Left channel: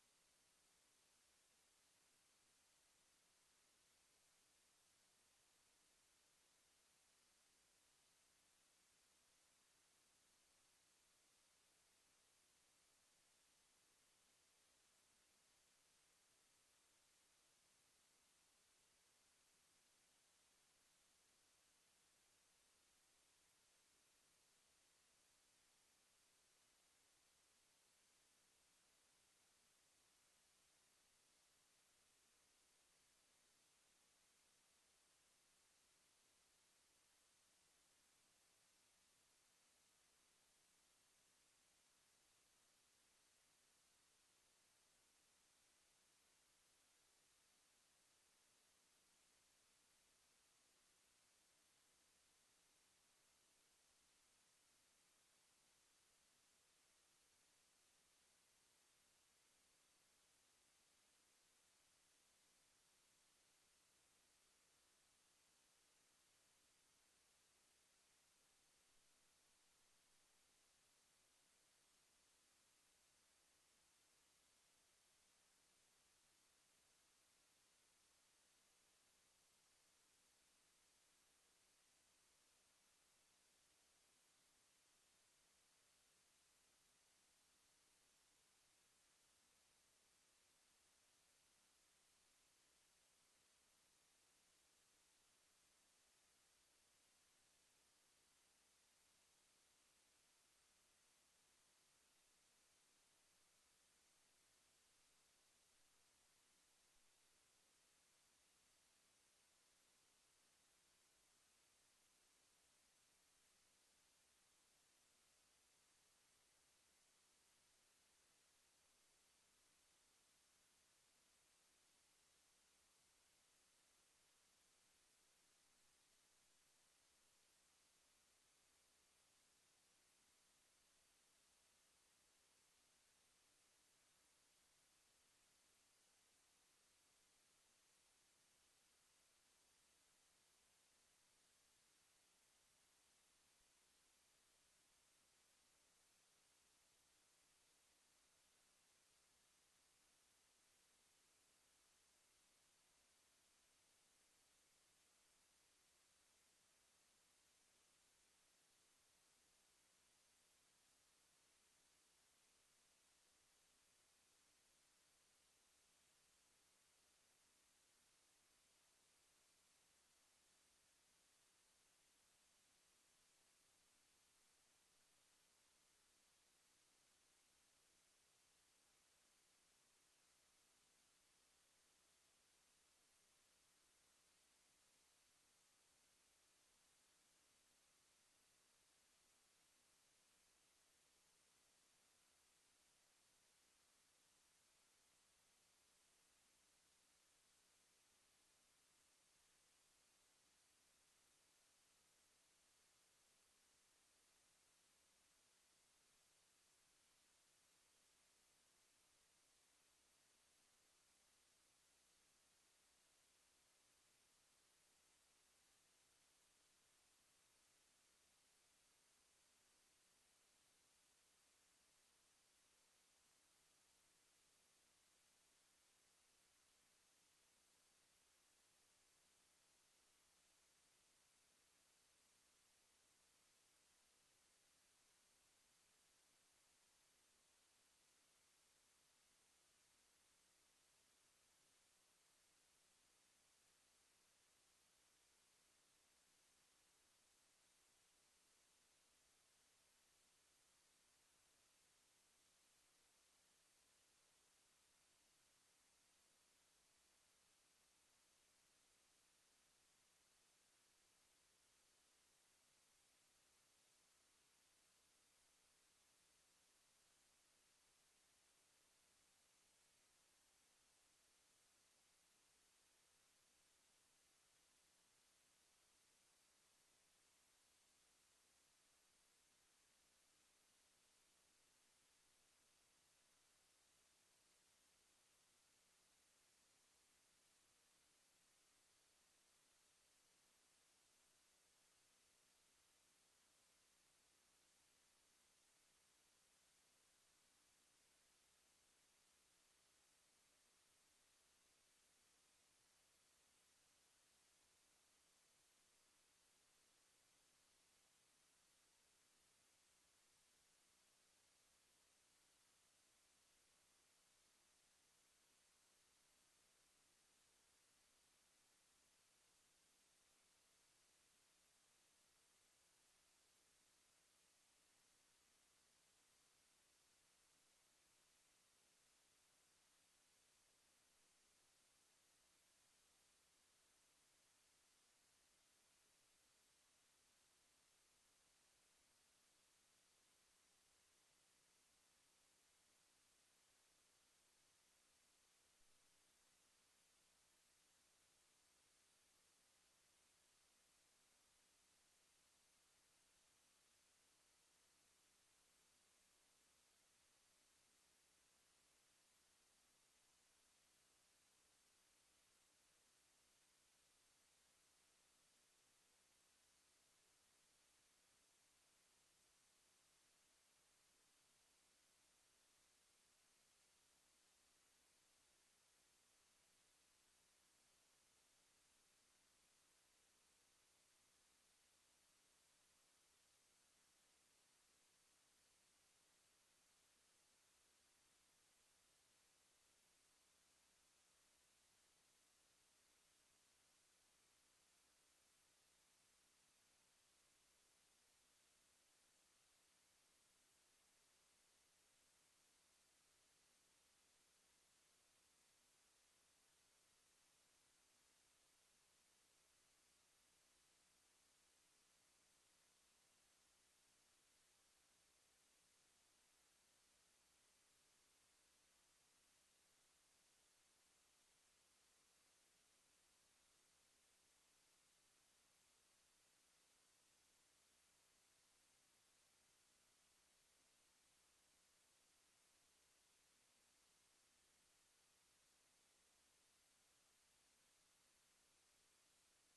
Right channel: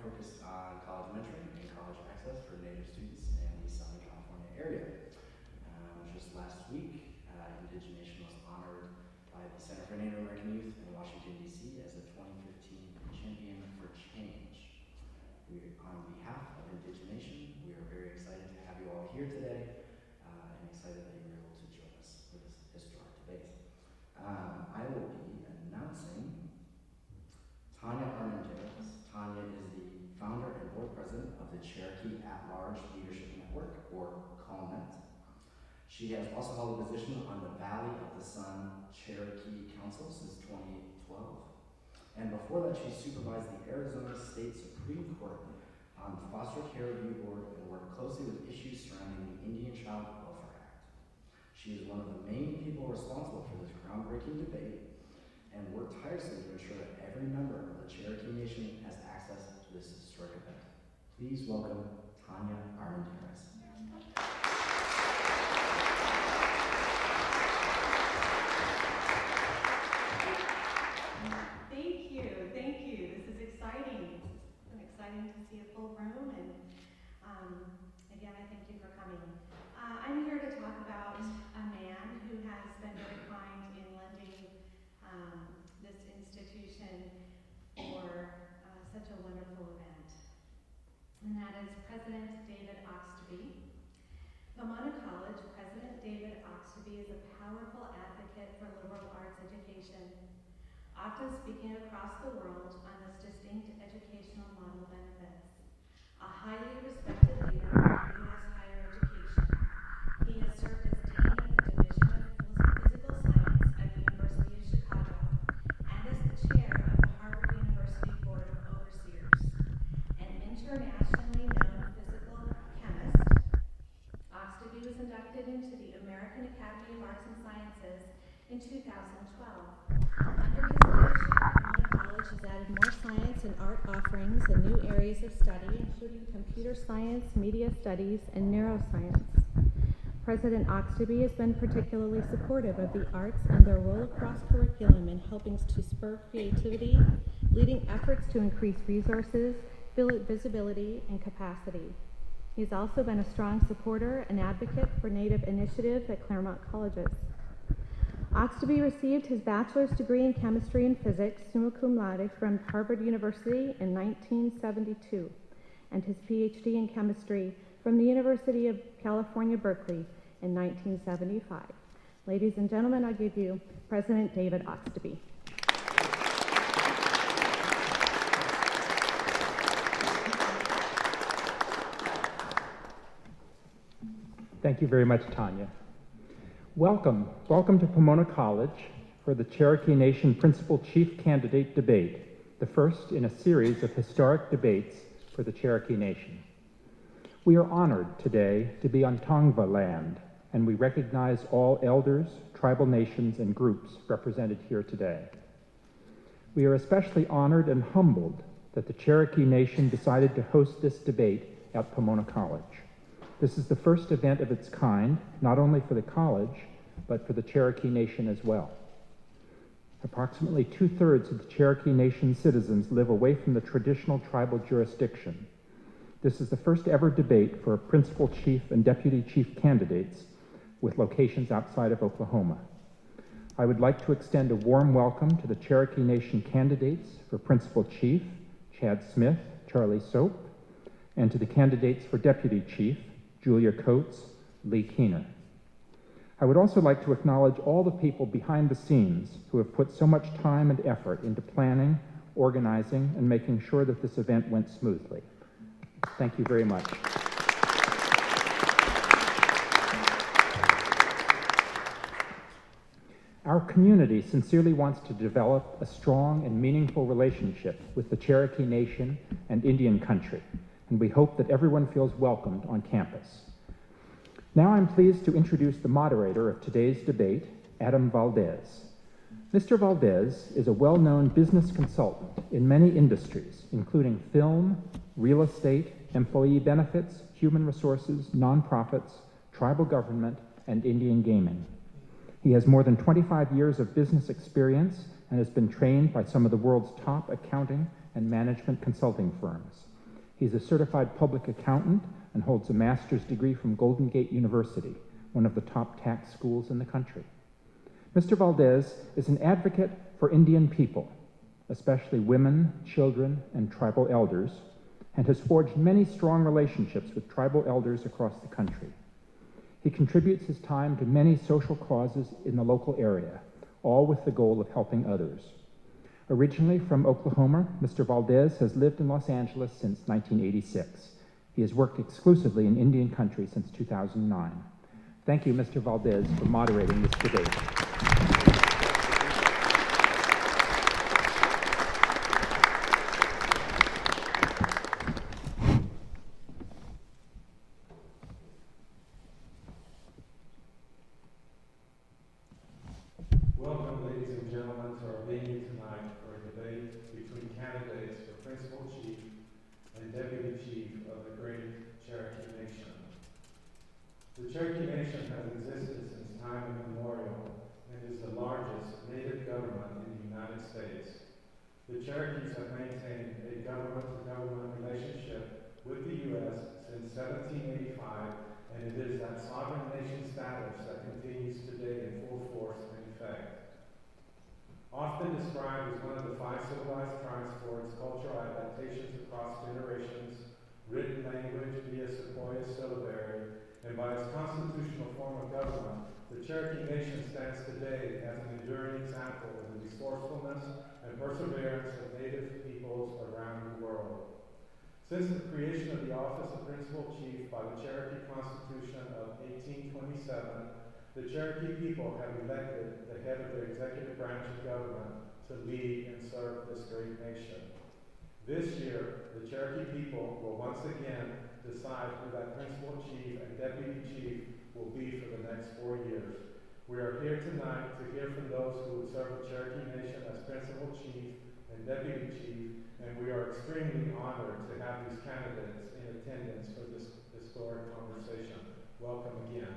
focused on college mentoring and college access for Native students in the Southern California area. Just last week, Indigenation was honored by the Center for Native American Youth in Washington, D.C. as the 2015 Champion for Change. On behalf of Indigenation, we are very excited to have you all here today and excited that you were able to join us for this historic debate. I will be announcing Tanya Armendariz. Tanya is the founder and board president of the Cherokee At-Large Leadership Network, or CALNET. She has also held a position on the Valley of the Sun Cherokee Council since 2012. And before that, she supervised the Arizona State Supreme Court on the Foster Care Review Board and worked closely with issues surrounding the Indian Child Welfare Act. She is one of the main people responsible for this groundbreaking debate and worked tirelessly to ensure that every member of the Cherokee Nation has access to this historic event. Please welcome Tanya Armendariz. Thank you. This is exciting. It's exciting to see a full room, and again, I thank you for coming. I'm here to talk about a man who has been very kind in lending this institution for such a wonderful event, and that is President David Oxtoby. Pomona College President David Oxtoby is a powerful advocate for liberal arts education, often speaking across the world on its distinct educational model benefits. A highly respected leader in U.S. higher education, he has served as Dean of the Division of Physical Science at the University of Chicago and as the chair of the Harvard University Board of Overseers. An internationally known physical chemist, Oxtoby was inducted into the American Academy of Arts and Sciences in 2012. Under his leadership, Pomona College has added more science and art offerings and new areas of study, including computer science, media studies, and neuroscience. President Oxtoby has been particularly supportive of the arts and their role across curriculum in helping to spur creativity, leading efforts to increase resources, visibility, and capacity. He's also been a strong supporter and advocate for Native initiatives at Claremont colleges. Oxtoby received his bachelor's degree in chemistry and physics, summa cum laude, from Harvard University in 1972, and his PhD in chemistry from the University of California, Berkeley in 1975. Ladies and gentlemen, I give you President David Oxtoby. Thank you very much, Tanya. Welcome to Pomona College for the Cherokee Nation Principal Chief Candidate Debate, the first in a series of historic debates for the Cherokee Nation. We are honored today to be on Tongva land, and we recognize all elders, tribal nations, and groups represented here today. We are especially honored and humbled that the Cherokee Nation decided to host this debate at Pomona College. This is the first event of its kind, not only for the college, but for the Cherokee Nation as well. Approximately 2/3 of the Cherokee Nation citizens live away from the traditional tribal jurisdiction. This is the first ever debate for principal chief and deputy chief candidates with locations outside of Oklahoma. I would like to extend a warm welcome to the Cherokee Nation candidates for principal chief, Chad Smith, Charlie Soap, and to the candidates for deputy chief, Julia Coates, Lee Keener. I would also like to acknowledge all the people behind the scenes who have put so much time and effort into planning, organizing, and making sure that this event went smoothly. Thank you very much. Our community sincerely wants to develop a strong and meaningful relationship with the Cherokee Nation and Indian country, and we hope that everyone feels welcomed on campus. Now I'm pleased to introduce the moderator of today's debate, Adam Valdez. Mr. Valdez is a well-known business consultant in many industries, including film, real estate, employee benefits, human resources, nonprofits, tribal government, and Indian gaming. He has more than 25 years of business experience and has been trained by some of the world's top accounting and management consulting firms. He's a certified public accountant and holds a master's degree from Golden Gate University, one of the top tax schools in the country. Mr. Valdez is an advocate for Indian people, especially women, children, and tribal elders, and has forged many strong relationships with tribal elders across the country. He contributes his time to many social causes in the local area, all with the goal of helping others. Originally from Oklahoma, Mr. Valdez has lived in Los Angeles since 1986. He has worked exclusively in Indian country since 2009. Thank you, Mr. Valdez, for moderating this debate. Welcome, ladies and gentlemen, to our venue tonight for a debate between candidates for Principal Chief and Deputy Chief of the great Cherokee Nation. The Cherokee Nation has existed since time immemorial and is the largest native government in the United States. The Cherokees have maintained a government-to-government relationship with the U.S. since 1785, and it is that sovereign nation status that continues today in full force and effect. Often described as one of the 5 civilized tribes for its cultural adaptations across generations, written language via Sequoia syllabary, and by its constitutional form of government, the Cherokee Nation stands today as an enduring example of the resourcefulness and perseverance of Native peoples around the world. Since the creation of the office of Principal Chief by the Cherokee Constitution of 1827, the Cherokee people have elected the head of their executive branch of government to lead and serve this great nation. This year, the Cherokee people will once again decide who that Principal Chief and Deputy Chief will be for the next 4 years. We are here tonight to hear from those who would serve the Cherokee Nation as Principal Chief and Deputy Chief, and we are extremely honored to have these candidates in attendance for this historic conversation. Welcome again.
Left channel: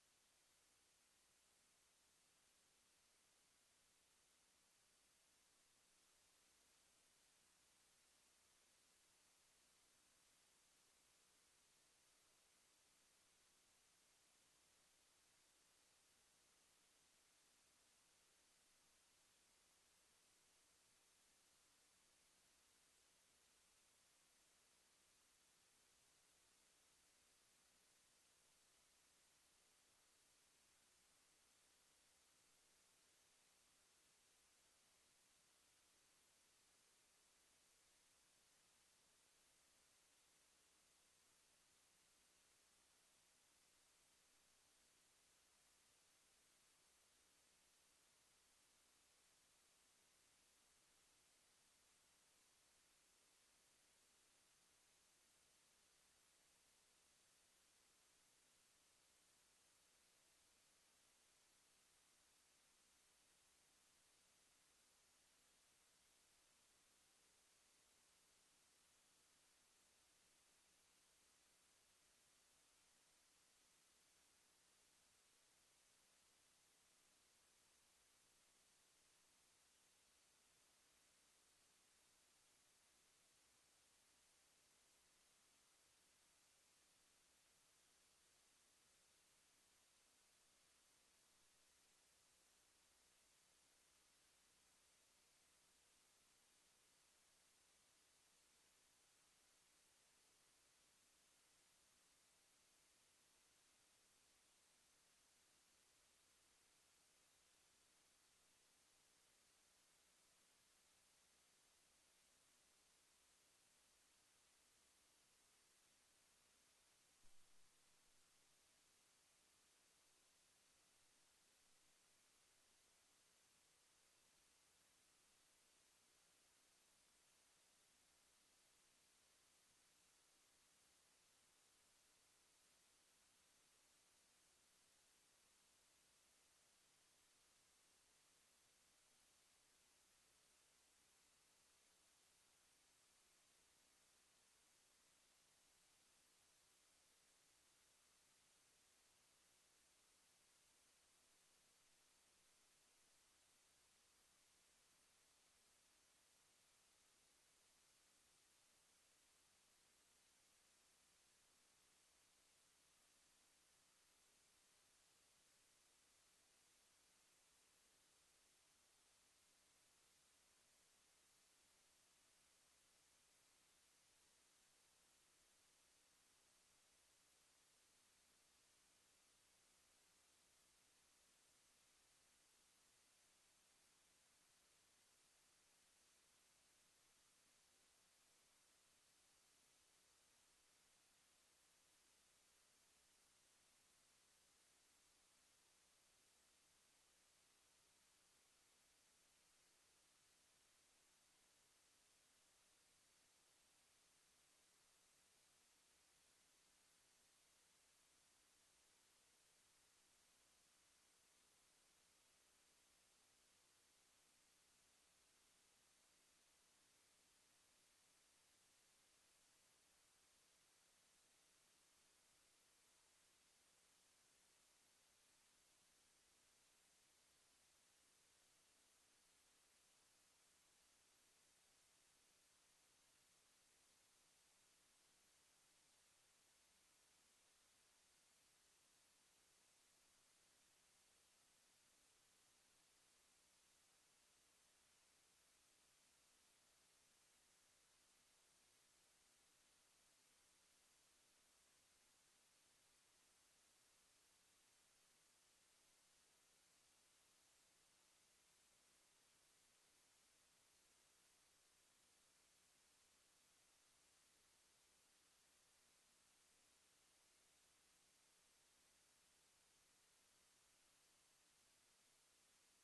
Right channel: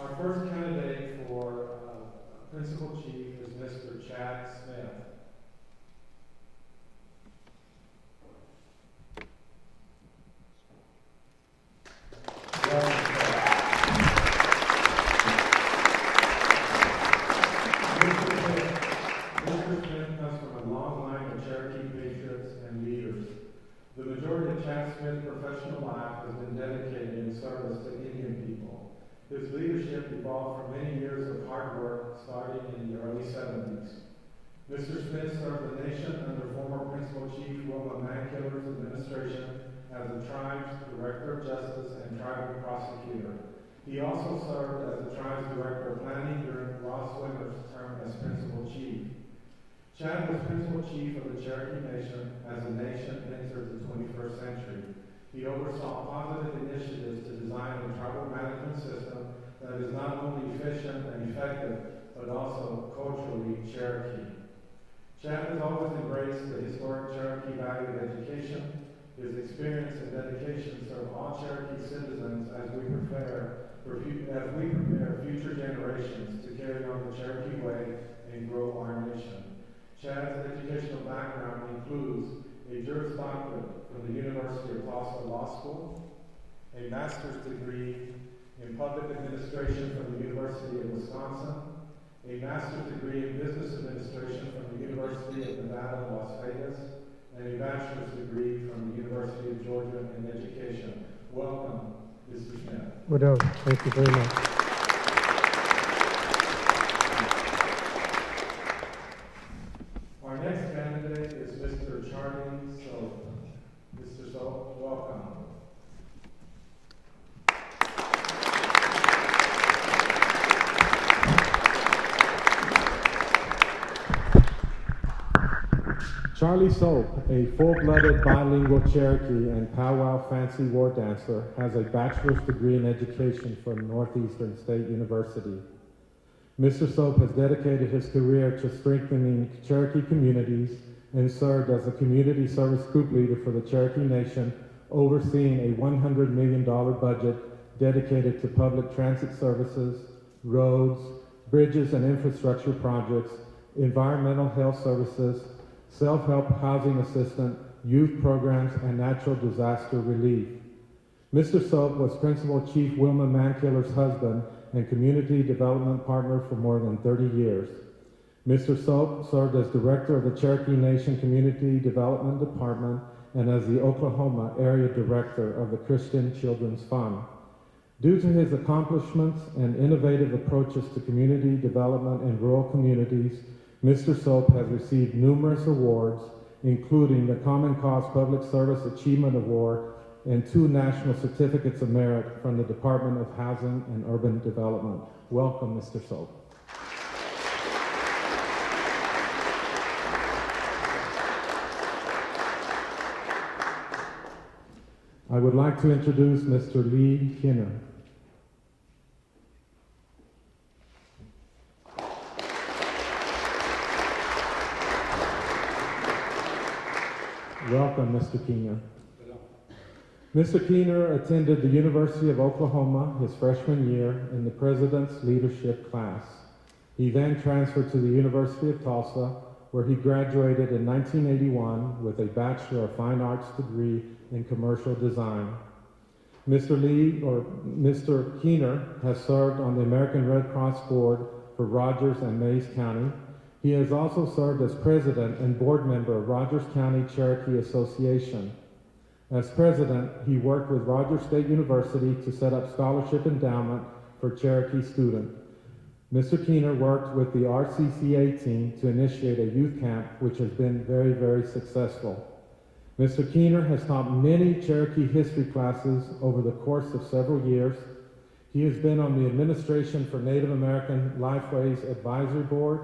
Our first candidate for Principal Chief is Mr. Chad Smith. Welcome, Chad. Mr. Smith comes from a long line of Cherokee patriots and leaders. The majority of Chad Smith's professional life has been dedicated in service to Indian people. His leadership evolved from many years of hard work starting in the early 70s. Mr. Smith served the nation under former Principal Chief Wilma Mankiller's administration as the tribe's Director of Justice and Tribal Prosecutor. He also served as the tribe's Director of Planning during Ross Wimmer's term as Principal Chief. Chad was Principal Chief of the Cherokee Nation as the nation entered the 21st century. He oversaw positive initiatives to design a tribal management system that is not only efficient and effective, but also culturally Cherokee. Chad has always embraced the historic Cherokee value of education. His experience and dedication serve all Cherokee citizens as we prepare future generations to carry on the Cherokee way and grow our nation. Chad's educational background includes a Juris Doctorate from the University of Tulsa Law School, a master's degree in public administration from the University of Wisconsin, a master's degree in business administration from the University of Nevada, Las Vegas, and a bachelor's degree from the University of Georgia in education. Welcome, Mr. Smith. Well, thank you very much. Our next candidate is Mr. Charlie Soap. Mr. Soap, welcome. Charlie Soap, a full-blooded bilingual Cherokee and powwow fancy war dancer, has a bachelor's degree in education from Northeastern State University. Mr. Soap has dedicated his career to strengthening Cherokee communities and served as a community service group leader for the Cherokee Nation, overseeing a $100 million budget dedicated to public transit services, roads, bridges and infrastructure projects, environmental health services, self-help housing assistance, youth programs, and natural disaster relief. Mr. Soap was Principal Chief Wilma Mankiller's husband and community development partner for more than 30 years. Mr. Soap served as Director of the Cherokee Nation Community Development Department and as the Oklahoma Area Director of the Christian Children's Fund. Due to his accomplishments and innovative approaches to community development in rural communities, Mr. Soap has received numerous awards, including the Common Cause Public Service Achievement Award and 2 National Certificates of Merit from the Department of Housing and Urban Development. Welcome, Mr. Soap. I would like to introduce Mr. Lee Kinner. Welcome, Mr. Keener. Mr. Keener attended the University of Oklahoma his freshman year in the President's Leadership class. He then transferred to the University of Tulsa, where he graduated in 1981 with a Bachelor of Fine Arts degree in Commercial Design. Mr. Keener has served on the American Red Cross Board for Rogers and Mayes County. He has also served as president and board member of Rogers County Cherokee Association. As president, he worked with Rogers State University to set up scholarship endowment for Cherokee students. Mr. Keener worked with the RCCA team to initiate a youth camp, which has been very, very successful. Mr. Keener has taught many Cherokee history classes over the course of several years. He has been on the Administration for Native American Lifeways Advisory Board.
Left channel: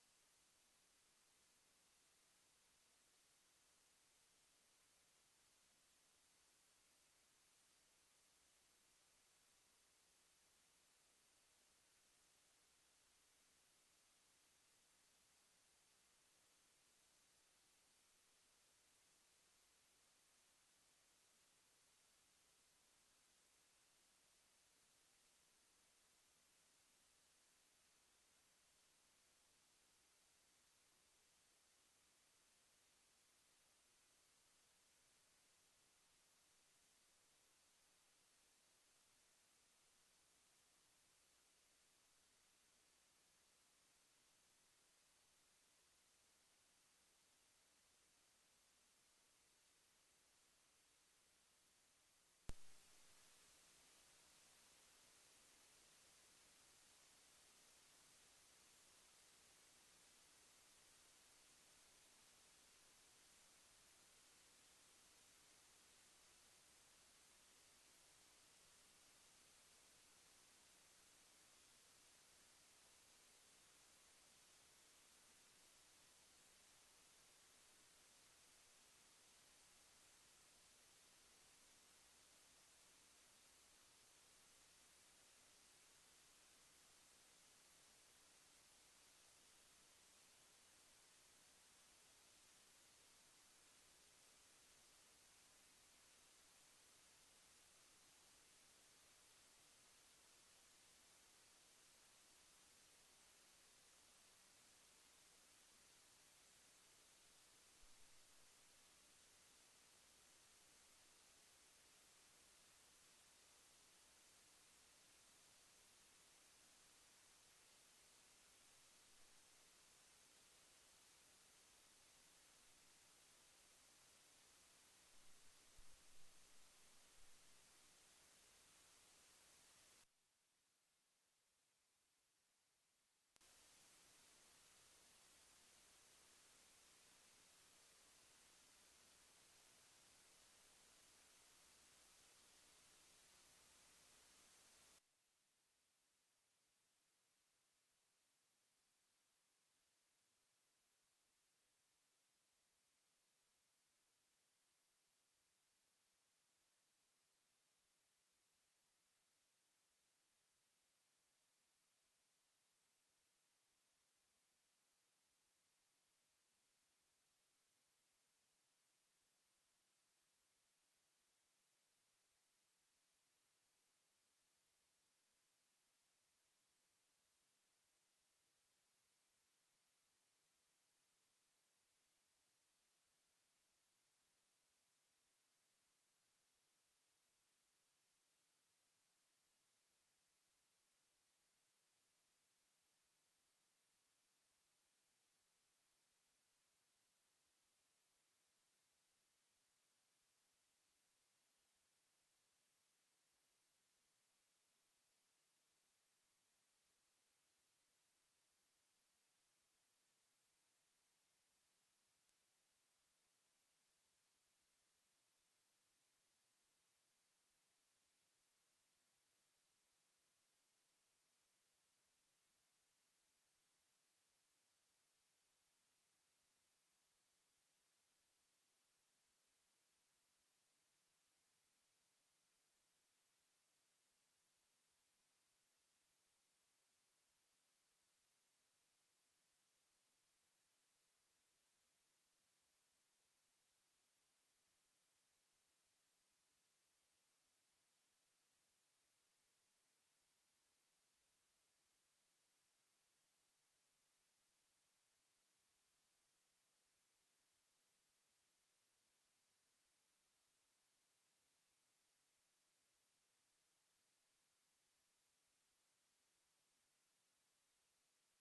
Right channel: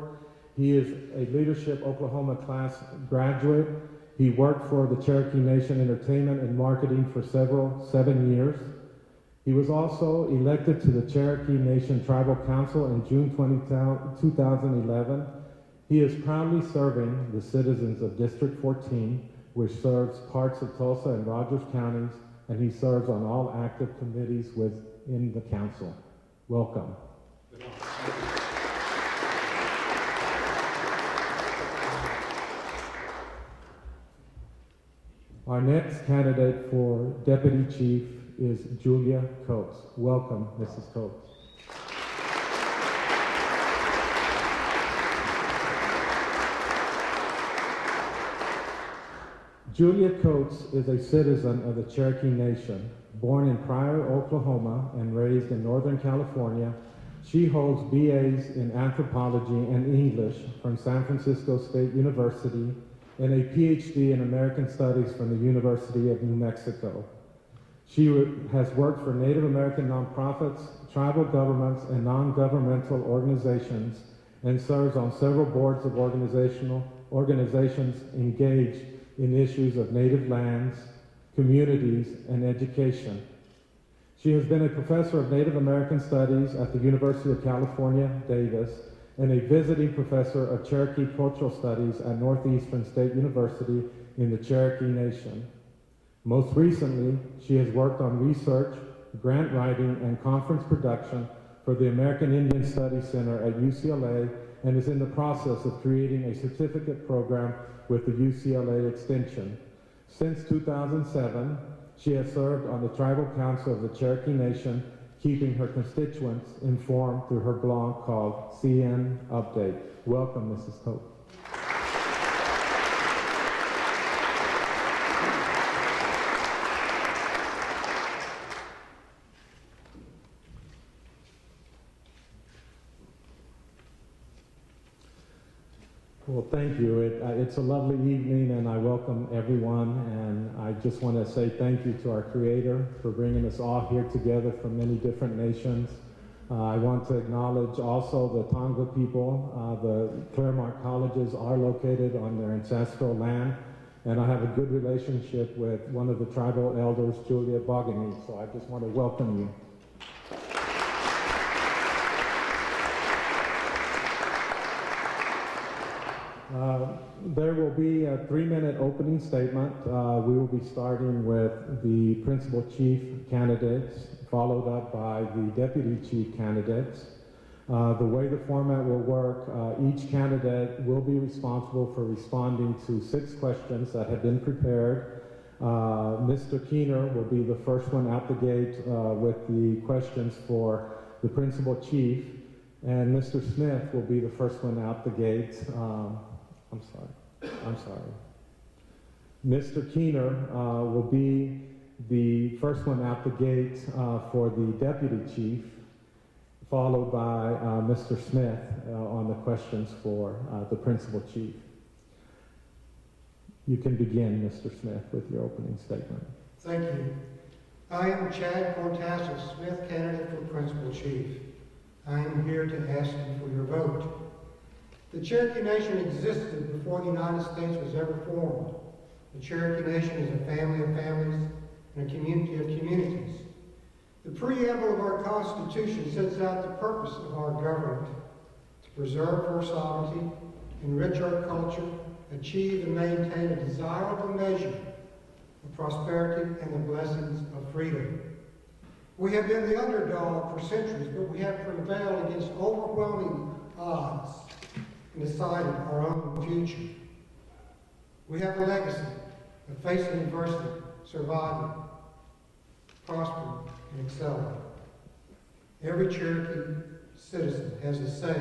He is a Leadership Oklahoma class graduate. He worked for the Cherokee Nation Entertainment and Marketing for 7 years. He was also elected to the Cherokee Nation Tribal Council in June 2011. He is proudly serving the citizens of District 14, which serves parts of Tulsa and Rogers counties, and he serves on all active committees within the council. Welcome. Our next candidate for Deputy Chief is Julia Coates. Welcome, Mrs. Coates. Julia Coates is a citizen of the Cherokee Nation. Born in Pryor, Oklahoma, and raised in Northern California, she holds BAs in Anthropology and English from San Francisco State University and a PhD in American Studies from the University of New Mexico. She has worked for Native American nonprofits, tribal governments, and non-governmental organizations, and serves on several boards of organizations engaged in issues of native lands, communities, and education. She has been a professor of Native American Studies at the University of California, Davis, and a visiting professor of Cherokee Cultural Studies at Northeastern State University in the Cherokee Nation. Most recently, she has worked on research, grant writing, and conference production for the American Indian Studies Center at UCLA and is in the process of creating a certificate program with the UCLA Extension. Since 2007, she has served on the Tribal Council of the Cherokee Nation, keeping her constituents informed through her blog called CN Update. Welcome, Mrs. Coates. Well, thank you. It's a lovely evening, and I welcome everyone. And I just want to say thank you to our Creator for bringing us all here together from many different nations. I want to acknowledge also the Tonga people. The Claremont colleges are located on their ancestral land, and I have a good relationship with one of the tribal elders, Julia Bogany, so I just want to welcome you. There will be a 3-minute opening statement. We will be starting with the principal chief candidates, followed up by the deputy chief candidates. The way the format will work, each candidate will be responsible for responding to 6 questions that have been prepared. Mr. Keener will be the first one out the gate with the questions for the principal chief, and Mr. Smith will be the first one out the gate. I'm sorry. Mr. Keener will be the first one out the gate for the deputy chief, followed by Mr. Smith on the questions for the principal chief. You can begin, Mr. Smith, with your opening statement. Thank you. I am Chad Cortázar Smith, candidate for Principal Chief. I am here to ask you for your vote. The Cherokee Nation existed before the United States was ever formed. The Cherokee Nation is a family of families and a community of communities. The preamble of our Constitution sets out the purpose of our government: to preserve our sovereignty, enrich our culture, achieve and maintain a desirable measure of prosperity and the blessings of freedom. We have been the underdog for centuries, but we have prevailed against overwhelming odds and decided our own future. We have a legacy of facing adversity, surviving, prospering, and excelling. Every Cherokee citizen has a say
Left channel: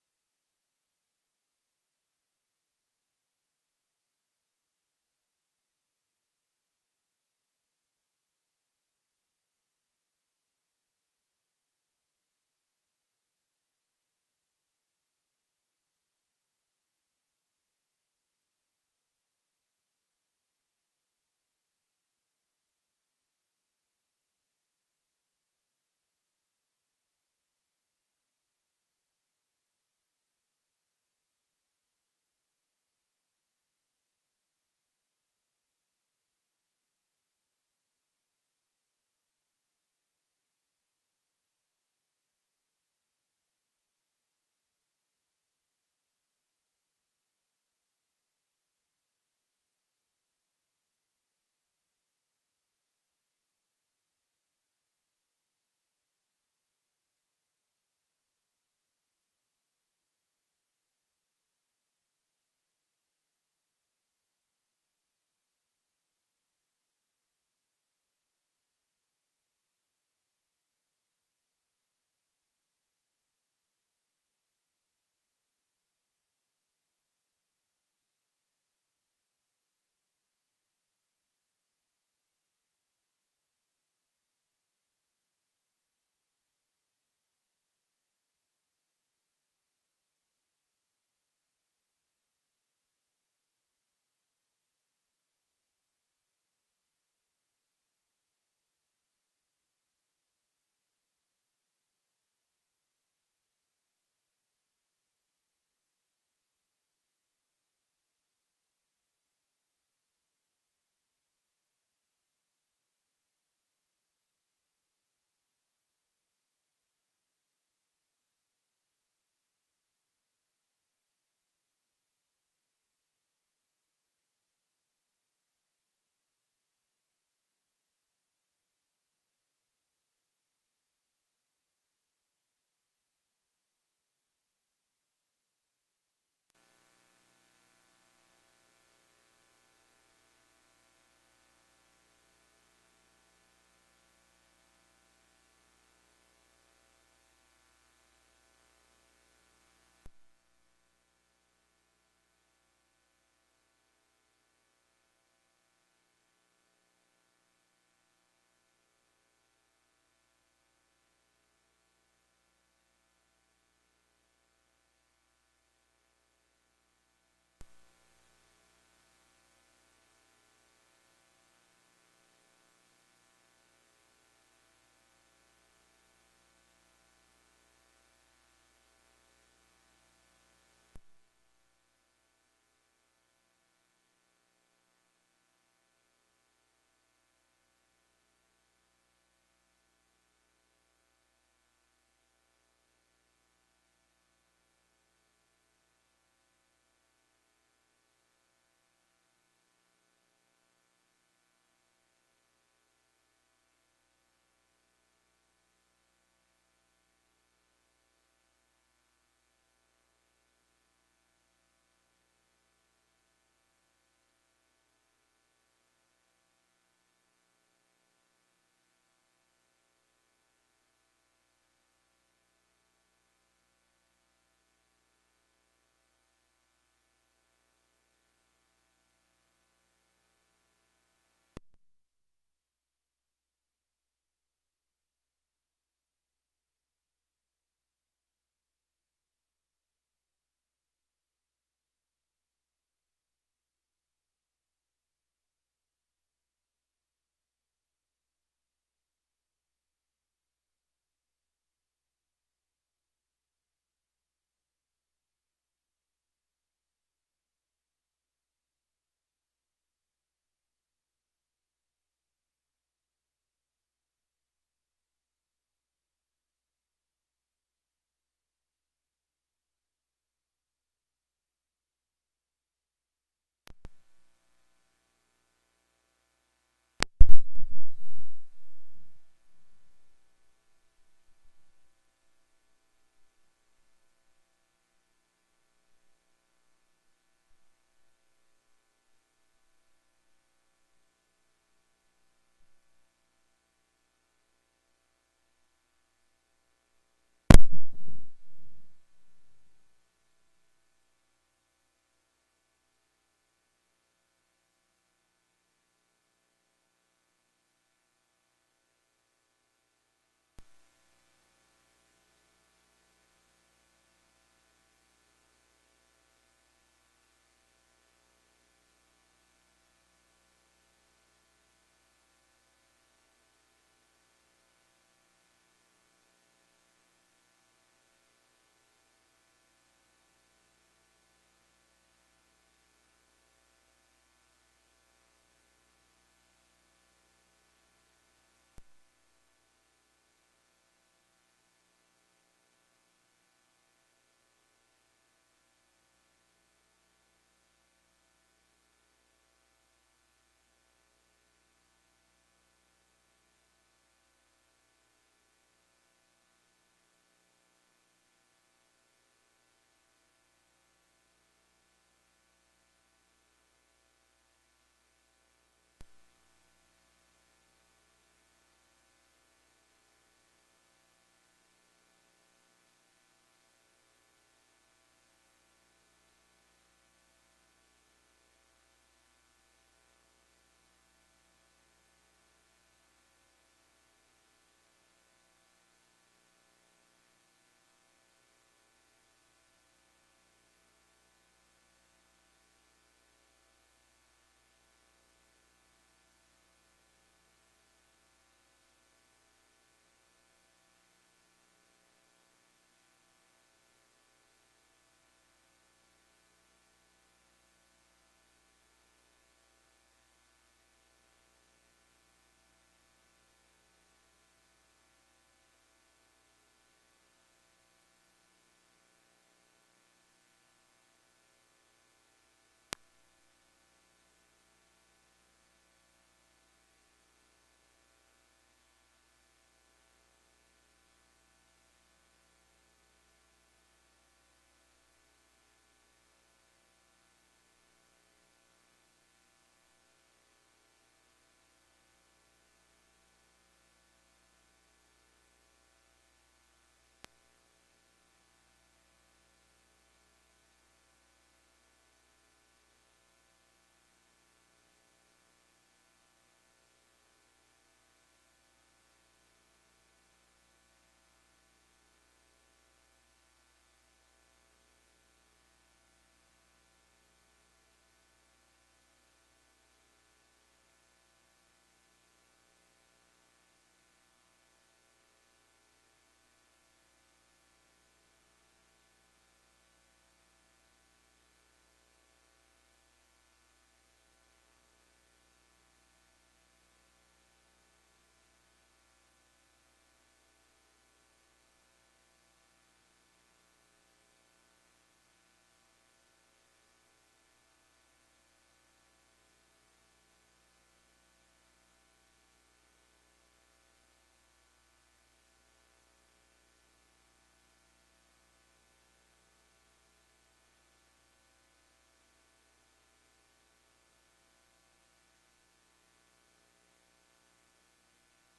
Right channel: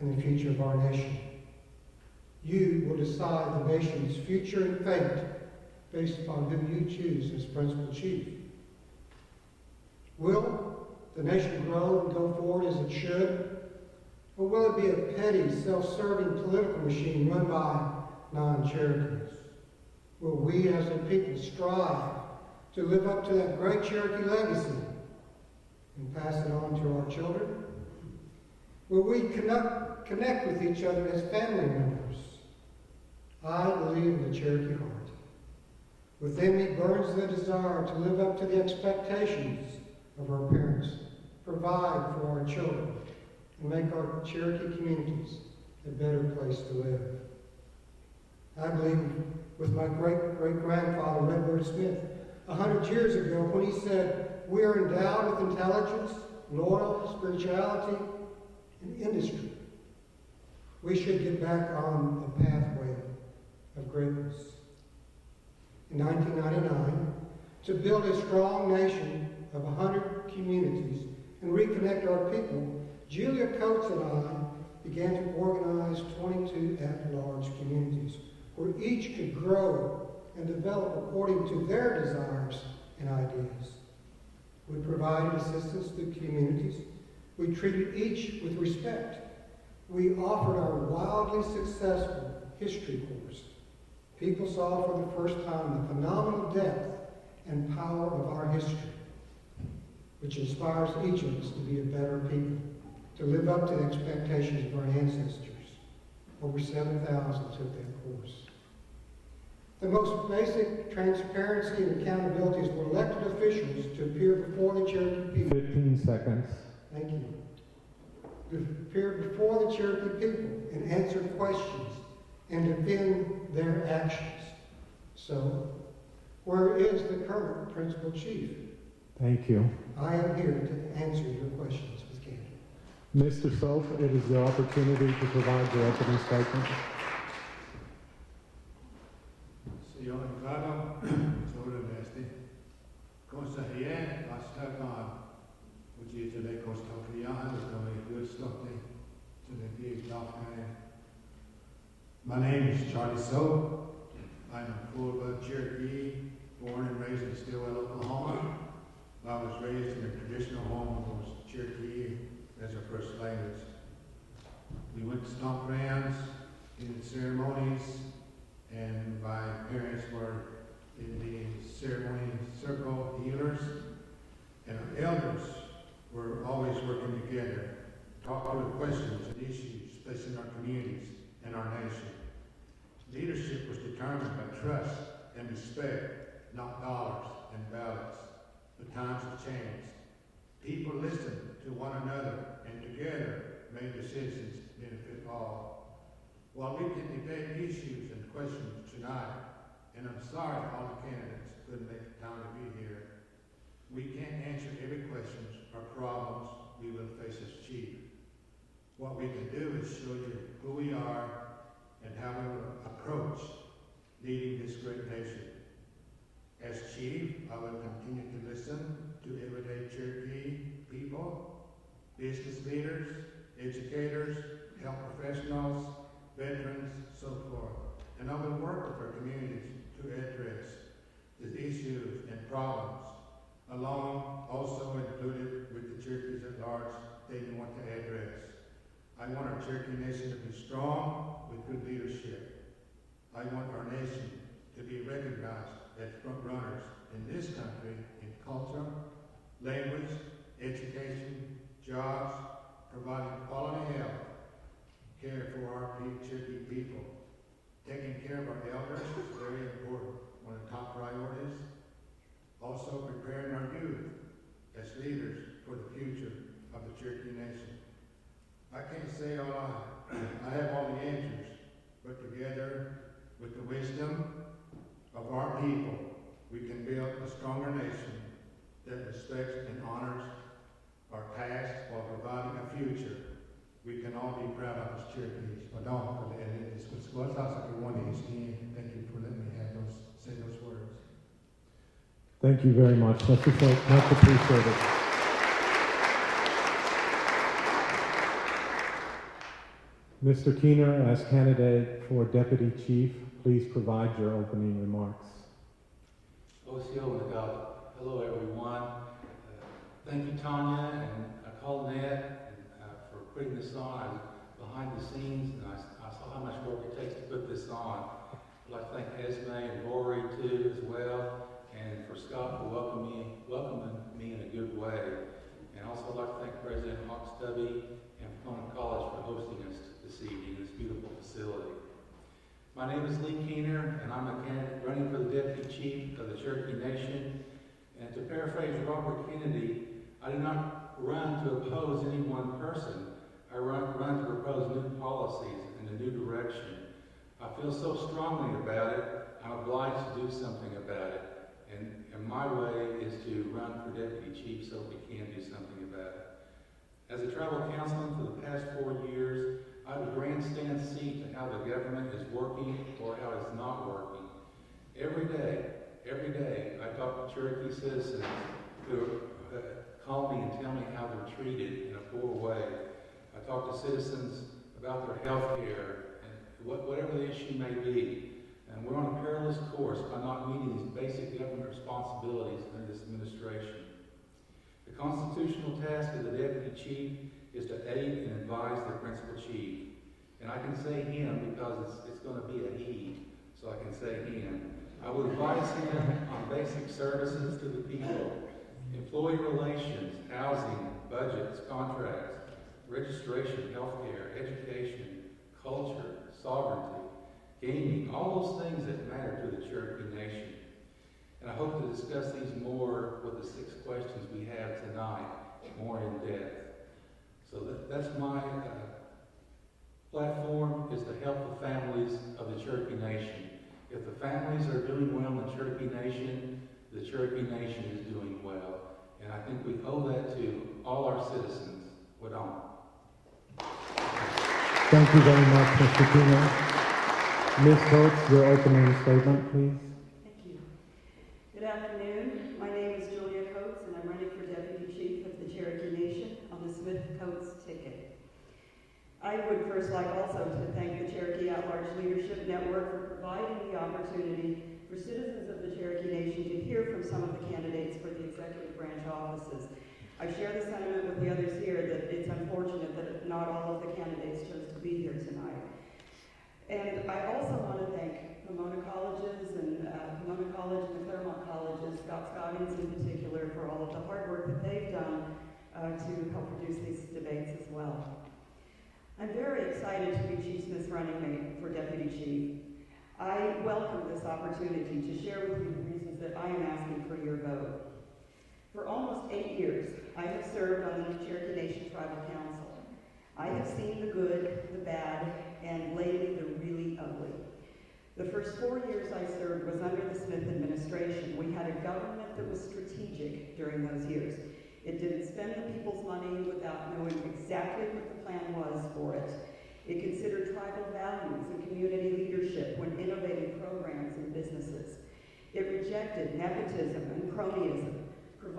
in the future of our nation. You will decide the nation's future and fate based upon who you choose as principal chief. Will the nation grow and go forward as it should? Or will it be a petty, self-serving political machine run by non-Cherokees? Will we as a people strive to live up to that great Cherokee legacy and pass it on to our children? Will we connect with each other as family members? I believe in the Cherokee heart. Within me burns the desire to live up to the expectations of our parents, provide for our children, and make our Cherokee communities a better place to live. I believe with my great-great-grandfather, Redbird Smith, 100 years ago, when he said, "We are endowed with intelligence, loyalty, spirituality, and industry. We should get back on the pathway of greatness." In 1999, to build a strong nation of 100 communities and reconnect our people, Julia Coates and I began to organize 22 at-large communities where each could grow and develop according to their desires and ideas. We provided assistance to communities. We treated each with respect. We offered our wildly successful history course. People saw for the first time the phenomenal depth and power of our history, which inspires each of us to be a better people, to live up to the expectations of our ancestors. Over 7,000 took that course. The most basic transparency and accountability is for elected officials to appear before the Cherokee people. 15 seconds. Thank you. To appear before the Cherokee people and answer questions and defend their actions. So, where is the current principal chief? Thank you. I am here to answer your questions with candor. Mr. Sof, it is your opportunity to provide your opening statement. Señor Ricardo, sobre este, cosa here, hasta con, which is the coast of Rihanna, the good stuff, to the big law. My name is Charlie Soap. I'm a full-blood Cherokee, born and raised in Stillwell, Oklahoma. I was raised in a traditional home that was Cherokee as our first language. We went to stomp grounds, in ceremonies, and my parents were in the ceremony circle healers, and our elders were always working together, talk through questions and issues facing our communities and our nation. Leadership was determined by trust and respect, not dollars and ballots. But times have changed. People listened to one another and together made decisions benefit all. While we can debate issues and questions tonight, and I'm sorry all the candidates couldn't make the time to be here, we can't answer every question or problems we will face as chief. What we can do is show you who we are and how we will approach leading this great nation. As chief, I will continue to listen to everyday Cherokee people, business leaders, educators, health professionals, veterans, so forth. And I will work with our communities to address the issues and problems, along also included with the Cherokees at large they want to address. I want our Cherokee Nation to be strong with good leadership. I want our nation to be recognized as front runners in this country in culture, language, education, jobs, providing quality health care for our Cherokee people. Taking care of our elders is very important, one of the top priorities. Also preparing our youth as leaders for the future of the Cherokee Nation. I can't say I have all the answers, but together with the wisdom of our people, we can build a stronger nation that respects and honors our past while providing a future we can all be proud of as Cherokees. Thank you for letting me say those words. Thank you very much. Much appreciated. Mr. Keener, as candidate for Deputy Chief, please provide your opening remarks. Hello, everyone. Thank you, Tanya, and I called Ned for putting this on. I was behind the scenes, and I saw how much work it takes to put this on. I'd like to thank Esme and Rory, too, as well, and for Scott for welcoming me in a good way. And also I'd like to thank President Hawkstubby and Pomona College for hosting us this evening in this beautiful facility. My name is Lee Keener, and I'm a candidate running for the Deputy Chief of the Cherokee Nation. And to paraphrase Robert Kennedy, I do not run to oppose any one person. I run to propose new policies and a new direction. I feel so strongly about it, I'm obliged to do something about it. And my way is to run for Deputy Chief so we can do something about it. As a tribal councilman for the past 4 years, I have a grandstand seat to how the government is working or how it's not working. Every day, I talk to Cherokee citizens who call me and tell me how they're treated in a poor way. I talk to citizens about their health care and whatever the issue may be. And we're on a perilous course by not meeting these basic government responsibilities under this administration. The constitutional task of the Deputy Chief is to aid and advise the Principal Chief. And I can say him because it's going to be a he, so I can say him. I will advise him on basic services to the people, employee relations, housing, budgets, contracts, registration, healthcare, education, culture, sovereignty, gaming, all those things that matter to the Cherokee Nation. And I hope to discuss these more with the 6 questions we have tonight, more in depth. So that's my platform, is to help the families of the Cherokee Nation. If the families are doing well in the Cherokee Nation is doing well. And I think we owe that to all our citizens. Wadam. Thank you very much, Mr. Keener. Ms. Coates, your opening statement, please. Thank you. Good afternoon. My name is Julia Coates, and I'm running for Deputy Chief of the Cherokee Nation on the Smith-Coates ticket. I would first like also to thank the Cherokee At-Large Leadership Network for providing the opportunity for citizens of the Cherokee Nation to hear from some of the candidates for the executive branch offices. I share the sentiment with the others here that it's unfortunate that not all of the candidates chose to be here tonight. And I also want to thank Pomona Colleges and Pomona College and the Claremont Colleges, Scott Scoggins in particular, for all of the hard work that they've done to help produce these debates as well. I'm very excited to be Chief Smith's running mate for Deputy Chief. I welcome this opportunity to share with you the reasons that I am asking for your vote. For almost 8 years, I have served on the Cherokee Nation Tribal Council. I have seen the good, the bad, and lately the really ugly. The first 4 years I served was under the Smith administration. We had a government that was strategic during those years. It didn't spend the people's money without knowing exactly what the plan was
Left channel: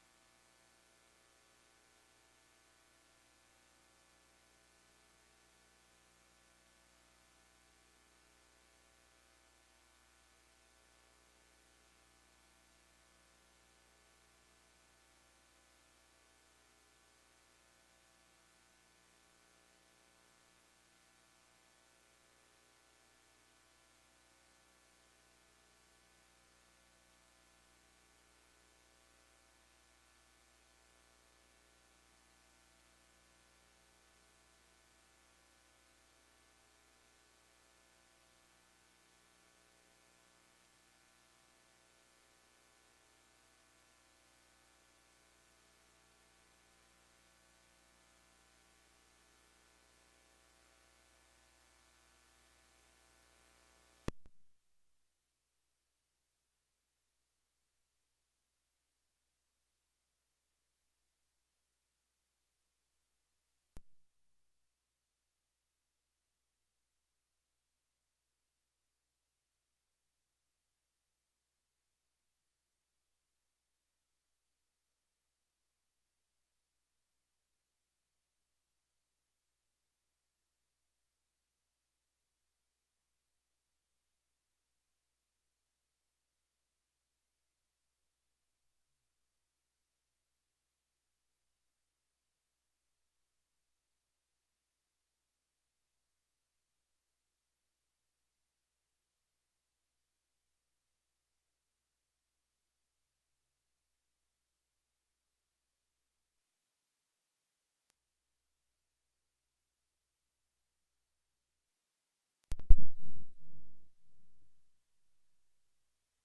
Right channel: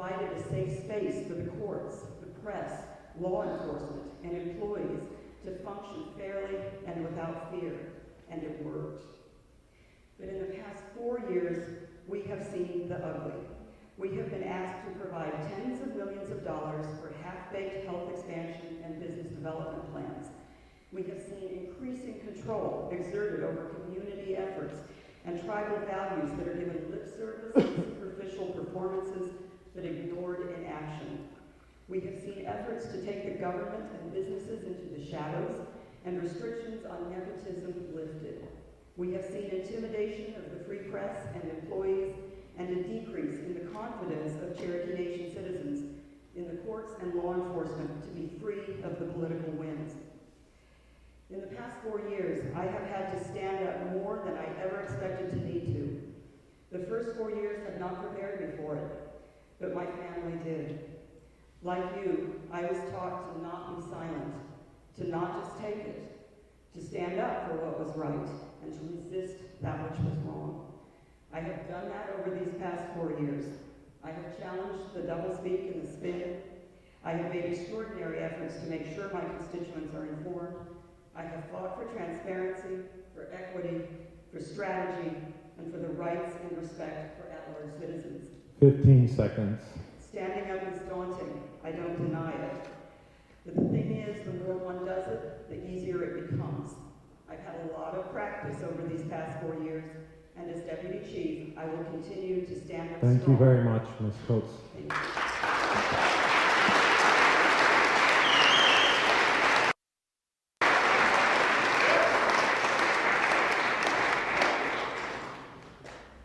provided a safe space for the courts, the press, law enforcement, and employees to function fairly and without fear, and it worked. But in the past 4 years, we have seen the ugly. We have been asked to provide tens of millions of dollars for half-baked health expansion and business development plans. We have seen increasing control exerted over community efforts and tribal values that are given lip service and superficial performances that ignored in action. We have seen efforts to take the government and businesses into the shadows and restrictions on nepotism lifted. We have seen intimidation of the free press and employees and a decrease in the confidence of Cherokee Nation citizens in the courts and law enforcement to be free of the political winds. In the past 4 years, I have had to stand up more than I ever expected to need to. The first 4 years have not prepared me for it, but my family did. Like you, I was taught to not be silent, to not just take it, to stand up for what was right, and to resist that which was wrong. I have done that over these past 4 years. I have challenged the doublespeak and the spin. I have made extraordinary efforts to make sure my constituents are informed. I have fought for transparency, for equity, for strategy, and for the rights and respect for at-large citizens. 15 seconds. Standing up is daunting. I don't deny it. But the thing is, the more one does it, the easier it becomes. I've had a lot of practice over these past 4 years, and as Deputy Chief, I will continue to stand up Thank you strong. very much, Ms. Coates. Thank you.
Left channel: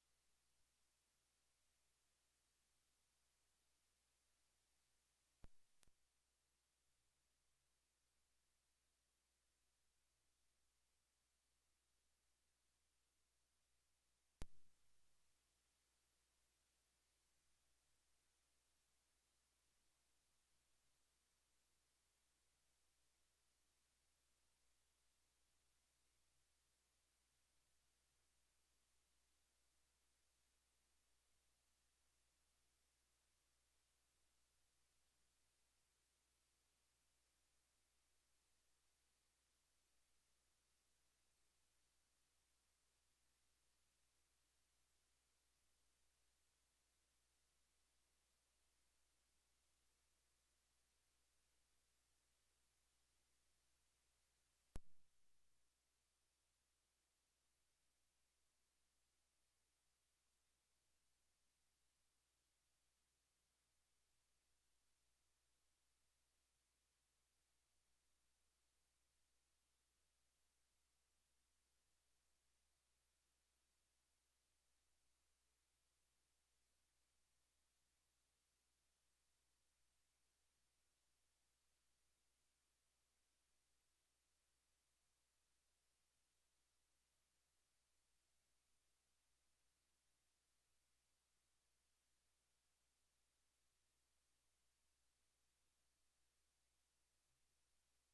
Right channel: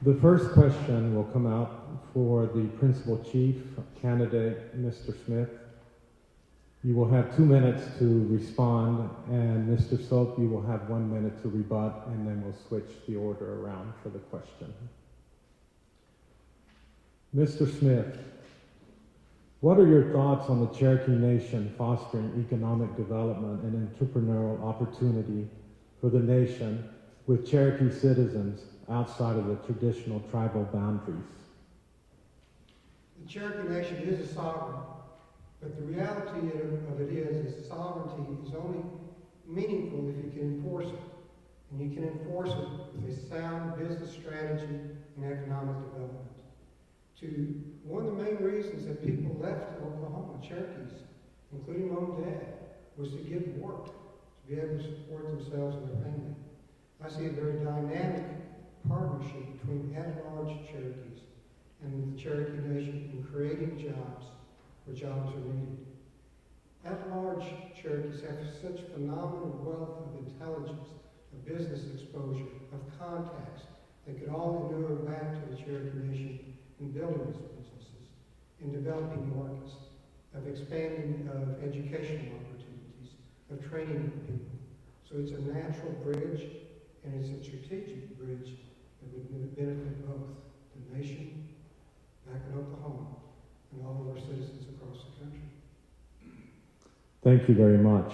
The first question will come out for the Principal Chief candidate, Mr. Smith. You will have 2 minutes to respond, and Mr. Soap, you will have 1 minute to rebut, and then we'll switch the order around for the question. Mr. Smith, what are your thoughts on the Cherokee Nation fostering economic development and entrepreneurial opportunity for the nation with Cherokee citizens outside of the traditional tribal boundaries? The Cherokee Nation is a sovereign, but the reality of it is sovereignty is only meaningful if you can enforce it. And you can enforce it with a sound business strategy and economic development. One of the main reasons that people left Oklahoma, Cherokees, including Mom and Dad, was to get work, to be able to support themselves and their family. I see a very dynamic partnership between at-large Cherokees and the Cherokee Nation in creating jobs where jobs are needed. At-large Cherokees have such phenomenal wealth of intelligence, of business exposure, of contacts that could all inure back to the Cherokee Nation in building these businesses, in developing markets, of expanding of educational opportunities, of training people. So it's a natural bridge, and it's a strategic bridge that would benefit both the nation back in Oklahoma and all of our citizens across the country. Thank you very much.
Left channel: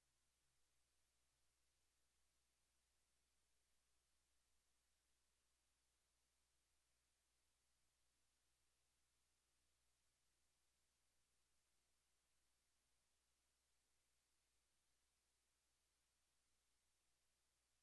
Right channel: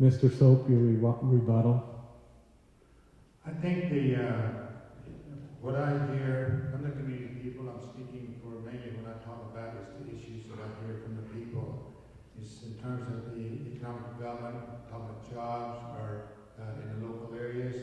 Mr. Soap, your rebuttal. I think what I hear from the community people, I'm speaking for mainly when I talk about is the issues that I hear from the people. Is in terms of the economic development, talking about jobs or in the local areas.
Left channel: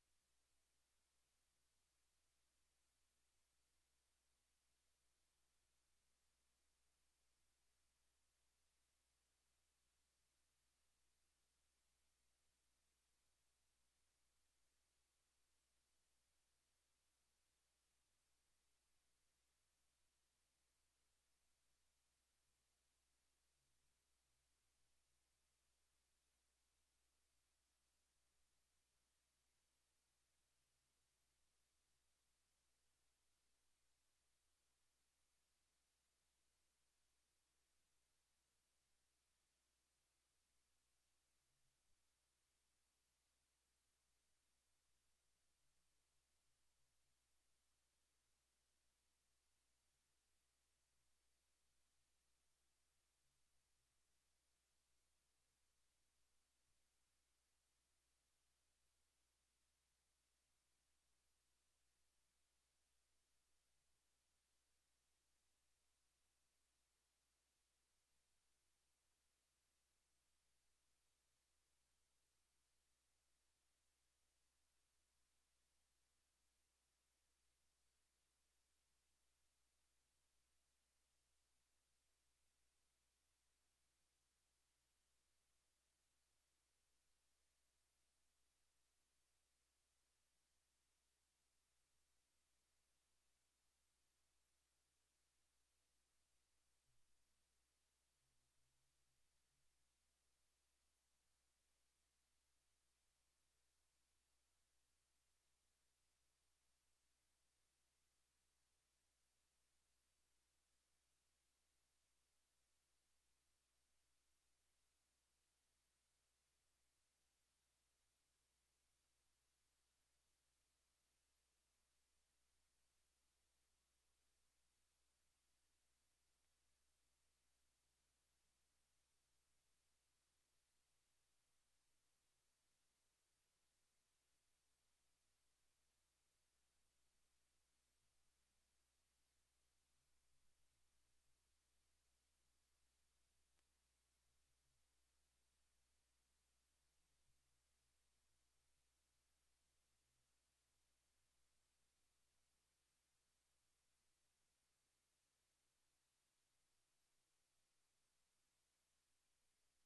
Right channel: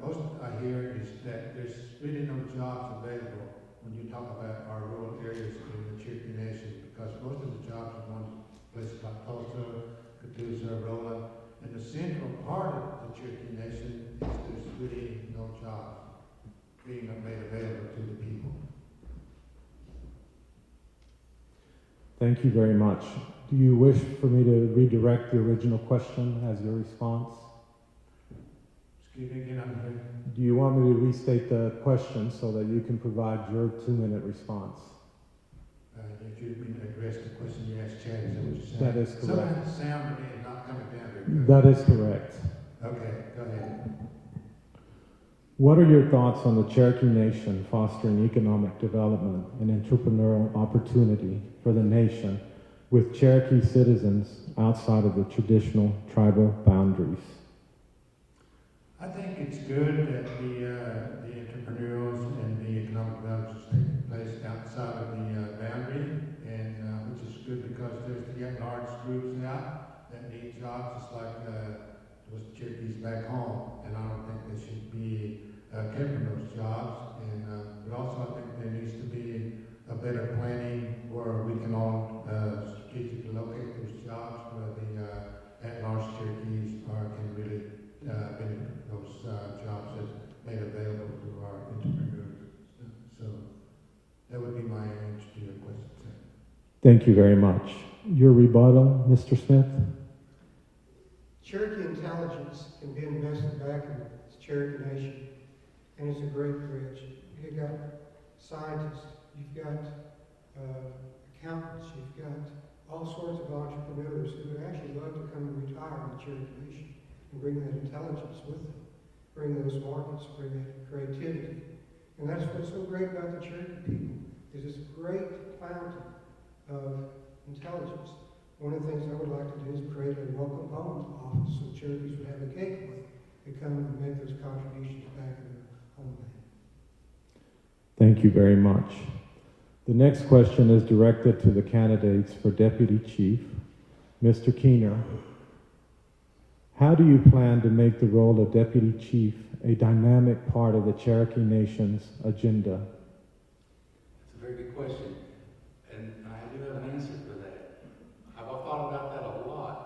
Most I hear is that there's really no jobs available when you talk about our rural areas in the Cherokee Nation, because most of the jobs are going to places like Tulsa, Catoosa, Rolla, and the central part of the Cherokee Nation is there's really no jobs being made available to the people. Thank you very much. Do you wish for me to redirect the original question as your response? Excuse me again, I'm here. Do you want me to restate the question so that you can provide your 2-minute response? If you didn't address the question you asked Chad, is that what you're saying? That is correct. Some of the sound to me is not coming down very good. That is correct. Okay, go ahead. What are your thoughts on the Cherokee Nation fostering economic development and entrepreneurial opportunity for the nation with Cherokee citizens outside of the traditional tribal boundaries? I think it's good that the entrepreneurs and the economic development is taking place outside groups out that need jobs, just like those Cherokees back home. And I don't think they should be kept in those jobs. And but also I think there needs to be a better planning where we can all strategically locate those jobs where the at-large Cherokees can really benefit those jobs that's made available to our entrepreneurs. So that would be my answer to your question, sir. Thank you very much. Your rebuttal, Mr. Smith? Cherokee intelligence can be invested back in the Cherokee Nation, and it's a great bridge. You've got scientists, you've got accountants, you've got all sorts of entrepreneurs who would actually love to come and retire in the Cherokee Nation and bring that intelligence with them, bring those markets, bring that creativity. And that's what's so great about the Cherokee people, is it's a great fountain of intelligence. One of the things I would like to do is create a welcome home office so Cherokees would have a gateway to come and make those contributions back in their homeland. Thank you very much. The next question is directed to the candidates for Deputy Chief. Mr. Keener, how do you plan to make the role of Deputy Chief a dynamic part of the Cherokee Nation's agenda? That's a very good question, and I do have an answer for that. I've thought about that a lot.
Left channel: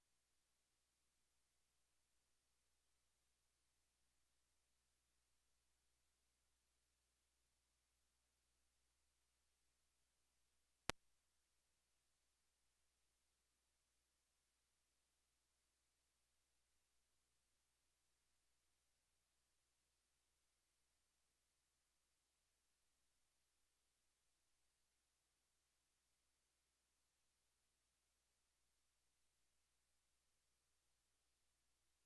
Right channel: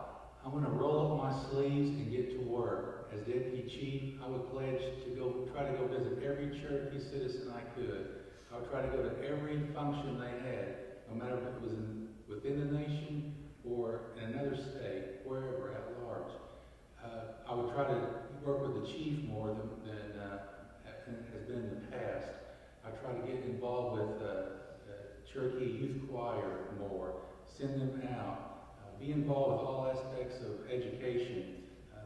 I'm going to roll up my sleeves and get to work. As Deputy Chief, I would pledge to try to go visit every Cherokee citizen I could. I would try to go to every function they had, no matter if it was within the nation or in another state, wherever, at large. I would try to work with the chief more than has been in the past. I try to get involved with Cherokee Youth Choir more, send them out, be involved with all aspects of education.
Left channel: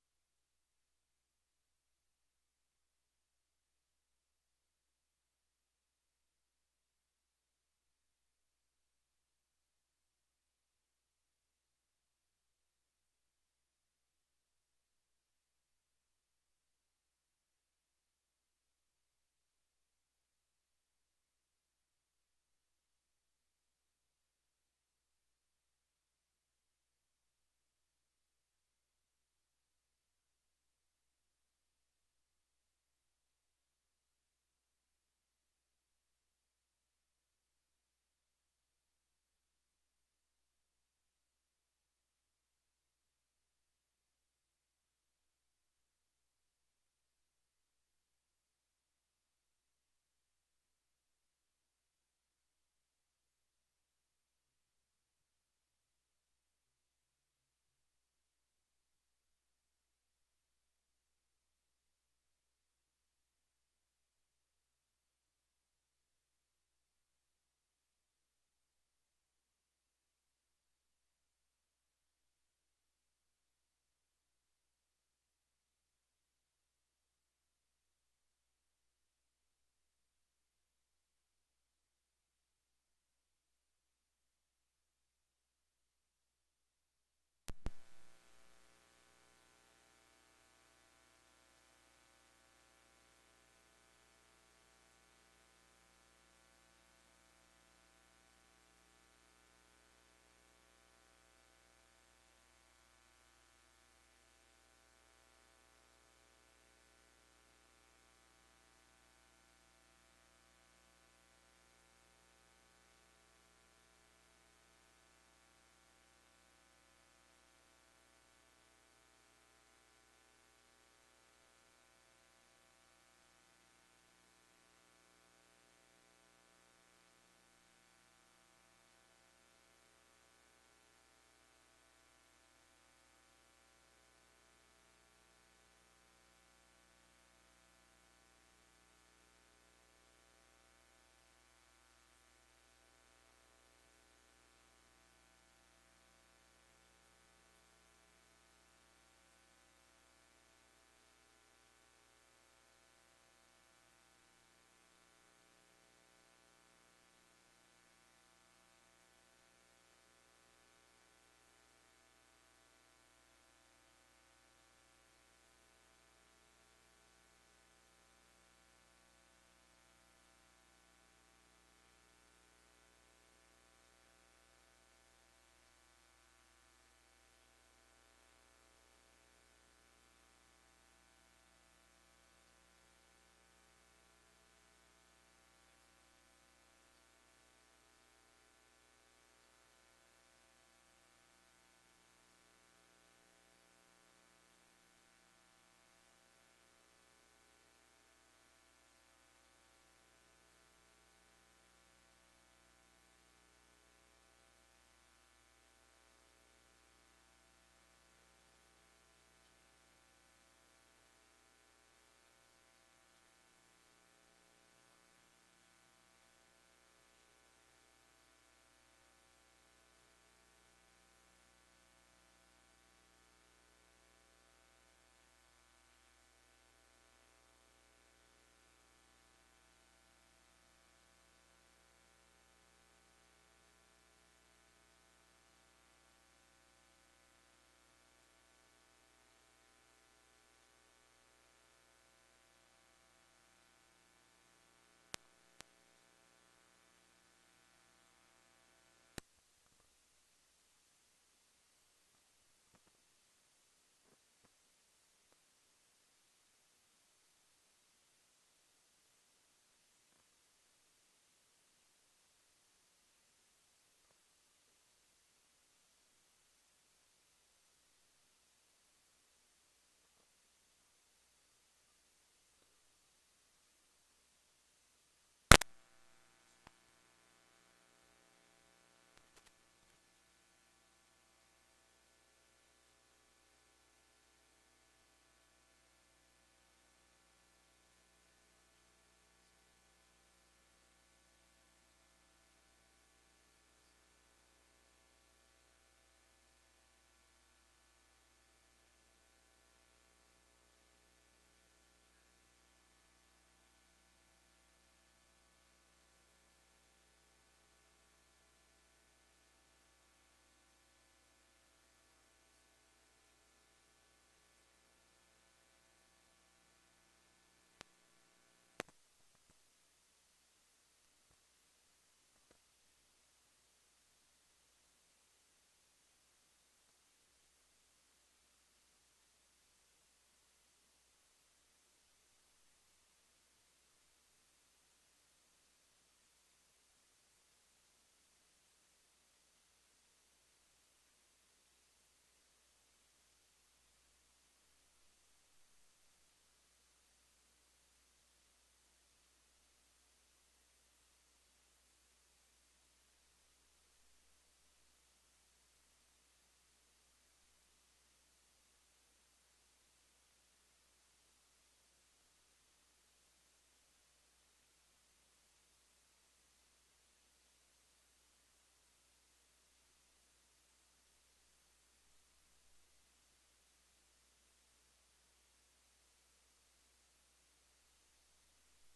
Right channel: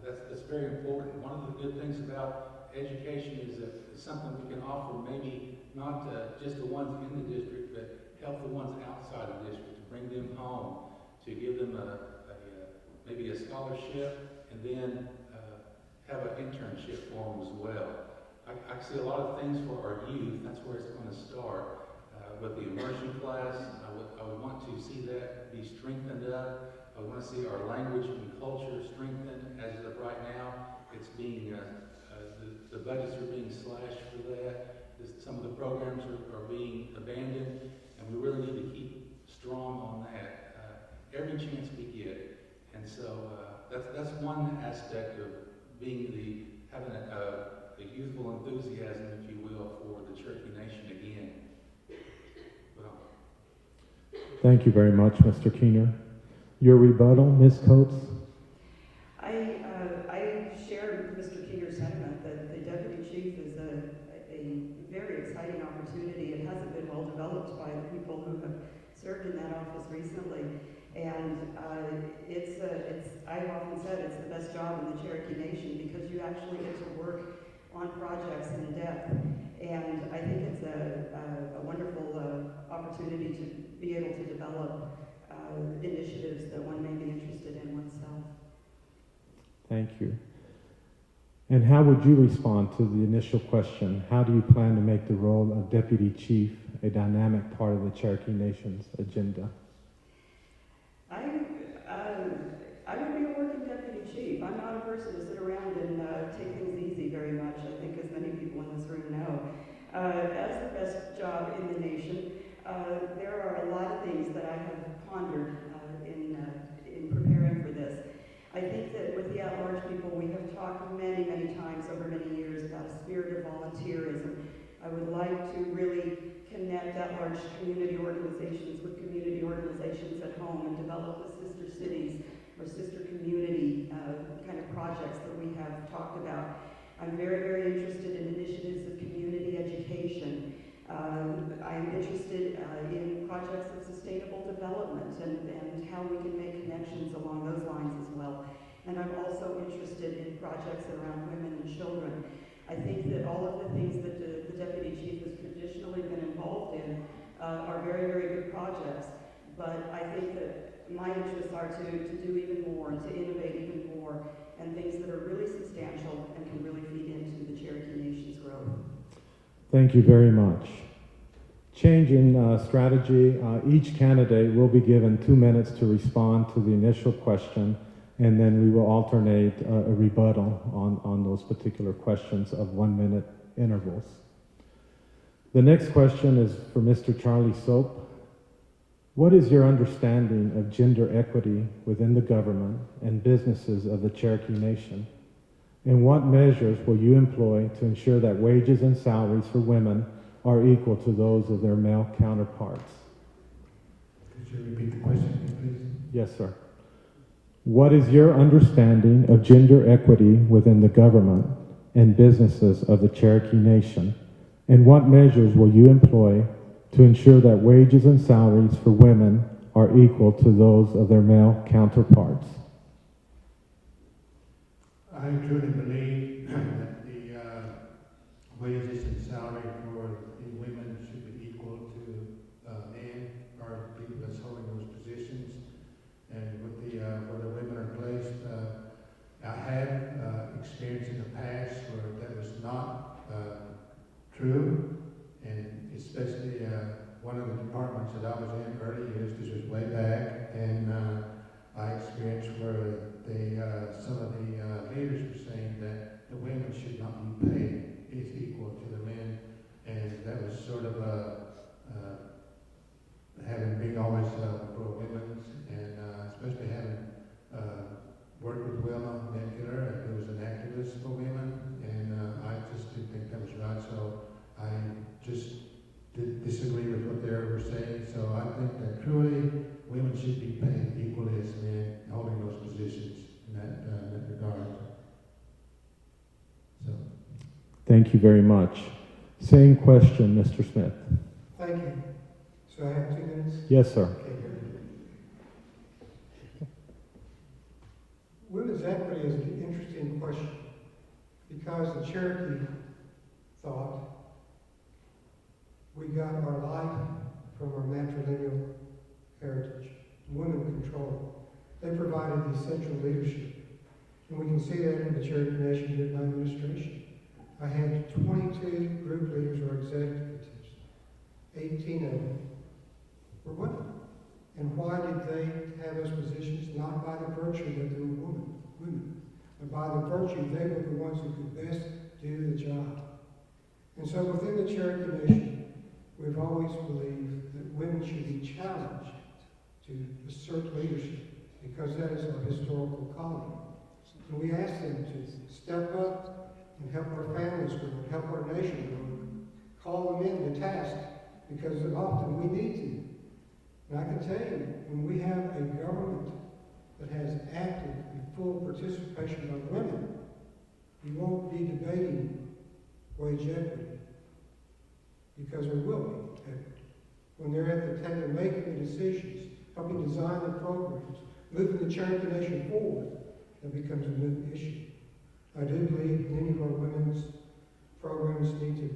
That's very important. One of the good things about education is that it's something we can offer maybe not just the ones in the district, but help the ones outside the district, to bring them home, to give them maybe a scholarship, and then have an internship for them as well. I see a lot of things for our youth. That's where it's going to start. With the immersion class, I would want to see that be strengthened up. I would want to see our language and culture strengthened. As of right now, it's being the budgets are being slashed for that. Some of the programs are being abandoned, and we really need to keep strong on that every chance we get. And so that's one aspect of having a youthful enthusiasm, if you will, for the Cherokee Nation again. Well, Thank you very much, Mr. Keener. Your rebuttal, Ms. Coates? I share Mr. Keener's sentiment that the Deputy Chief is a very exciting opportunity. It hasn't been well developed by the people who have served in that office recently. And I've often said it's the best job in the Cherokee Nation because you actually get to work on projects in depth. And I think it's a wonderful opportunity to be able to develop initiatives that one may be interested in oneself. Thank you. And how would you respond to the initial question? How do you plan to make the role of Deputy Chief a dynamic part of the Cherokee Nation's agenda? I would be a working Deputy Chief. I'm not a person to sit around and take things easy very much, I think, as many people in this room know. As the best job in the nation, there are a lot of things that I have pondered in preparing for this. I think that with the at-large people, we have talked many, many times over many years about a spirit of volunteerism. I would like to really connect at-large community organizations with community organizations at home and develop the sister cities or sister community kind of projects that we have talked about. I'm very, very interested in initiatives of community education. I'm interested in projects of sustainable development and how we can make connections along those lines as well. And I'm also interested in projects around women and children. I think that all of the things that the Deputy Chief has traditionally been involved in are very, very good projects. But I think that my interests are to do even more and to innovate even more and things that are really substantial and can really feed into the Cherokee Nation's growth. Thank you very much. change in strategy. Each candidate will be given 2 minutes to respond to the initial question, and then we will alternate a rebuttal on those particular questions of 1 minute intervals. The next question is for Mr. Charlie Soap. What is your understanding of gender equity within the government and businesses of the Cherokee Nation? And what measures will you employ to ensure that wages and salaries for women are equal to those of their male counterparts? Could you repeat the question, please? Yes, sir. What is your understanding of gender equity within the government and businesses of the Cherokee Nation? And what measures will you employ to ensure that wages and salaries for women are equal to those of their male counterparts? I truly believe that the wages and salary for the women should be equal to men or people that's holding those positions. And with the where the women are placed, I had experience in the past where that was not true, and especially one of the departments that I was in early years, this was way back, and I experienced where they, some of the leaders were saying that the women should not be paid is equal to the men, and that was sort of having been always for women, and especially having worked with Wilma Nicola, who was an activist for women, and I just didn't think that was right, so I just did disagree with what they were saying. So I think that truly women should be paid equally as men holding those positions in that regard. So. Thank you very much. Same question, Mr. Smith. Thank you. So I have 2 minutes? Yes, sir. Okay, good. Women's equity is an interesting question because the Cherokee thought we got our life from our matrilineal heritage. Women control. They provided the essential leadership. And we can see that in the Cherokee Nation during my administration. I had 22 group leaders or executives. 18 of them were women. And why did they have those positions? Not by the virtue that they were women, but by the virtue they were the ones who could best do the job. And so within the Cherokee Nation, we've always believed that women should be challenged to assert leadership because that is our historical calling. And we ask them to step up and help our families grow, and help our nation grow, call them in to task because often we need to. And I can tell you, when we have a government that has active and full participation by women, you won't be debating wage equity because there will be equity. When they're at the table making the decisions, helping design the programs, moving the Cherokee Nation forward, that becomes a new issue. I do believe many of our women's programs need to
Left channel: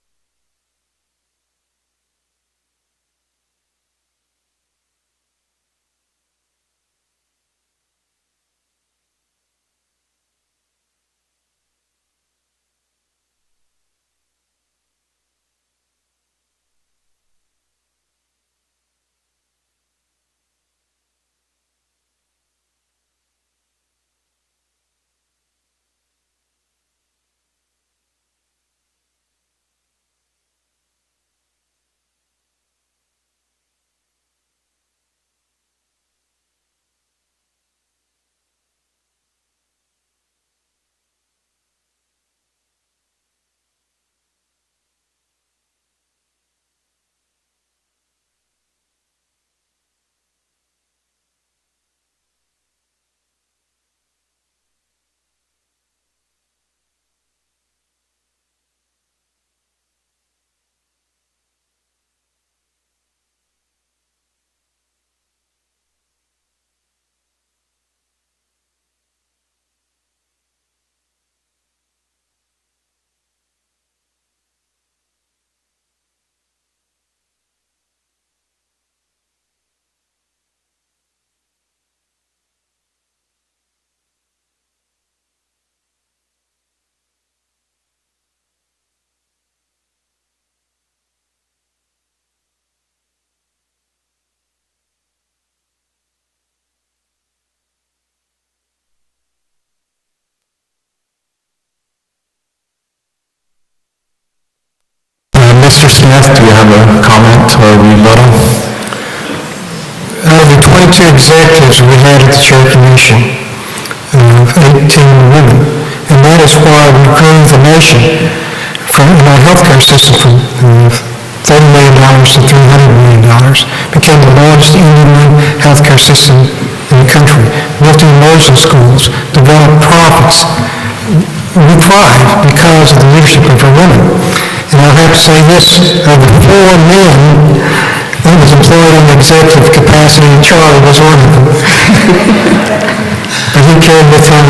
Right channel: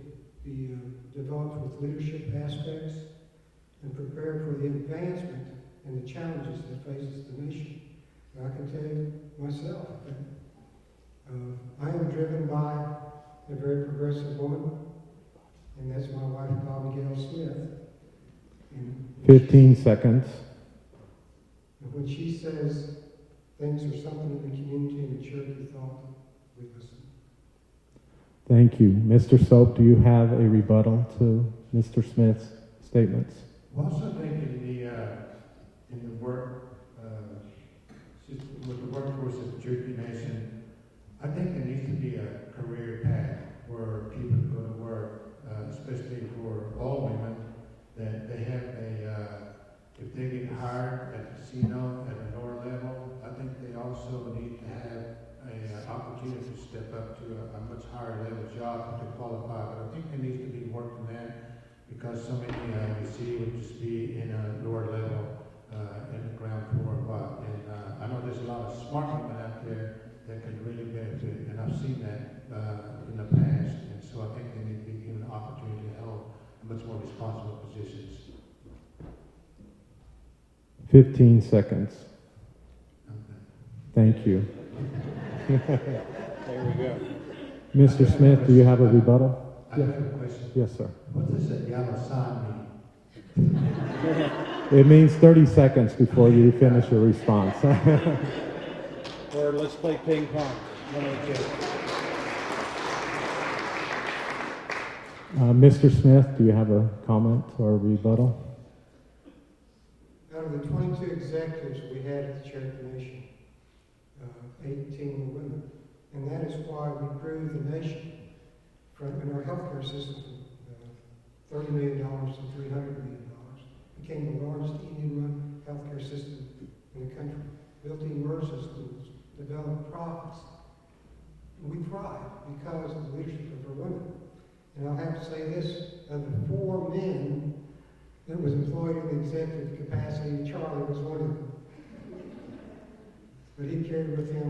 be developed with leadership aspects and prepared for the advancement and the challenges that faces the nation. But I can tell you myself that I am driven by a very progressive woman, and that's my wife, Bobby Gail Smith. And 15 seconds. and when she says things are something in the community and the Cherokee thought, we listen. Thank you. Mr. Soap, do you have a rebuttal to Mr. Smith's statements? I also think in the work, with the workforce of the Cherokee Nation, I think there needs to be a career path where people go to work, especially for all women, that they have if they get hired at the casino at a lower level, I think they also need to have an opportunity to step up to a much higher level job to qualify. But I think there needs to be work on that because so many we see would just be in a lower level in the ground floor. And I know there's a lot of smart women out there that can really benefit, and I've seen that in the past. And so I think they need to be given an opportunity to hold much more responsible positions. 15 seconds. Thank you. There we go. Mr. Smith, do you have a rebuttal? I have a question. Yes, sir. What does that yellow sign mean? It means 30 seconds before you finish your response. Or let's play ping pong. One of the two. Mr. Smith, do you have a comment or rebuttal? Of the 22 executives we had at the Cherokee Nation, 18 women, and that is why we grew the nation in our healthcare system from $30 million to $300 million, became the largest Indian healthcare system in the country, built immersion schools, developed profits. We thrive because of the leadership of our women. And I'll have to say this, of the 4 men that was employed in executive capacity, and Charlie was one of them. But he carried with him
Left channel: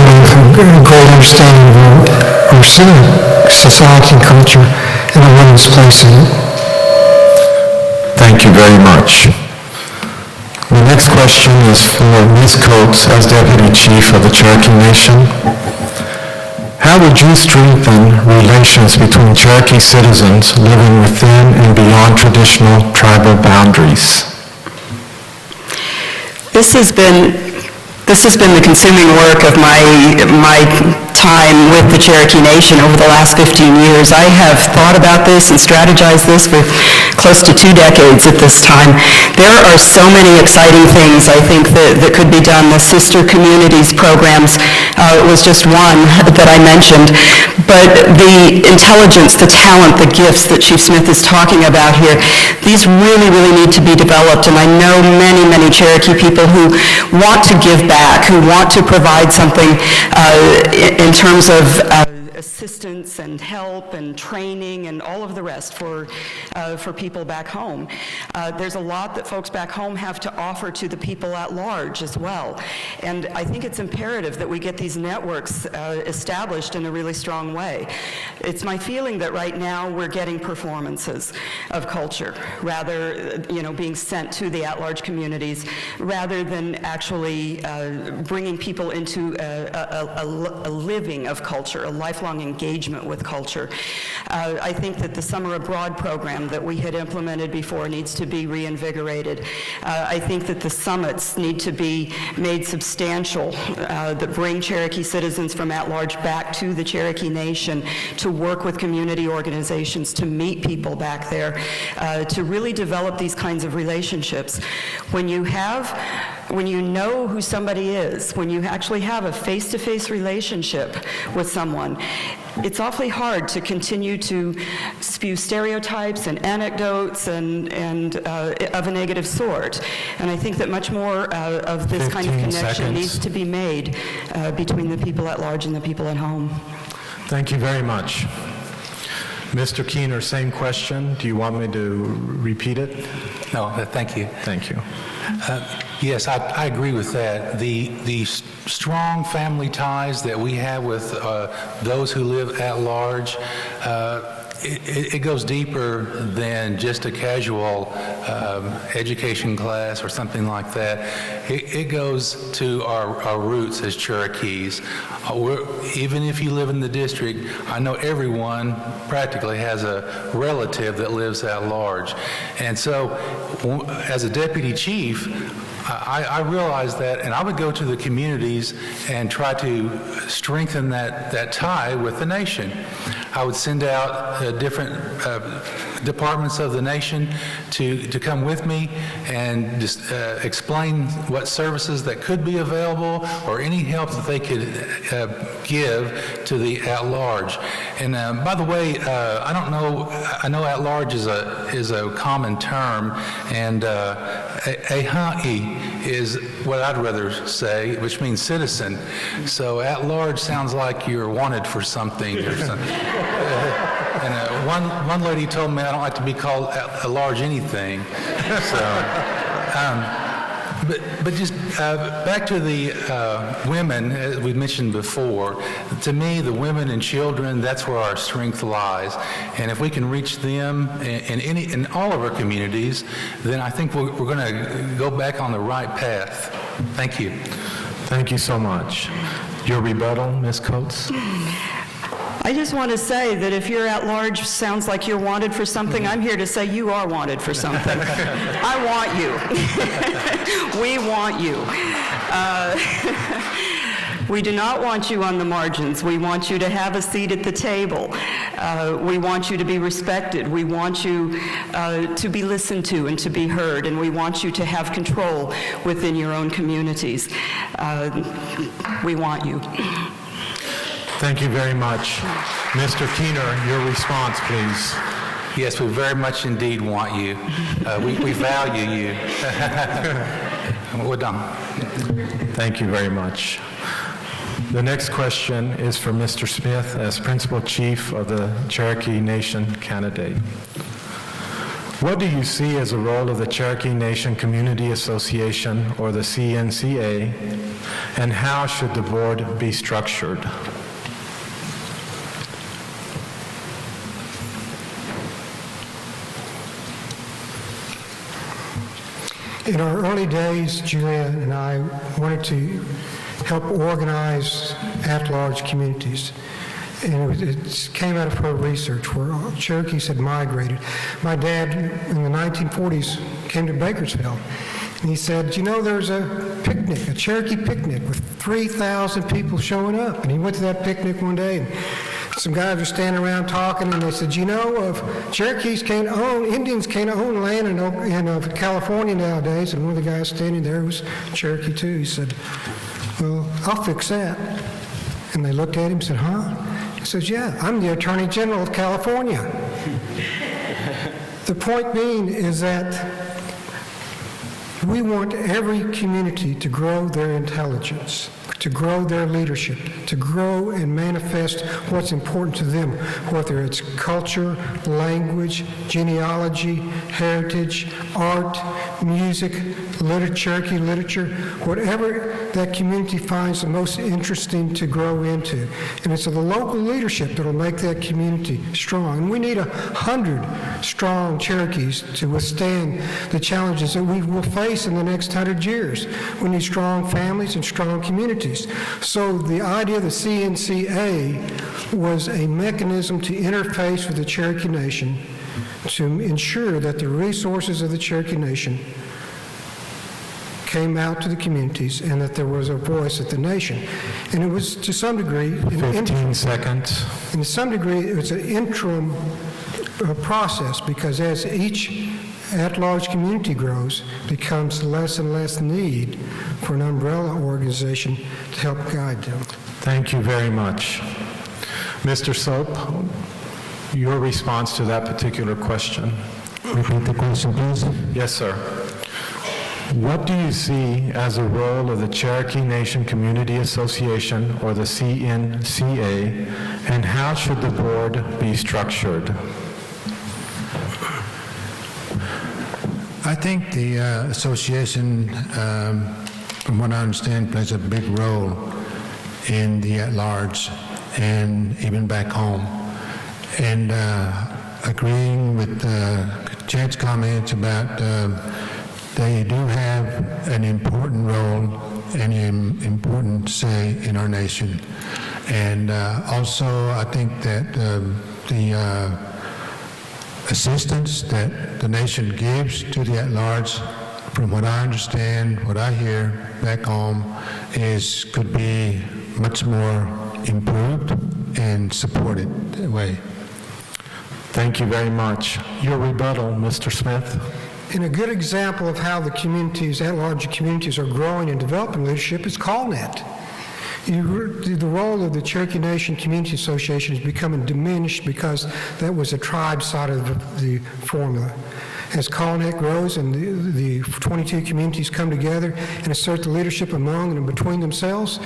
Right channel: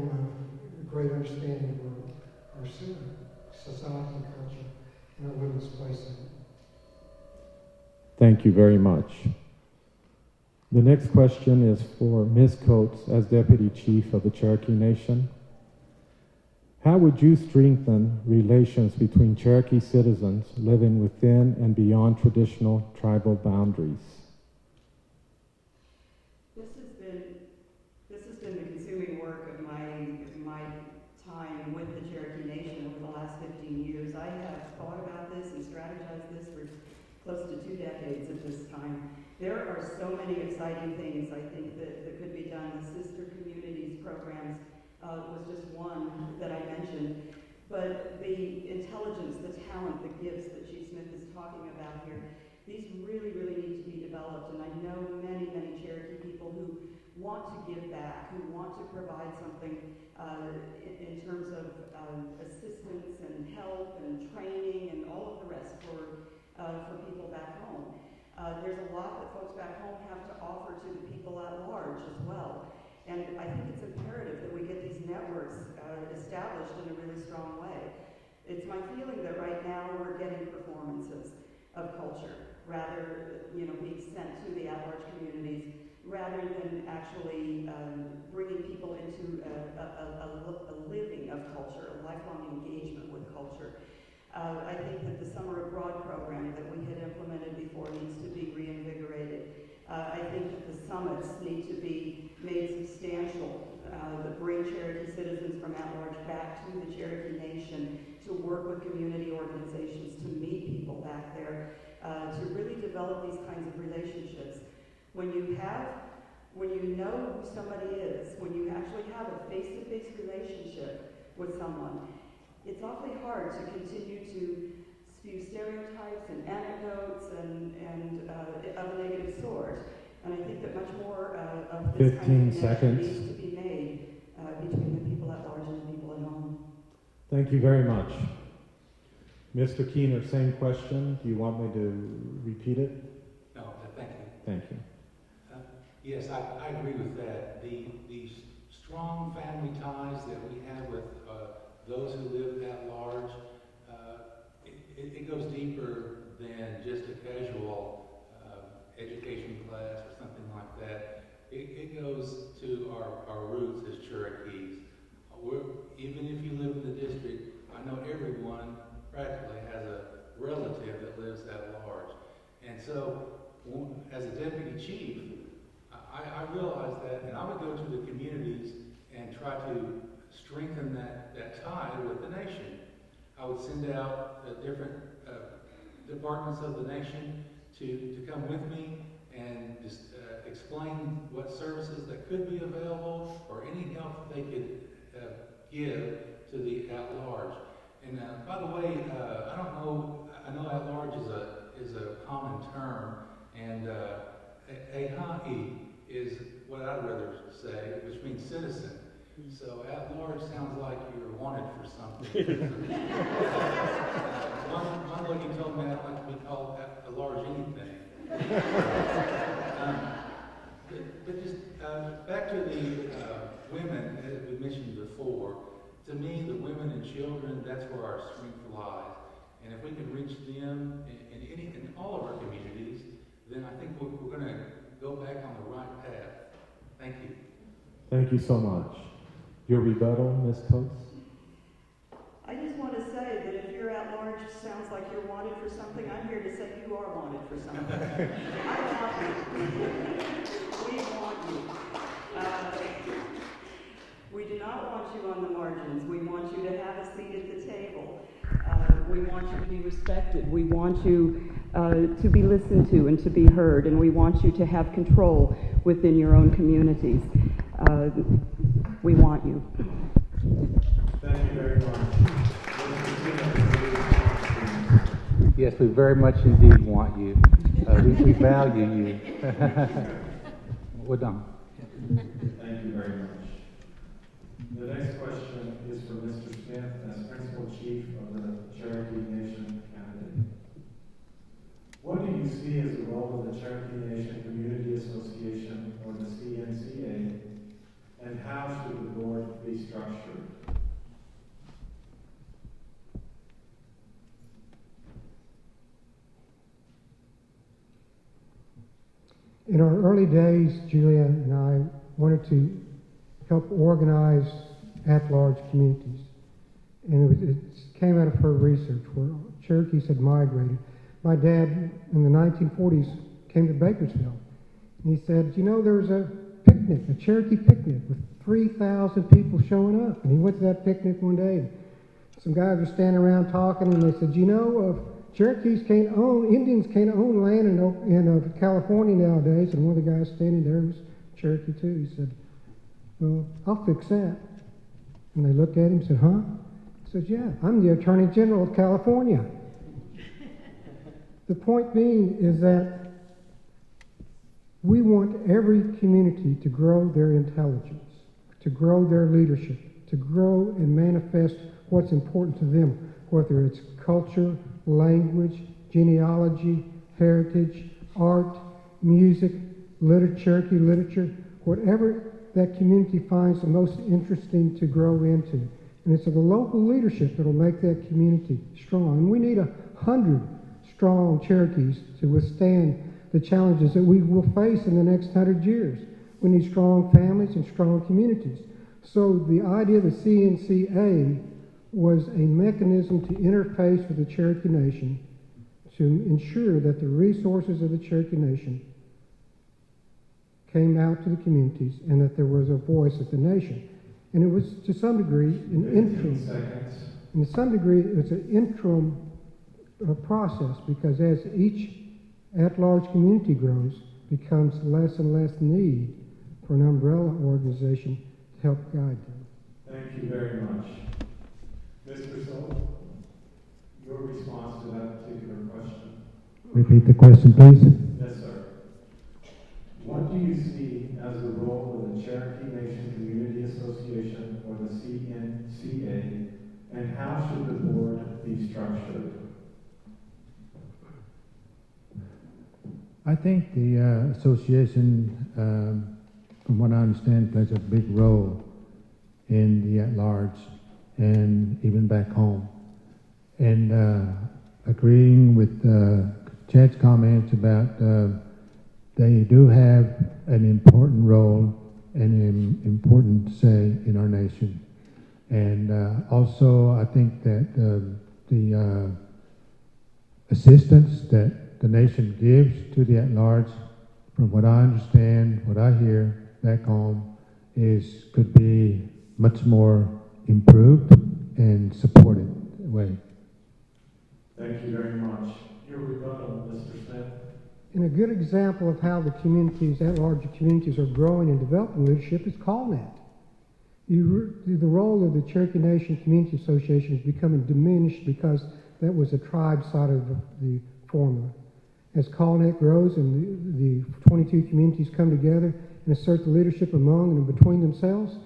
a great understanding of our society and culture and a woman's place in it. Thank you very much. The next question is for Ms. Coates as Deputy Chief of the Cherokee Nation. How would you strengthen relations between Cherokee citizens living within and beyond traditional tribal boundaries? This has been the consuming work of my time with the Cherokee Nation over the last 15 years. I have thought about this and strategized this for close to 2 decades at this time. There are so many exciting things, I think, that could be done. The Sister Communities programs was just one that I mentioned. But the intelligence, the talent, the gifts that Chief Smith is talking about here, these really, really need to be developed. And I know many, many Cherokee people who want to give back, who want to provide something in terms of assistance and help and training and all of the rest for people back home. There's a lot that folks back home have to offer to the people at large as well. And I think it's imperative that we get these networks established in a really strong way. It's my feeling that right now we're getting performances of culture, rather, being sent to the at-large communities, rather than actually bringing people into a living of culture, a lifelong engagement with culture. I think that the Summer Abroad program that we had implemented before needs to be reinvigorated. I think that the summits need to be made substantial, that bring Cherokee citizens from at-large back to the Cherokee Nation, to work with community organizations, to meet people back there, to really develop these kinds of relationships. When you know who somebody is, when you actually have a face-to-face relationship with someone, it's awfully hard to continue to spew stereotypes and anecdotes and of a negative sort. And I think that much more of this kind of connection needs to be made between the people at large and the people at home. Thank you very much. Mr. Keener, same question. Do you want me to repeat it? No, thank you. Thank you. Yes, I agree with that. The strong family ties that we have with those who live at large, it goes deeper than just a casual education class or something like that. It goes to our roots as Cherokees. Even if you live in the district, I know everyone practically has a relative that lives at large. And so as a deputy chief, I realized that, and I would go to the communities and try to strengthen that tie with the nation. I would send out different departments of the nation to come with me and just explain what services that could be available or any help that they could give to the at-large. And by the way, I know at-large is a common term, and Aha'i is what I'd rather say, which means citizen. So at-large sounds like you're wanted for something or something. And one lady told me I don't like to be called at-large anything. So, but just back to the women, as we mentioned before. To me, the women and children, that's where our strength lies. And if we can reach them in all of our communities, then I think we're going to go back on the right path. Thank you. Thank you so much. Your rebuttal, Ms. Coates? I just want to say that if you're at large sounds like you're wanted for something, I'm here to say you are wanted for something. I want you. We want you. We do not want you on the margins. We want you to have a seat at the table. We want you to be respected. We want you to be listened to and to be heard, and we want you to have control within your own communities. We want you. Thank you very much. Mr. Keener, your response, please. Yes, we very much indeed want you. We value you. We're done. Thank you very much. The next question is for Mr. Smith as Principal Chief of the Cherokee Nation candidate. What do you see as a role of the Cherokee Nation Community Association, or the CNCA, and how should the board be structured? In our early days, Julian and I wanted to help organize at-large communities. And it came out of her research where Cherokees had migrated. My dad, in the 1940s, came to Bakersfield. And he said, you know, there's a picnic, a Cherokee picnic with 3,000 people showing up. And he went to that picnic one day, and some guys were standing around talking, and they said, you know, if Cherokees can't own, Indians can't own land in California nowadays. And one of the guys standing there was Cherokee too. He said, well, I'll fix that. And they looked at him and said, huh? He says, yeah, I'm the Attorney General of California. The point being is that we want every community to grow their intelligence, to grow their leadership, to grow and manifest what's important to them, whether it's culture, language, genealogy, heritage, art, music, Cherokee literature, whatever that community finds the most interesting to grow into. And it's the local leadership that will make that community strong. And we need 100 strong Cherokees to withstand the challenges that we will face in the next 100 years. We need strong families and strong communities. So the idea of the CNCA was a mechanism to interface with the Cherokee Nation to ensure that the resources of the Cherokee Nation came out to the communities and that there was a voice at the nation. And it was, to some degree, 15 seconds. And to some degree, it was an interim process, because as each at-large community grows, becomes less and less need for an umbrella organization to help guide them. Thank you very much. Mr. Soap, your response to that particular question. Repeat the question, please. Yes, sir. What do you see as a role of the Cherokee Nation Community Association, or the CNCA, and how should the board be structured? I think the association, from what I understand, plays a big role in the at-large and even back home. And agreeing with Jed's comments about they do have an important role and an important say in our nation. And also, I think that the assistance that the nation gives to the at-large, from what I understand, what I hear back home, could be much more improved and supported that way. Thank you very much. Your rebuttal, Mr. Smith. And a good example of how the communities, at-large communities, are growing and developing leadership is CallNet. The role of the Cherokee Nation Community Association is becoming diminished because that was a tribe side of the formula. As CallNet grows and the 22 communities come together and assert the leadership among and between themselves,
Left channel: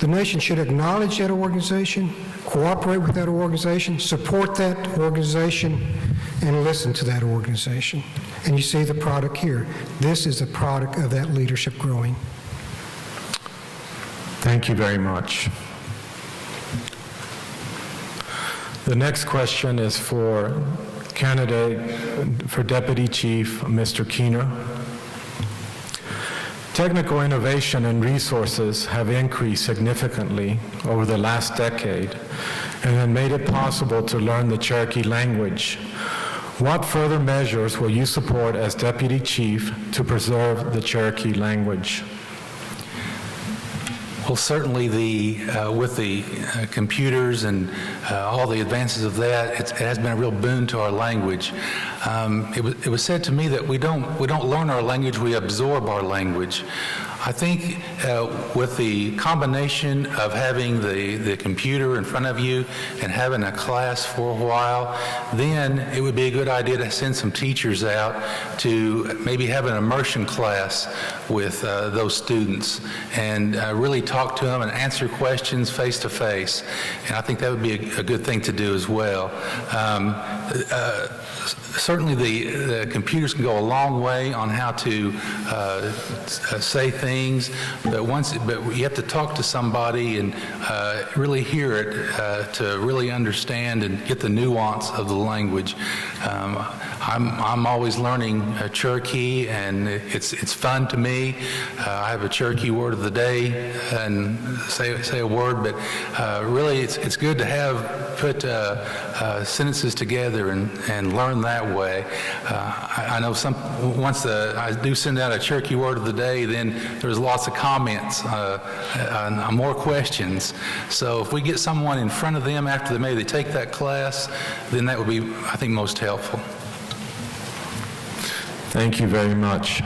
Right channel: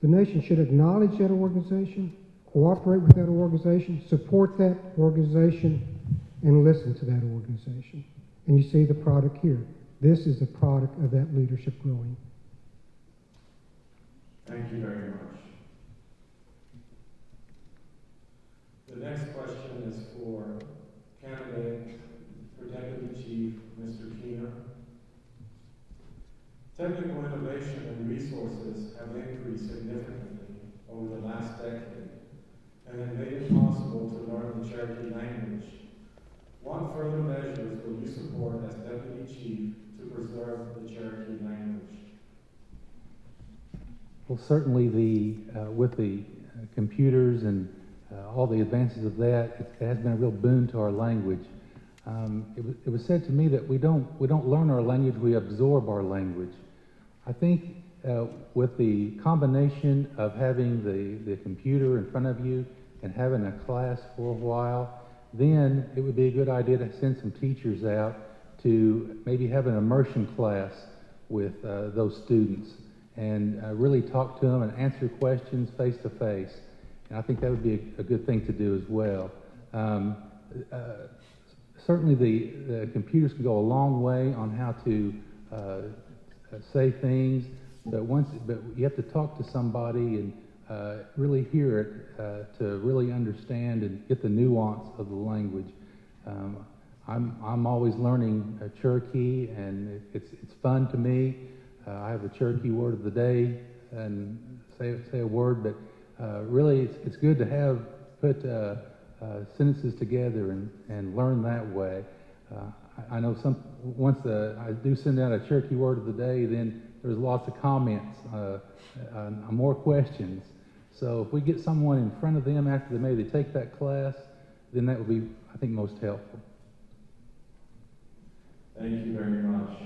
the nation should acknowledge that organization, cooperate with that organization, support that organization, and listen to that organization. And you see the product here. This is the product of that leadership growing. Thank you very much. The next question is for candidate for Deputy Chief, Mr. Keener. Technical innovation and resources have increased significantly over the last decade and have made it possible to learn the Cherokee language. What further measures will you support as Deputy Chief to preserve the Cherokee language? Well, certainly with the computers and all the advances of that, it has been a real boon to our language. It was said to me that we don't learn our language, we absorb our language. I think with the combination of having the computer in front of you and having a class for a while, then it would be a good idea to send some teachers out to maybe have an immersion class with those students and really talk to them and answer questions face to face. And I think that would be a good thing to do as well. Certainly the computers can go a long way on how to say things, but you have to talk to somebody and really hear it to really understand and get the nuance of the language. I'm always learning Cherokee, and it's fun to me. I have a Cherokee word of the day and say a word, but really it's good to put sentences together and learn that way. I know once I do send out a Cherokee word of the day, then there's lots of comments and more questions. So if we get someone in front of them after they take that class, then that would be, I think, most helpful. Thank you very much.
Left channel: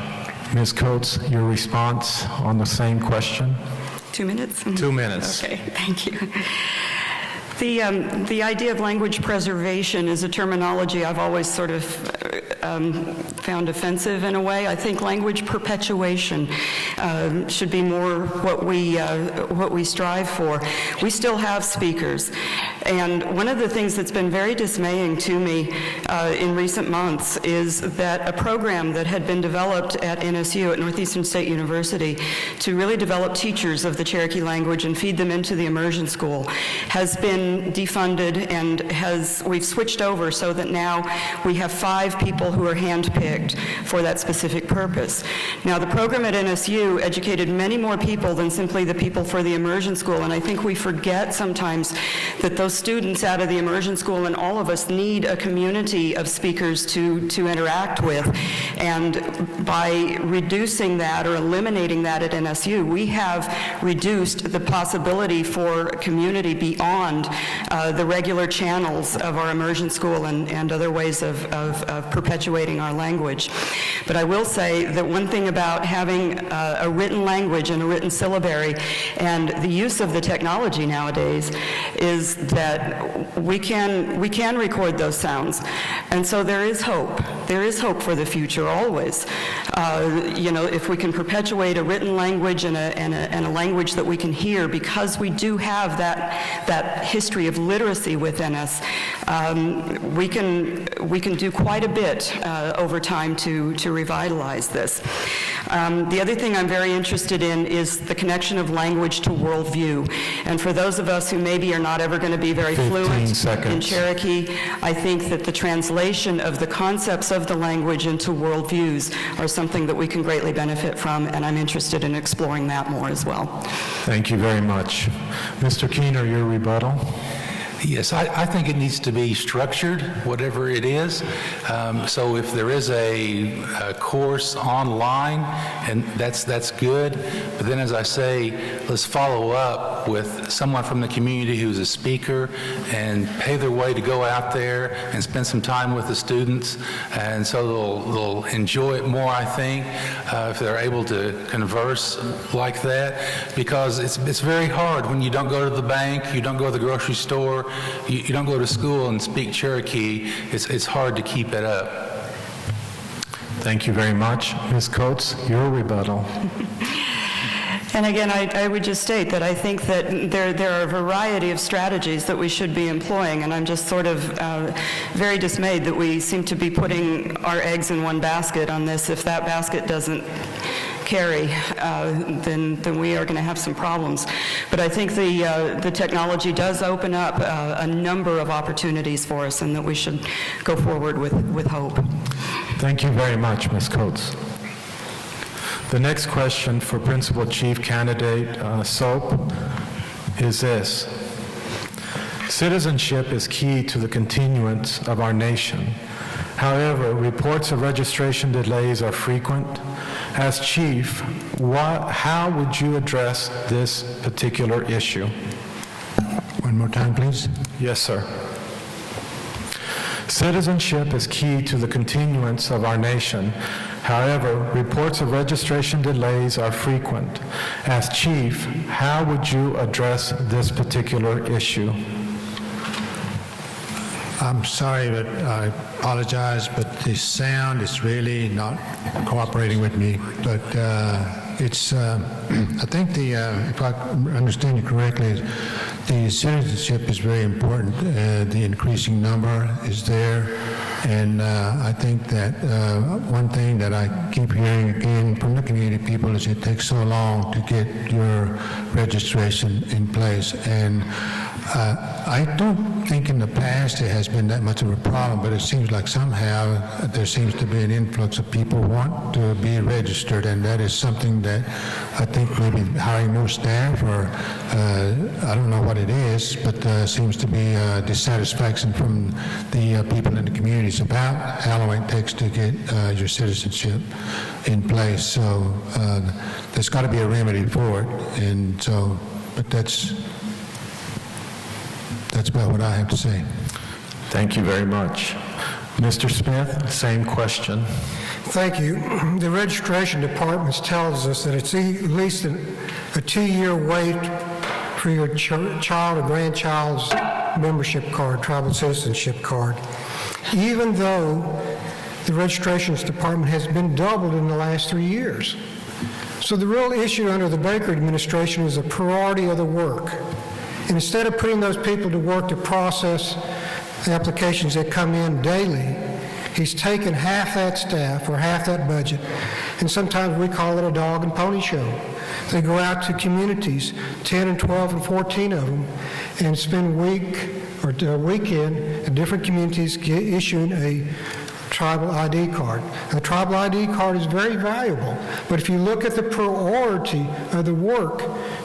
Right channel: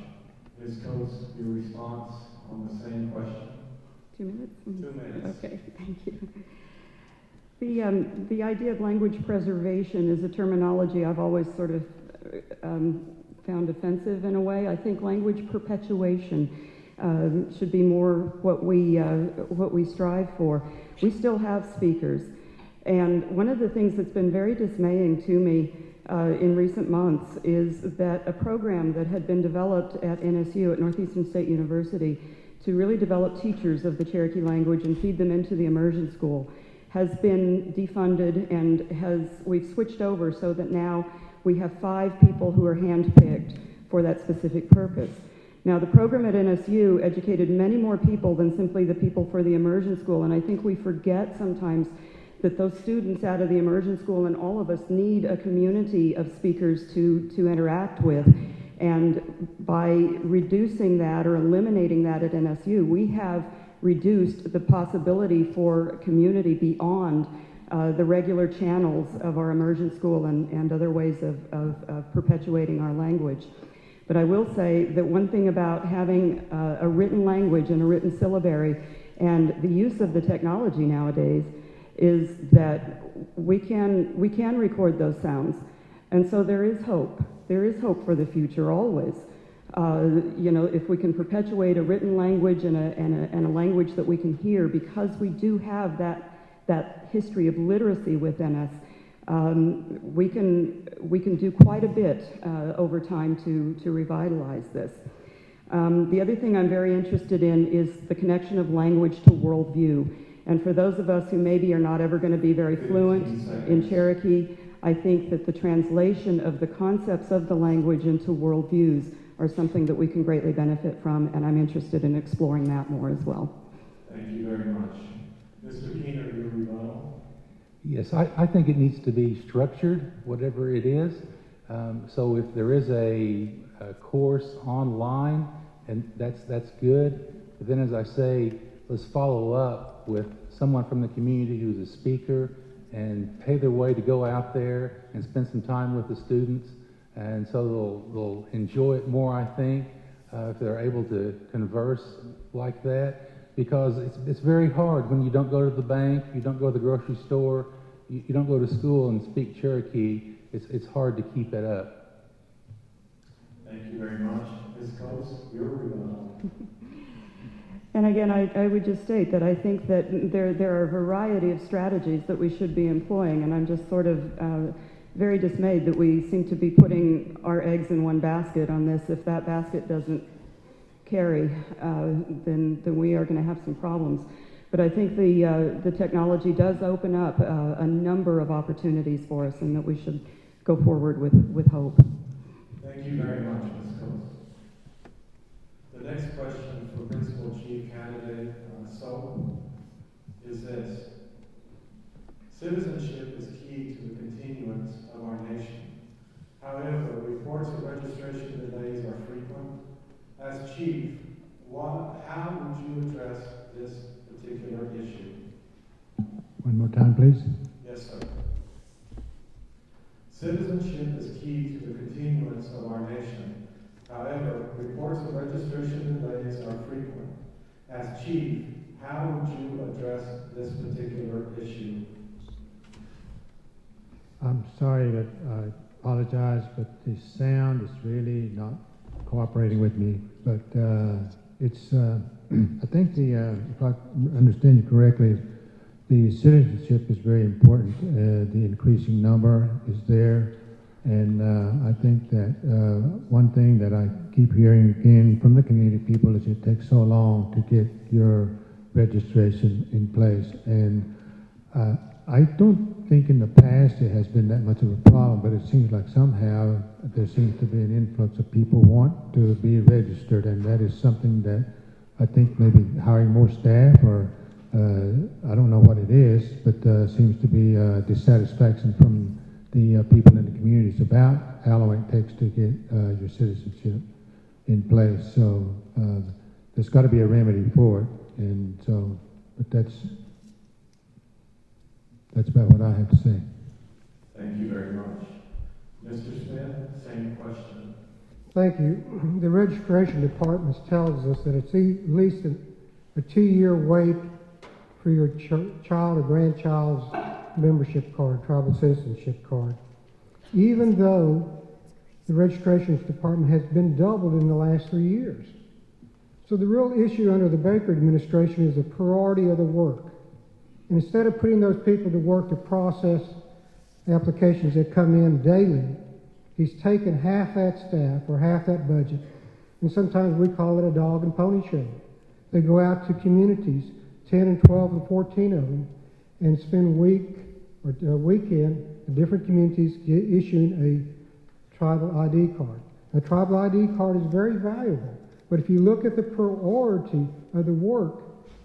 Ms. Coates, your response on the same question? 2 minutes? 2 minutes. Okay, thank you. The idea of language preservation is a terminology I've always sort of found offensive in a way. I think language perpetuation should be more what we strive for. We still have speakers, and one of the things that's been very dismaying to me in recent months is that a program that had been developed at NSU, at Northeastern State University, to really develop teachers of the Cherokee language and feed them into the immersion school has been defunded, and we've switched over so that now we have 5 people who are handpicked for that specific purpose. Now, the program at NSU educated many more people than simply the people for the immersion school, and I think we forget sometimes that those students out of the immersion school and all of us need a community of speakers to interact with. And by reducing that or eliminating that at NSU, we have reduced the possibility for community beyond the regular channels of our immersion school and other ways of perpetuating our language. But I will say that one thing about having a written language and a written syllabary and the use of the technology nowadays is that we can record those sounds. And so there is hope. There is hope for the future always. If we can perpetuate a written language and a language that we can hear, because we do have that history of literacy within us, we can do quite a bit over time to revitalize this. The other thing I'm very interested in is the connection of language to worldview. And for those of us who maybe are not ever going to be very fluent in Cherokee, I think that the translation of the concepts of the language into worldviews are something that we can greatly benefit from, and I'm interested in exploring that more as well. Thank you very much. Mr. Keener, your rebuttal. Yes, I think it needs to be structured, whatever it is. So if there is a course online, and that's good. But then, as I say, let's follow up with someone from the community who's a speaker and pay their way to go out there and spend some time with the students. And so they'll enjoy it more, I think, if they're able to converse like that. Because it's very hard when you don't go to the bank, you don't go to the grocery store, you don't go to school and speak Cherokee. It's hard to keep it up. Thank you very much. Ms. Coates, your rebuttal. And again, I would just state that I think that there are a variety of strategies that we should be employing, and I'm just sort of very dismayed that we seem to be putting our eggs in one basket on this. If that basket doesn't carry, then we are going to have some problems. But I think the technology does open up a number of opportunities for us, and that we should go forward with hope. Thank you very much, Ms. Coates. The next question for Principal Chief Candidate Soap is this. Citizenship is key to the continuance of our nation. However, reports of registration delays are frequent. As Chief, how would you address this particular issue? One more time, please. Yes, sir. Citizenship is key to the continuance of our nation. However, reports of registration delays are frequent. As Chief, how would you address this particular issue? I'm sorry, but I apologize, but the sound is really not cooperating with me. But it's, I think if I understand you correctly, the citizenship is very important. The increasing number is there. And I think that one thing that I keep hearing again from the community people is it takes so long to get your registration in place. And I don't think in the past it has been that much of a problem, but it seems like somehow there seems to be an influx of people who want to be registered, and that is something that I think maybe hiring more staff or I don't know what it is, but seems to be dissatisfaction from the people in the communities about how long it takes to get your citizenship in place. So there's got to be a remedy for it, and so, but that's about what I have to say. Thank you very much. Mr. Smith, same question. Thank you. The registration department tells us that it's at least a 2-year wait for your child or grandchild's membership card, tribal citizenship card, even though the registrations department has been doubled in the last 3 years. So the real issue under the Baker administration is a priority of the work. And instead of putting those people to work to process applications that come in daily, he's taken half that staff or half that budget, and sometimes we call it a dog and pony show. They go out to communities, 10 and 12 and 14 of them, and spend a weekend in different communities issuing a tribal ID card. A tribal ID card is very valuable, but if you look at the priority of the work,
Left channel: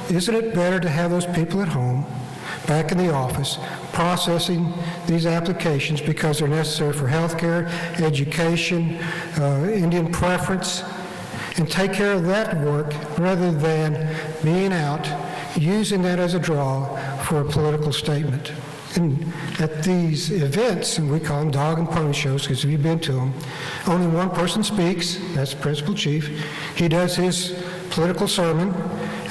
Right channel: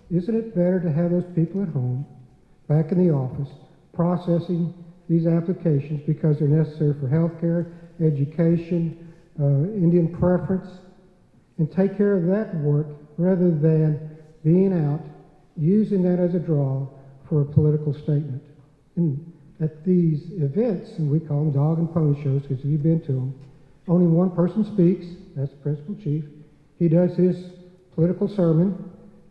isn't it better to have those people at home, back in the office, processing these applications because they're necessary for healthcare, education, Indian preference, and take care of that work rather than being out, using that as a draw for a political statement. And at these events, and we call them dog and pony shows because if you've been to them, only one person speaks, that's the principal chief. He does his political sermon,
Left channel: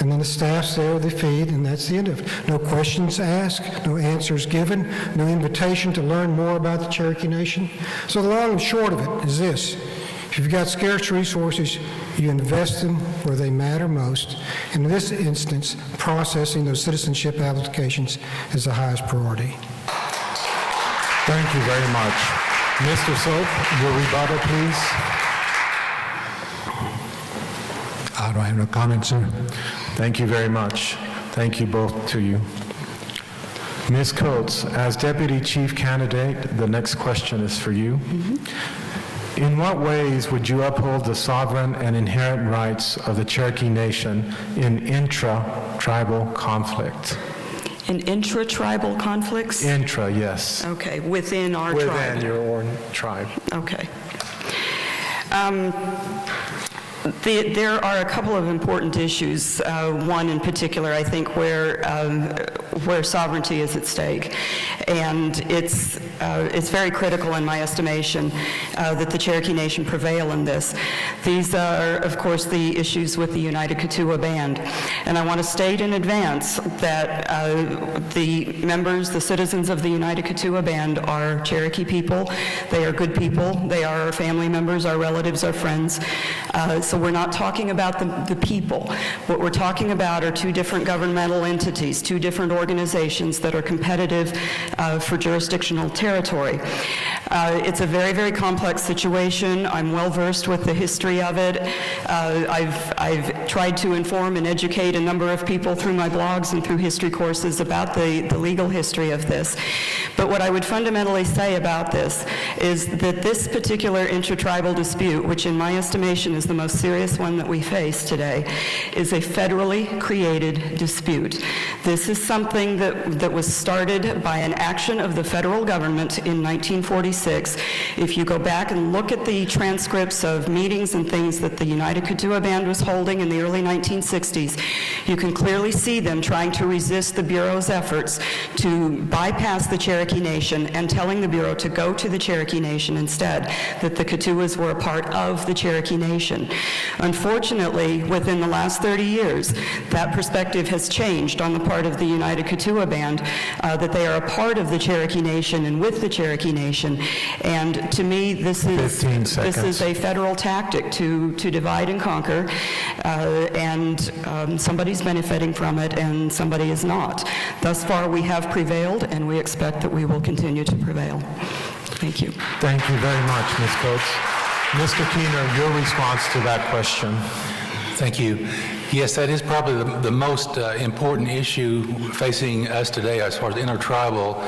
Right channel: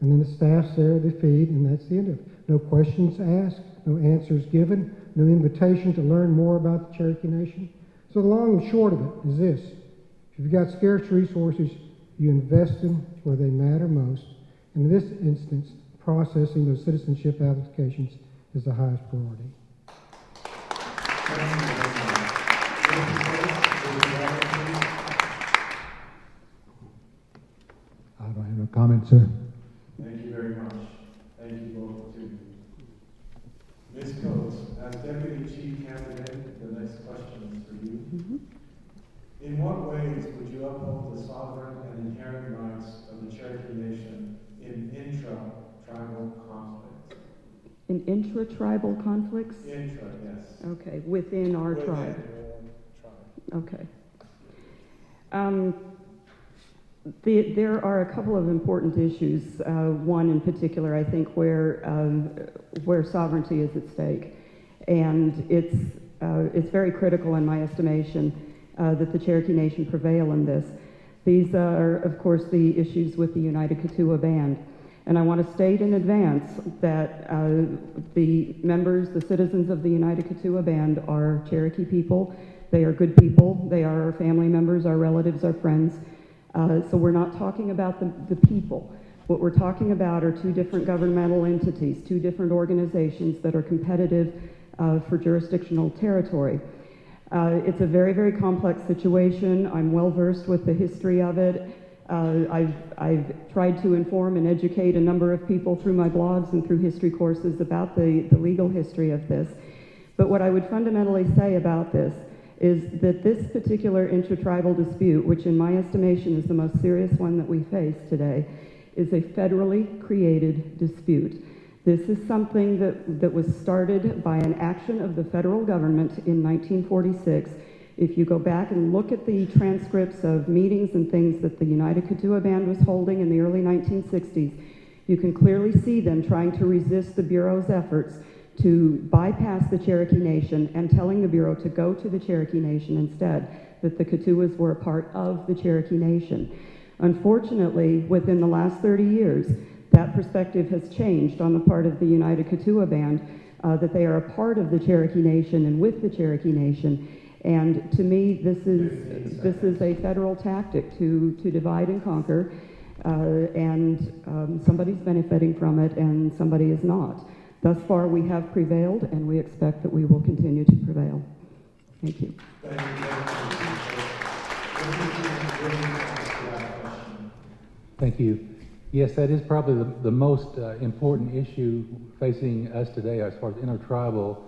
and then the staff's there, they feed, and that's the end of it. No questions asked, no answers given, no invitation to learn more about the Cherokee Nation. So the long and short of it is this. If you've got scarce resources, you invest them where they matter most. In this instance, processing those citizenship applications is the highest priority. Thank you very much. Mr. Soap, your rebuttal, please. I don't have no comment, sir. Thank you very much. Thank you both to you. Ms. Coates, as Deputy Chief Candidate, the next question is for you. In what ways would you uphold the sovereign and inherent rights of the Cherokee Nation in intra-tribal conflict? In intra-tribal conflicts? Intra, yes. Okay, within our tribe. Within your own tribe. Okay. There are a couple of important issues. One in particular, I think, where sovereignty is at stake, and it's very critical, in my estimation, that the Cherokee Nation prevail in this. These are, of course, the issues with the United Kituwa Band, and I want to state in advance that the members, the citizens of the United Kituwa Band, are Cherokee people. They are good people. They are our family members, our relatives, our friends. So we're not talking about the people. What we're talking about are two different governmental entities, two different organizations that are competitive for jurisdictional territory. It's a very, very complex situation. I'm well versed with the history of it. I've tried to inform and educate a number of people through my blogs and through history courses about the legal history of this. But what I would fundamentally say about this is that this particular intertribal dispute, which in my estimation is the most serious one that we face today, is a federally created dispute. This is something that was started by an action of the federal government in 1946. If you go back and look at the transcripts of meetings and things that the United Kituwa Band was holding in the early 1960s, you can clearly see them trying to resist the Bureau's efforts to bypass the Cherokee Nation and telling the Bureau to go to the Cherokee Nation instead, that the Kituwas were a part of the Cherokee Nation. Unfortunately, within the last 30 years, that perspective has changed on the part of the United Kituwa Band, that they are a part of the Cherokee Nation and with the Cherokee Nation. And to me, this is a federal tactic to divide and conquer, and somebody's benefiting from it and somebody is not. Thus far, we have prevailed, and we expect that we will continue to prevail. Thank you. Thank you very much, Ms. Coates. Mr. Keener, your response to that question. Thank you. Yes, that is probably the most important issue facing us today as far as intertribal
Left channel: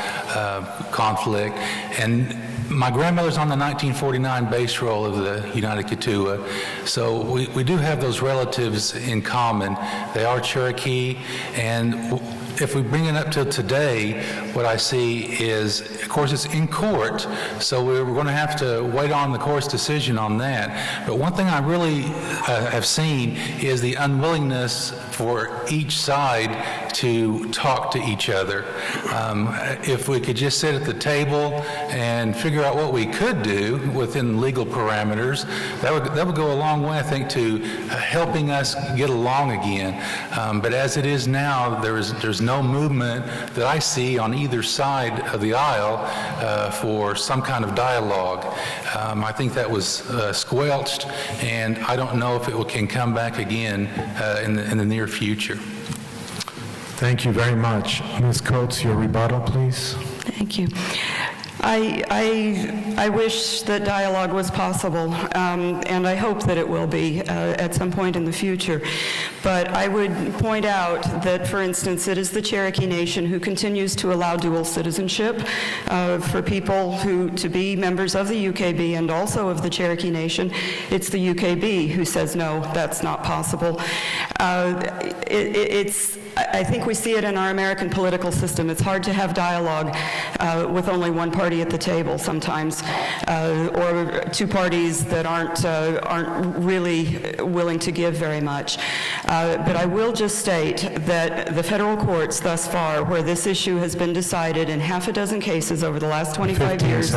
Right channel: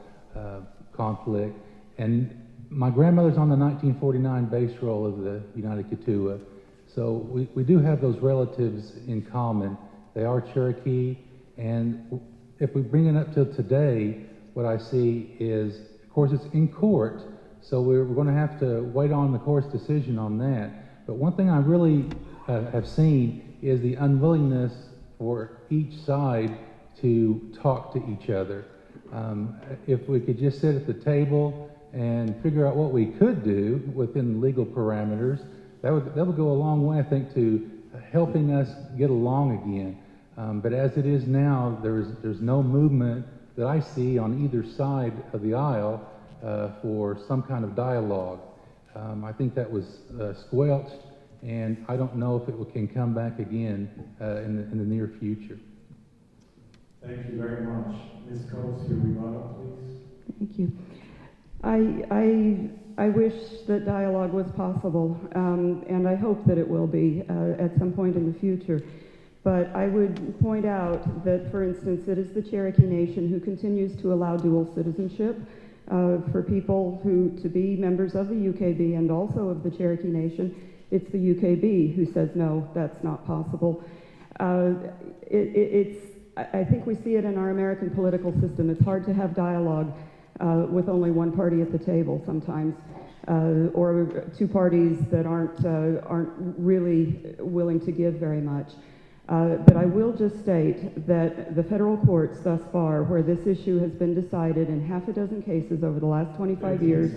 conflict. And my grandmother's on the 1949 base roll of the United Kituwa, so we do have those relatives in common. They are Cherokee, and if we bring it up to today, what I see is, of course, it's in court, so we're going to have to wait on the court's decision on that. But one thing I really have seen is the unwillingness for each side to talk to each other. If we could just sit at the table and figure out what we could do within legal parameters, that would go a long way, I think, to helping us get along again. But as it is now, there's no movement that I see on either side of the aisle for some kind of dialogue. I think that was squelched, and I don't know if it can come back again in the near future. Thank you very much. Ms. Coates, your rebuttal, please. Thank you. I wish that dialogue was possible, and I hope that it will be at some point in the future. But I would point out that, for instance, it is the Cherokee Nation who continues to allow dual citizenship for people to be members of the UKB and also of the Cherokee Nation. It's the UKB who says, no, that's not possible. I think we see it in our American political system. It's hard to have dialogue with only one party at the table sometimes, or two parties that aren't really willing to give very much. But I will just state that the federal courts thus far, where this issue has been decided in half a dozen cases over the last 25 years,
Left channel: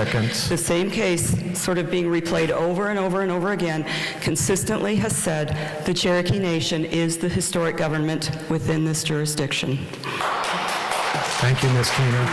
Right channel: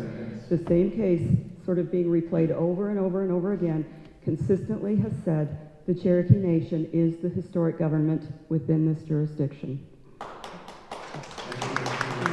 the same case sort of being replayed over and over and over again, consistently has said the Cherokee Nation is the historic government within this jurisdiction. Thank you, Ms. Keener.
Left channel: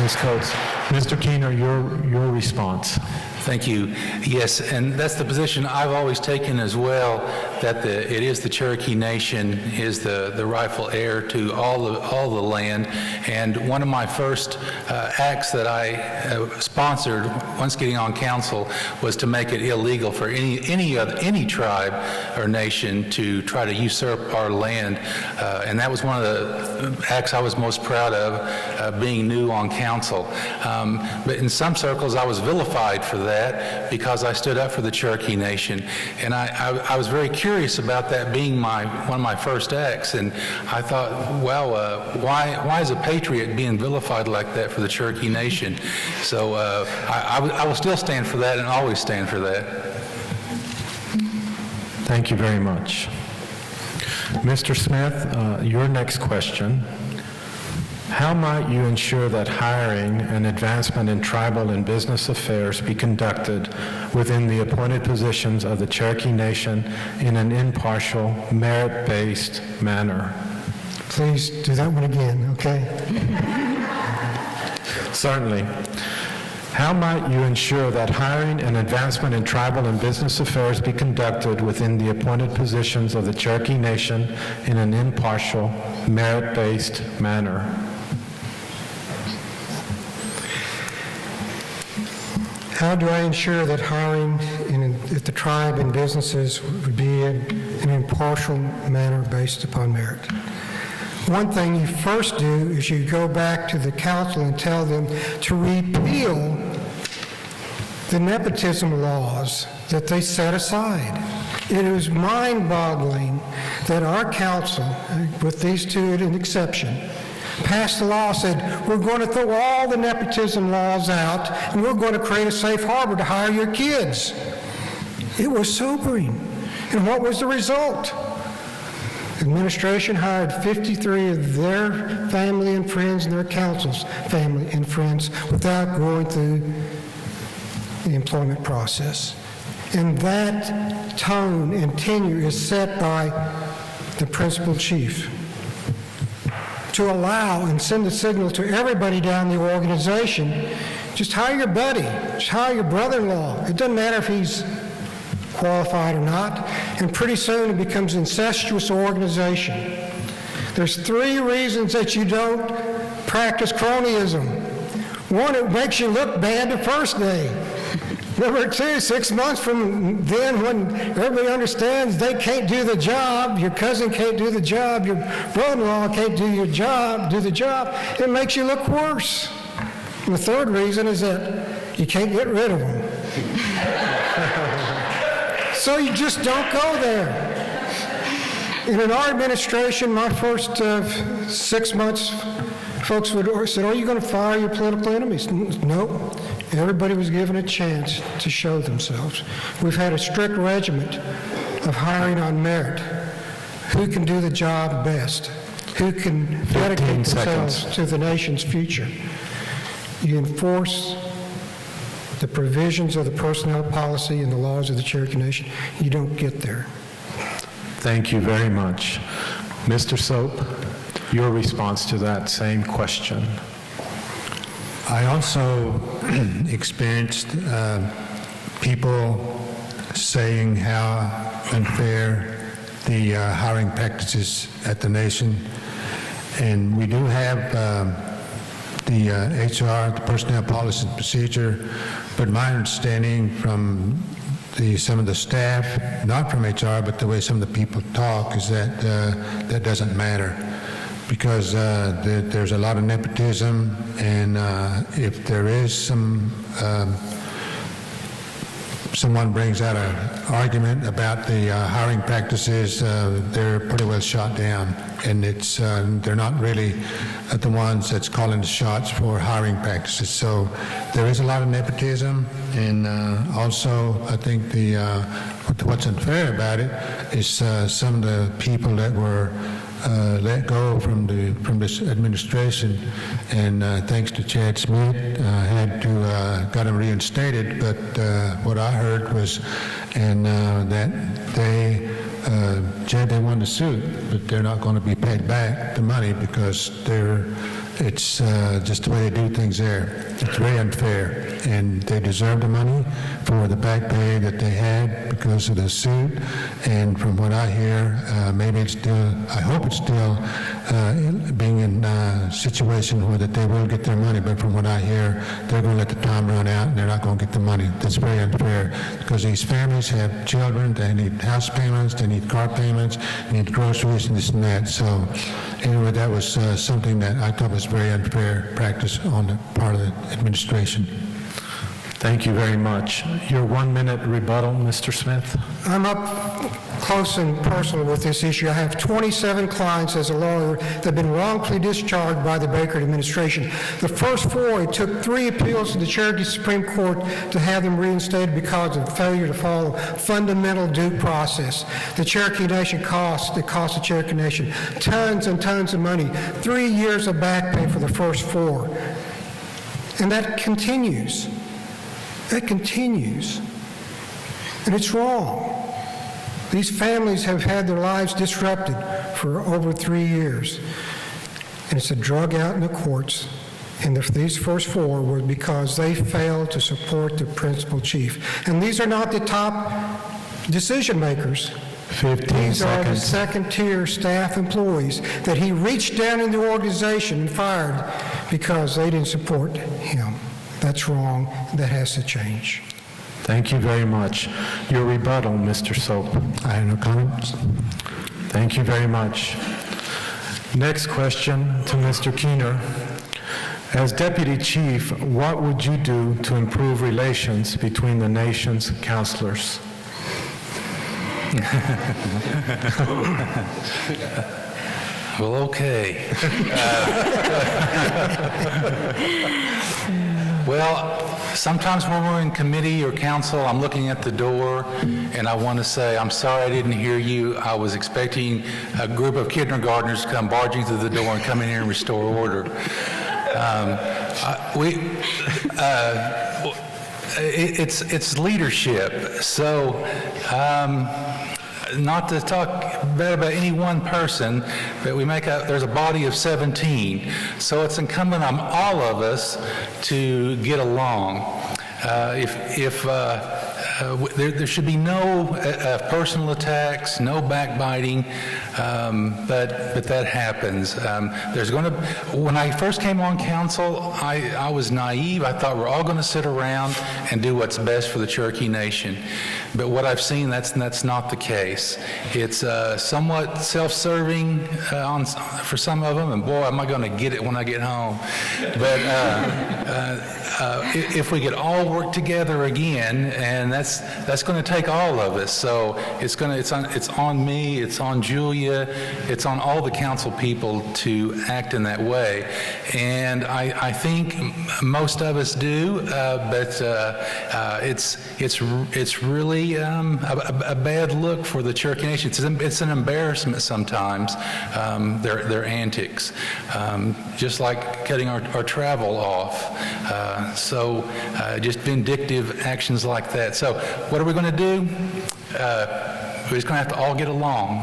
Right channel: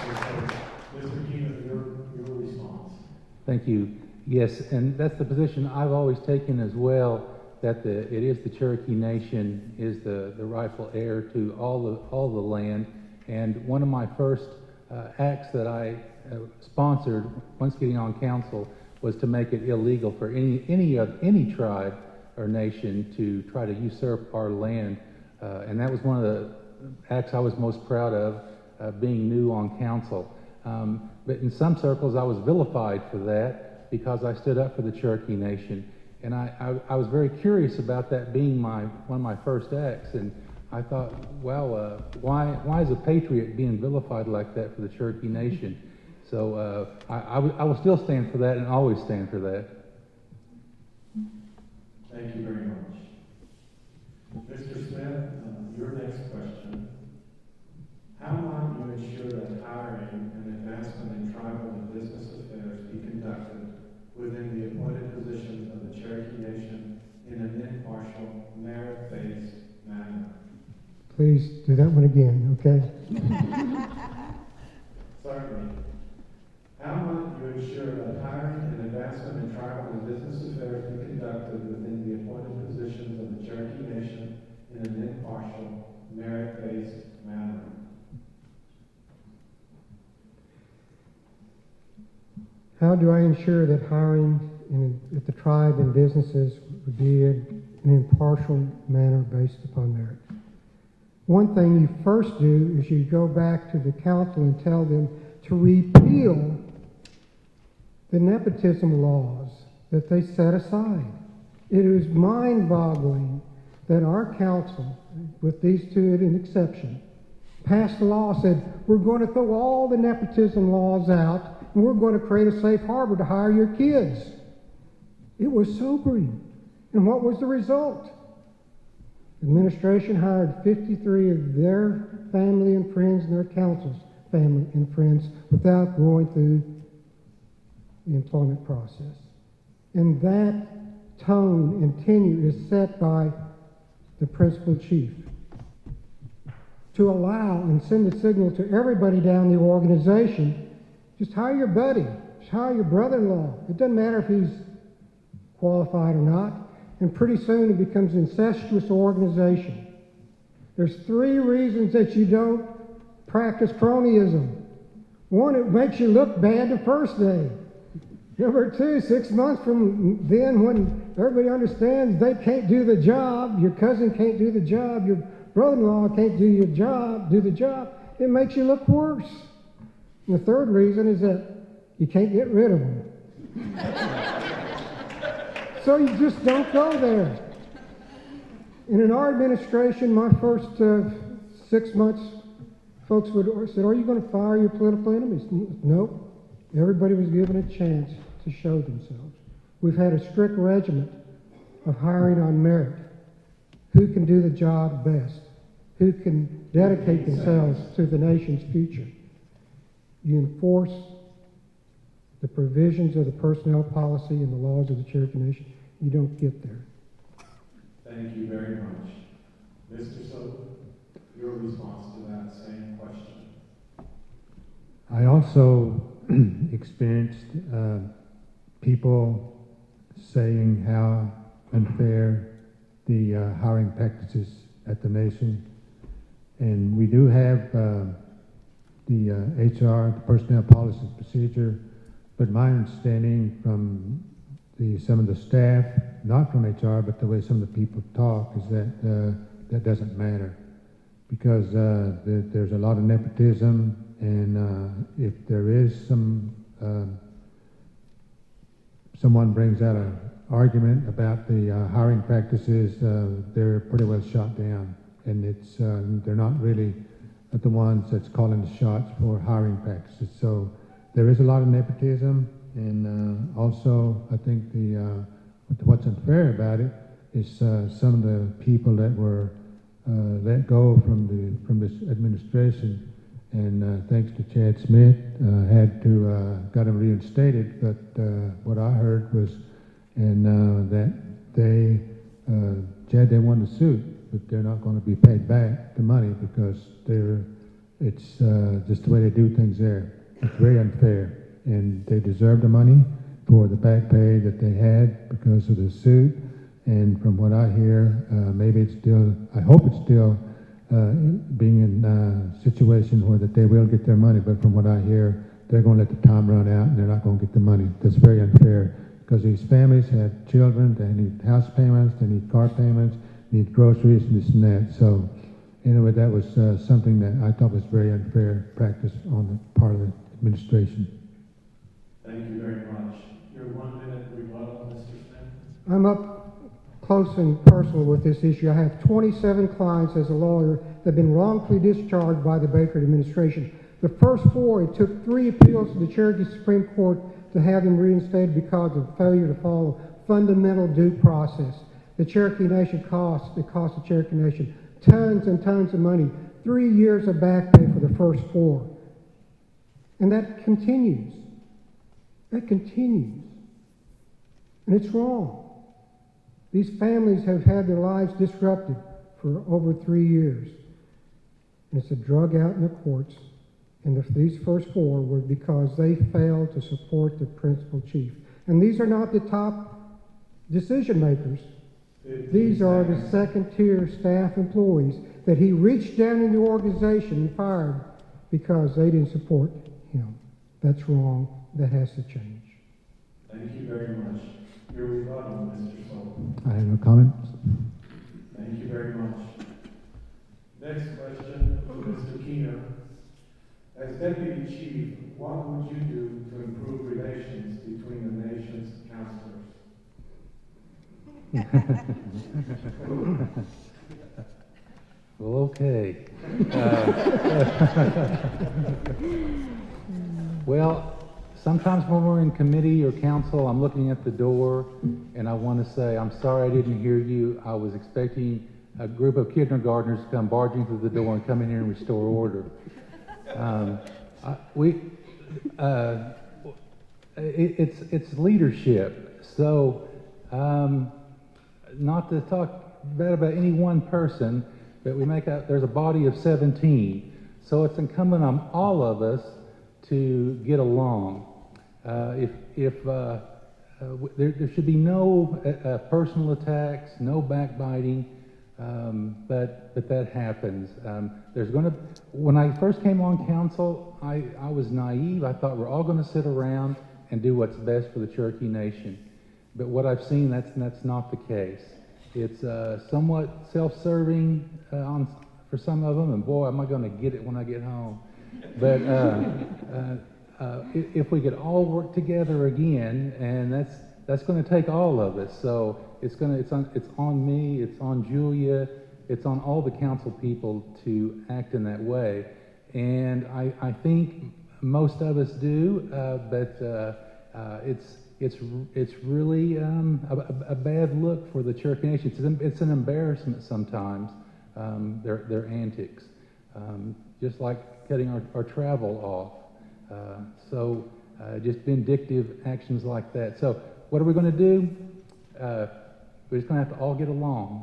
Ms. Coates. Mr. Keener, your response. Thank you. Yes, and that's the position I've always taken as well, that it is the Cherokee Nation is the rightful heir to all the land. And one of my first acts that I sponsored once getting on council was to make it illegal for any tribe or nation to try to usurp our land. And that was one of the acts I was most proud of, being new on council. But in some circles, I was vilified for that because I stood up for the Cherokee Nation. And I was very curious about that being one of my first acts. And I thought, wow, why is a patriot being vilified like that for the Cherokee Nation? So I will still stand for that and always stand for that. Thank you very much. Mr. Smith, your next question. How might you ensure that hiring and advancement in tribal and business affairs be conducted within the appointed positions of the Cherokee Nation in an impartial, merit-based manner? Please do that one again, okay? Certainly. How might you ensure that hiring and advancement in tribal and business affairs be conducted within the appointed positions of the Cherokee Nation in an impartial, merit-based manner? How do I ensure that hiring at the tribe and businesses would be in an impartial manner based upon merit? One thing you first do is you go back to the council and tell them to repeal the nepotism laws that they set aside. It is mind-boggling that our council, with these two an exception, passed a law, said, we're going to throw all the nepotism laws out and we're going to create a safe harbor to hire your kids. It was sobering. And what was the result? The administration hired 53 of their family and friends and their council's family and friends without going through the employment process. And that tone and tenure is set by the principal chief to allow and send a signal to everybody down the organization, just hire your buddy, just hire your brother-in-law. It doesn't matter if he's qualified or not, and pretty soon it becomes an incestuous organization. There's 3 reasons that you don't practice cronyism. 1, it makes you look bad the first day. Number 2, 6 months from then, when everybody understands they can't do the job, your cousin can't do the job, your brother-in-law can't do the job, it makes you look worse. And the 3rd reason is that you can't get rid of them. So you just don't go there. And in our administration, my first 6 months, folks said, are you going to fire your political enemies? No. Everybody was given a chance to show themselves. We've had a strict regiment of hiring on merit. Who can do the job best? Who can dedicate themselves to the nation's future? You enforce the provisions of the personnel policy and the laws of the Cherokee Nation. You don't get there. Thank you very much. Mr. Soap, your response to that same question. I also experienced people saying how unfair the hiring practices at the nation. And we do have the HR, the Personnel Policy and Procedure, but my understanding from some of the staff, not from HR, but the way some of the people talk, is that that doesn't matter. Because there's a lot of nepotism, and if there is someone brings out an argument about the hiring practices, they're pretty well shot down, and they're not really the ones that's calling the shots for hiring practices. So there is a lot of nepotism, and also I think what's unfair about it is some of the people that were let go from this administration, and thanks to Chad Smith, had to got him reinstated. But what I heard was, that they won the suit, but they're not going to be paid back the money because it's just the way they do things there. It's very unfair, and they deserve the money for the back pay that they had because of the suit. And from what I hear, I hope it's still being in a situation where that they will get their money, but from what I hear, they're going to let the time run out and they're not going to get the money. That's very unfair because these families have children, they need house payments, they need car payments, they need groceries and this and that. So anyway, that was something that I thought was very unfair practice on the part of the administration. Thank you very much. Your 1-minute rebuttal, Mr. Smith. I'm up close and personal with this issue. I have 27 clients as a lawyer that have been wrongfully discharged by the Baker administration. The first 4, it took 3 appeals to the Cherokee Supreme Court to have them reinstated because of failure to follow fundamental due process. The Cherokee Nation cost the Cherokee Nation tons and tons of money, 3 years of back pay for the first 4. And that continues. That continues. And it's wrong. These families have had their lives disrupted for over 3 years. And it's a drug out in the courts, And these first 4 were because they failed to support the principal chief. And these are not the top decision makers. 15 These are the seconds. second-tier staff employees that he reached down in the organization and fired because they didn't support him. That's wrong. That has to change. Thank you very much. Your rebuttal, Mr. Soap. I have no comments. Thank you very much. Next question to Mr. Keener. As Deputy Chief, what would you do to improve relations between the nation's counselors? Well, okay. Well, sometimes when we're in committee or council, I'm looking at the door and I want to say, I'm sorry I didn't hear you. I was expecting a group of kindergartners to come barging through the door and come in here and restore order. It's leadership. So, not to talk bad about any one person, but there's a body of 17. So it's incumbent on all of us to get along. There should be no personal attacks, no backbiting, but that happens. When I first came on council, I was naive. I thought we're all going to sit around and do what's best for the Cherokee Nation. But what I've seen, that's not the case. It's somewhat self-serving for some of them, and boy, am I going to get it when I get home. But if we could all work together again, and that's going to take all of us. So it's on me, it's on Julia, it's on all the council people to act in that way. And I think most of us do, but it's really a bad look for the Cherokee Nation. It's an embarrassment sometimes, their antics, just like cutting our travel off. So just vindictive actions like that. So what are we going to do? We're just going to have to all get along.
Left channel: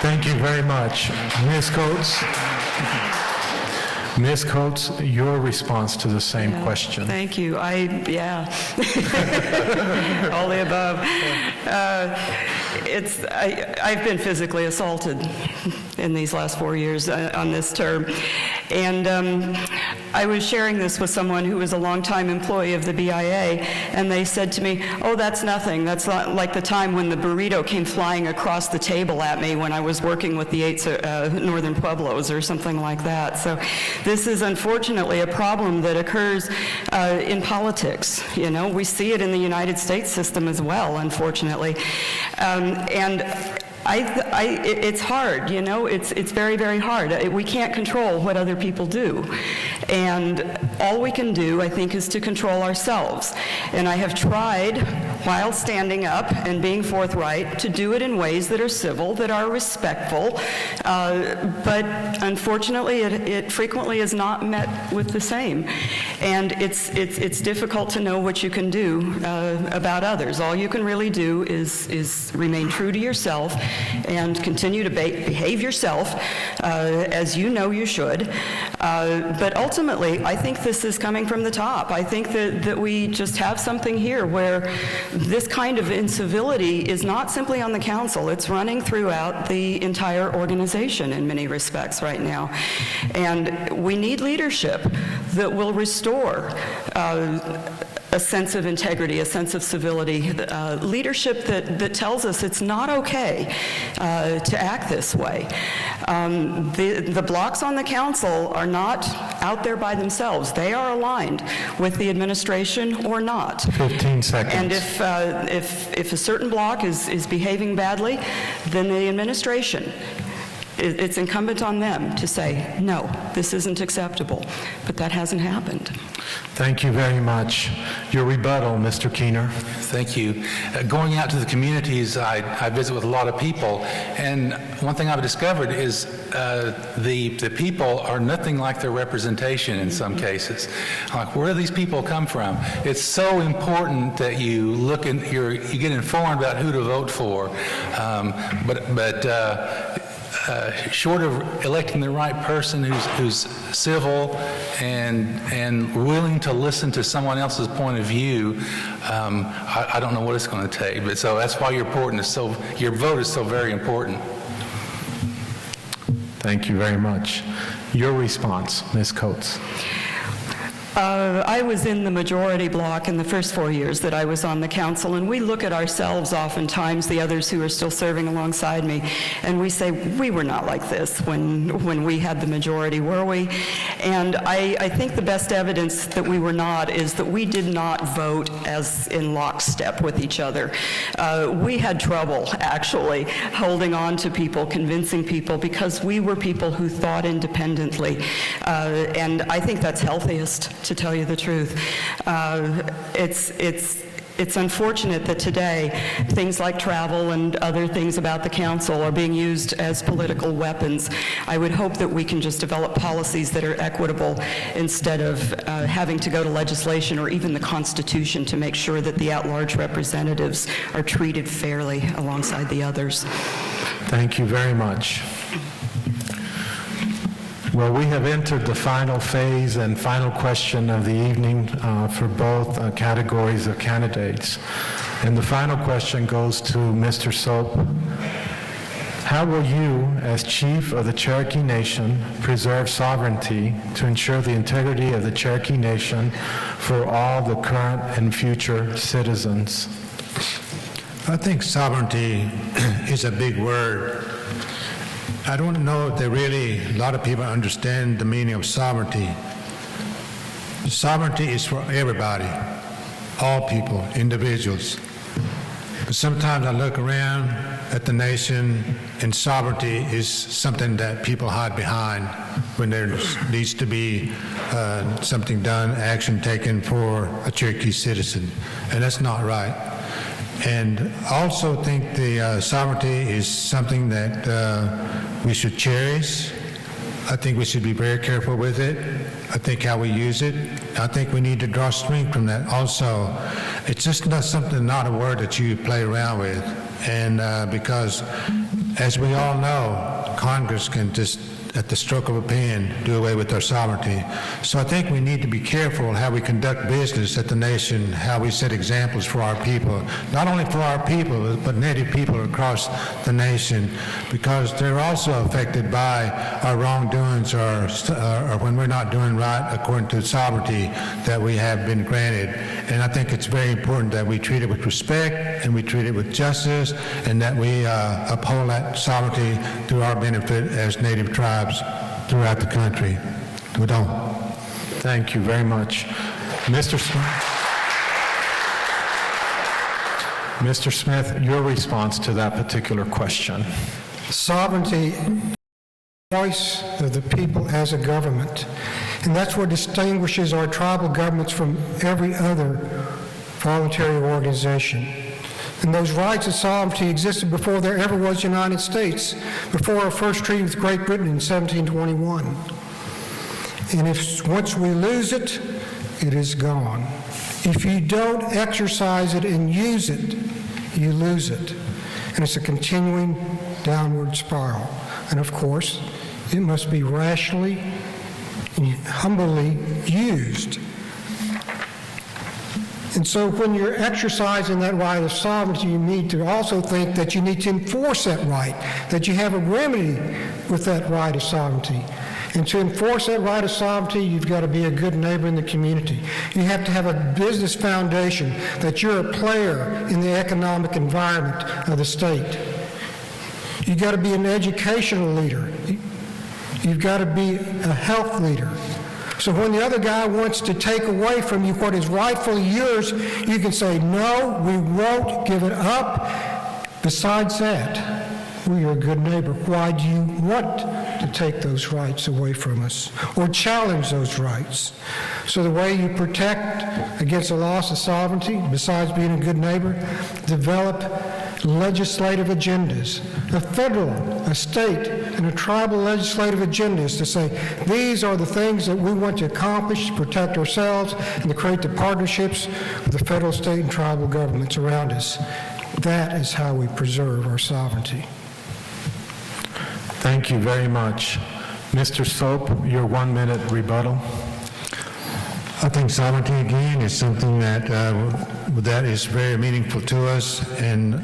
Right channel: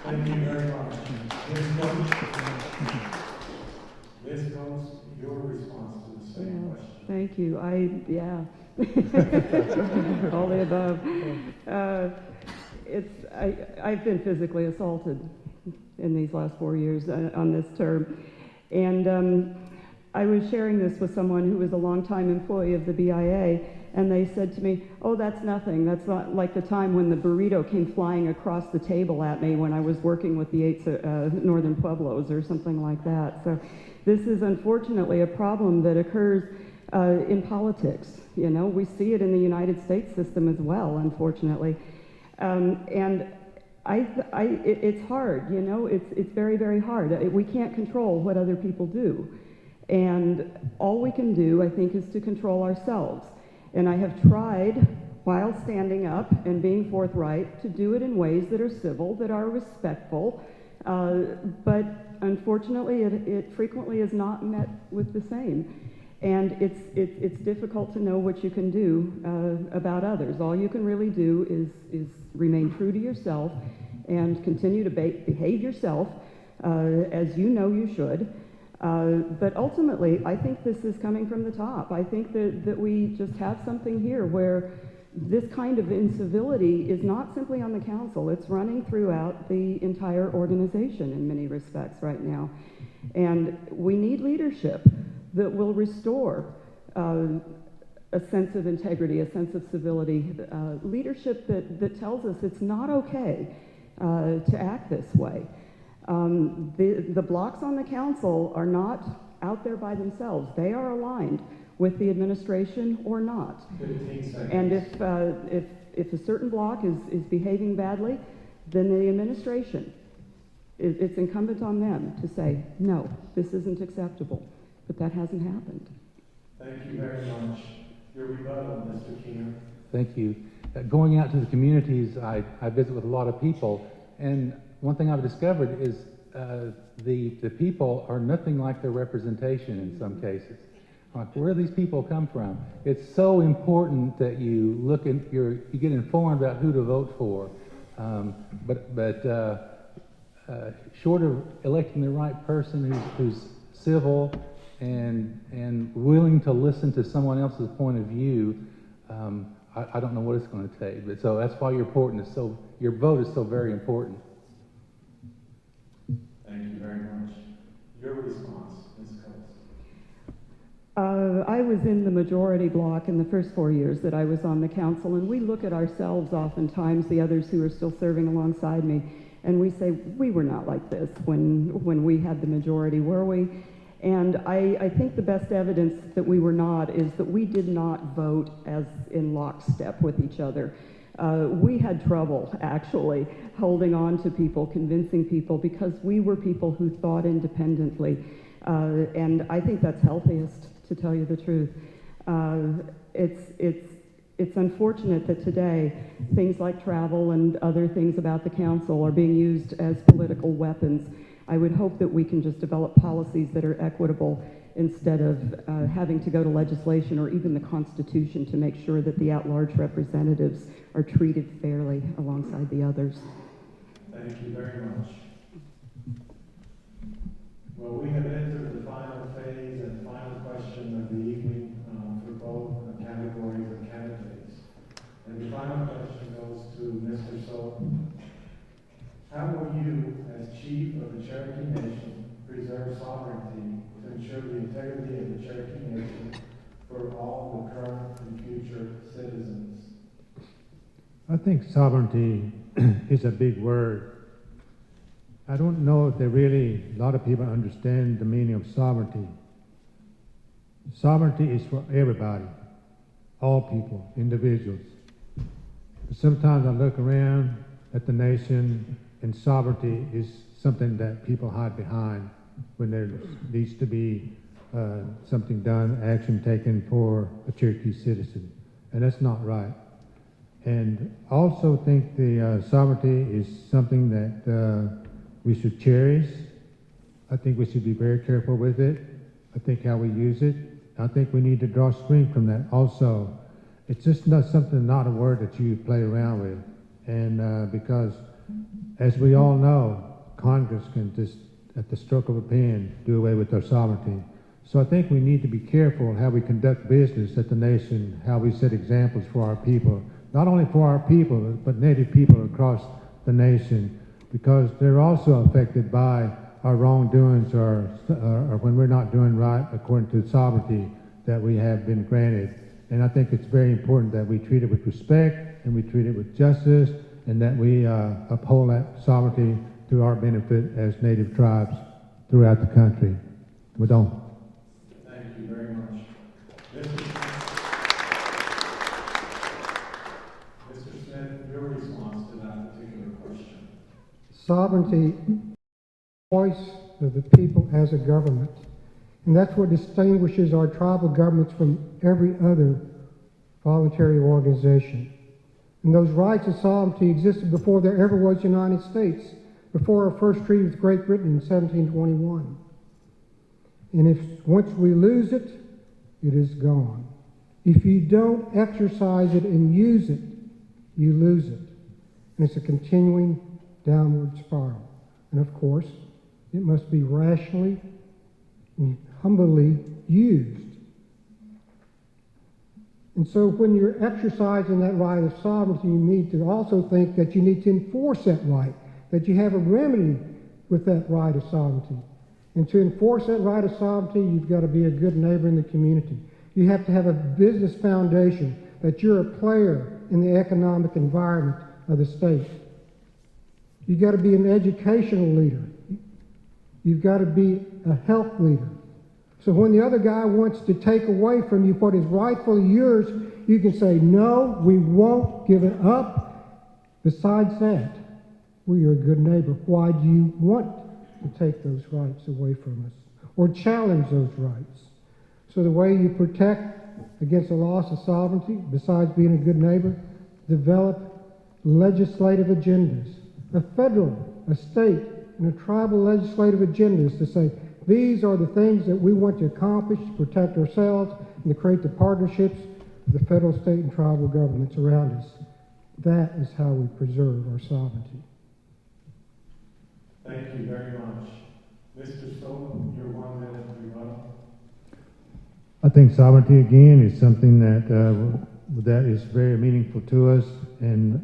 Thank you very much. Ms. Coates? Ms. Coates, your response to the same question. Thank you. All the above. I've been physically assaulted in these last 4 years on this term. And I was sharing this with someone who was a longtime employee of the BIA, and they said to me, oh, that's nothing. That's not like the time when the burrito came flying across the table at me when I was working with the 8 Northern Pueblos or something like that. So this is unfortunately a problem that occurs in politics. You know, we see it in the United States system as well, unfortunately. It's hard, you know, it's very, very hard. We can't control what other people do. And all we can do, I think, is to control ourselves. And I have tried, while standing up and being forthright, to do it in ways that are civil, that are respectful. But unfortunately, it frequently is not met with the same. And it's difficult to know what you can do about others. All you can really do is remain true to yourself and continue to behave yourself as you know you should. But ultimately, I think this is coming from the top. I think that we just have something here where this kind of incivility is not simply on the council, it's running throughout the entire organization in many respects right now. And we need leadership that will restore a sense of integrity, a sense of civility, leadership that tells us it's not okay to act this way. The blocs on the council are not out there by themselves. They are aligned with the administration or not. 15 seconds. And if a certain bloc is behaving badly, then the administration, it's incumbent on them to say, no, this isn't acceptable. But that hasn't happened. Thank you very much. Your rebuttal, Mr. Keener. Thank you. Going out to the communities, I visit with a lot of people, and one thing I've discovered is the people are nothing like their representation in some cases. Like, where do these people come from? It's so important that you look and you get informed about who to vote for. short of electing the right person who's civil and willing to listen to someone else's point of view, I don't know what it's going to take. But so that's why your vote is so very important. Thank you very much. Your response, Ms. Coates. I was in the majority bloc in the first 4 years that I was on the council, and we look at ourselves oftentimes, the others who are still serving alongside me, and we say, we were not like this when we had the majority, were we? And I think the best evidence that we were not is that we did not vote as in lockstep with each other. We had trouble, actually, holding on to people, convincing people, because we were people who thought independently, and I think that's healthiest, to tell you the truth. It's unfortunate that today things like travel and other things about the council are being used as political weapons. I would hope that we can just develop policies that are equitable instead of having to go to legislation or even the Constitution to make sure that the at-large representatives are treated fairly alongside the others. Thank you very much. Well, we have entered the final phase and final question of the evening for both categories of candidates. And the final question goes to Mr. Soap. How will you, as Chief of the Cherokee Nation, preserve sovereignty to ensure the integrity of the Cherokee Nation for all the current and future citizens? I think sovereignty is a big word. I don't know if a lot of people understand the meaning of sovereignty. Sovereignty is for everybody, all people, individuals. But sometimes I look around at the nation, and sovereignty is something that people hide behind when there needs to be something done, action taken for a Cherokee citizen, and that's not right. And I also think the sovereignty is something that we should cherish. I think we should be very careful with it. I think how we use it. I think we need to draw strength from that also. It's just not a word that you play around with. And because, as we all know, Congress can just, at the stroke of a pen, do away with our sovereignty. So I think we need to be careful how we conduct business at the nation, how we set examples for our people, not only for our people, but Native people across the nation, because they're also affected by our wrongdoings or when we're not doing right according to the sovereignty that we have been granted. And I think it's very important that we treat it with respect and we treat it with justice, and that we uphold that sovereignty to our benefit as Native tribes throughout the country. We don't. Thank you very much. Mr. Smith. Mr. Smith, your response to that particular question. Sovereignty, voice of the people as a government. And that's what distinguishes our tribal governments from every other voluntary organization. And those rights of sovereignty existed before there ever was United States, before our first treaty with Great Britain in 1721. And once we lose it, it is gone. If you don't exercise it and use it, you lose it. And it's a continuing downward spiral. And of course, it must be rationally and humbly used. And so when you're exercising that right of sovereignty, you need to also think that you need to enforce that right, that you have a remedy with that right of sovereignty. And to enforce that right of sovereignty, you've got to be a good neighbor in the community. You have to have a business foundation, that you're a player in the economic environment of the state. You've got to be an educational leader. You've got to be a health leader. So when the other guy wants to take away from you what is rightfully yours, you can say, no, we won't give it up. Besides that, we are a good neighbor. Why do you want to take those rights away from us or challenge those rights? So the way you protect against the loss of sovereignty, besides being a good neighbor, develop legislative agendas, a federal, a state, and a tribal legislative agendas to say, these are the things that we want to accomplish to protect ourselves and to create the partnerships with the federal, state, and tribal governments around us. That is how we preserve our sovereignty. Thank you very much. Mr. Soap, your 1-minute rebuttal. I think sovereignty again is something that is very meaningful to us, and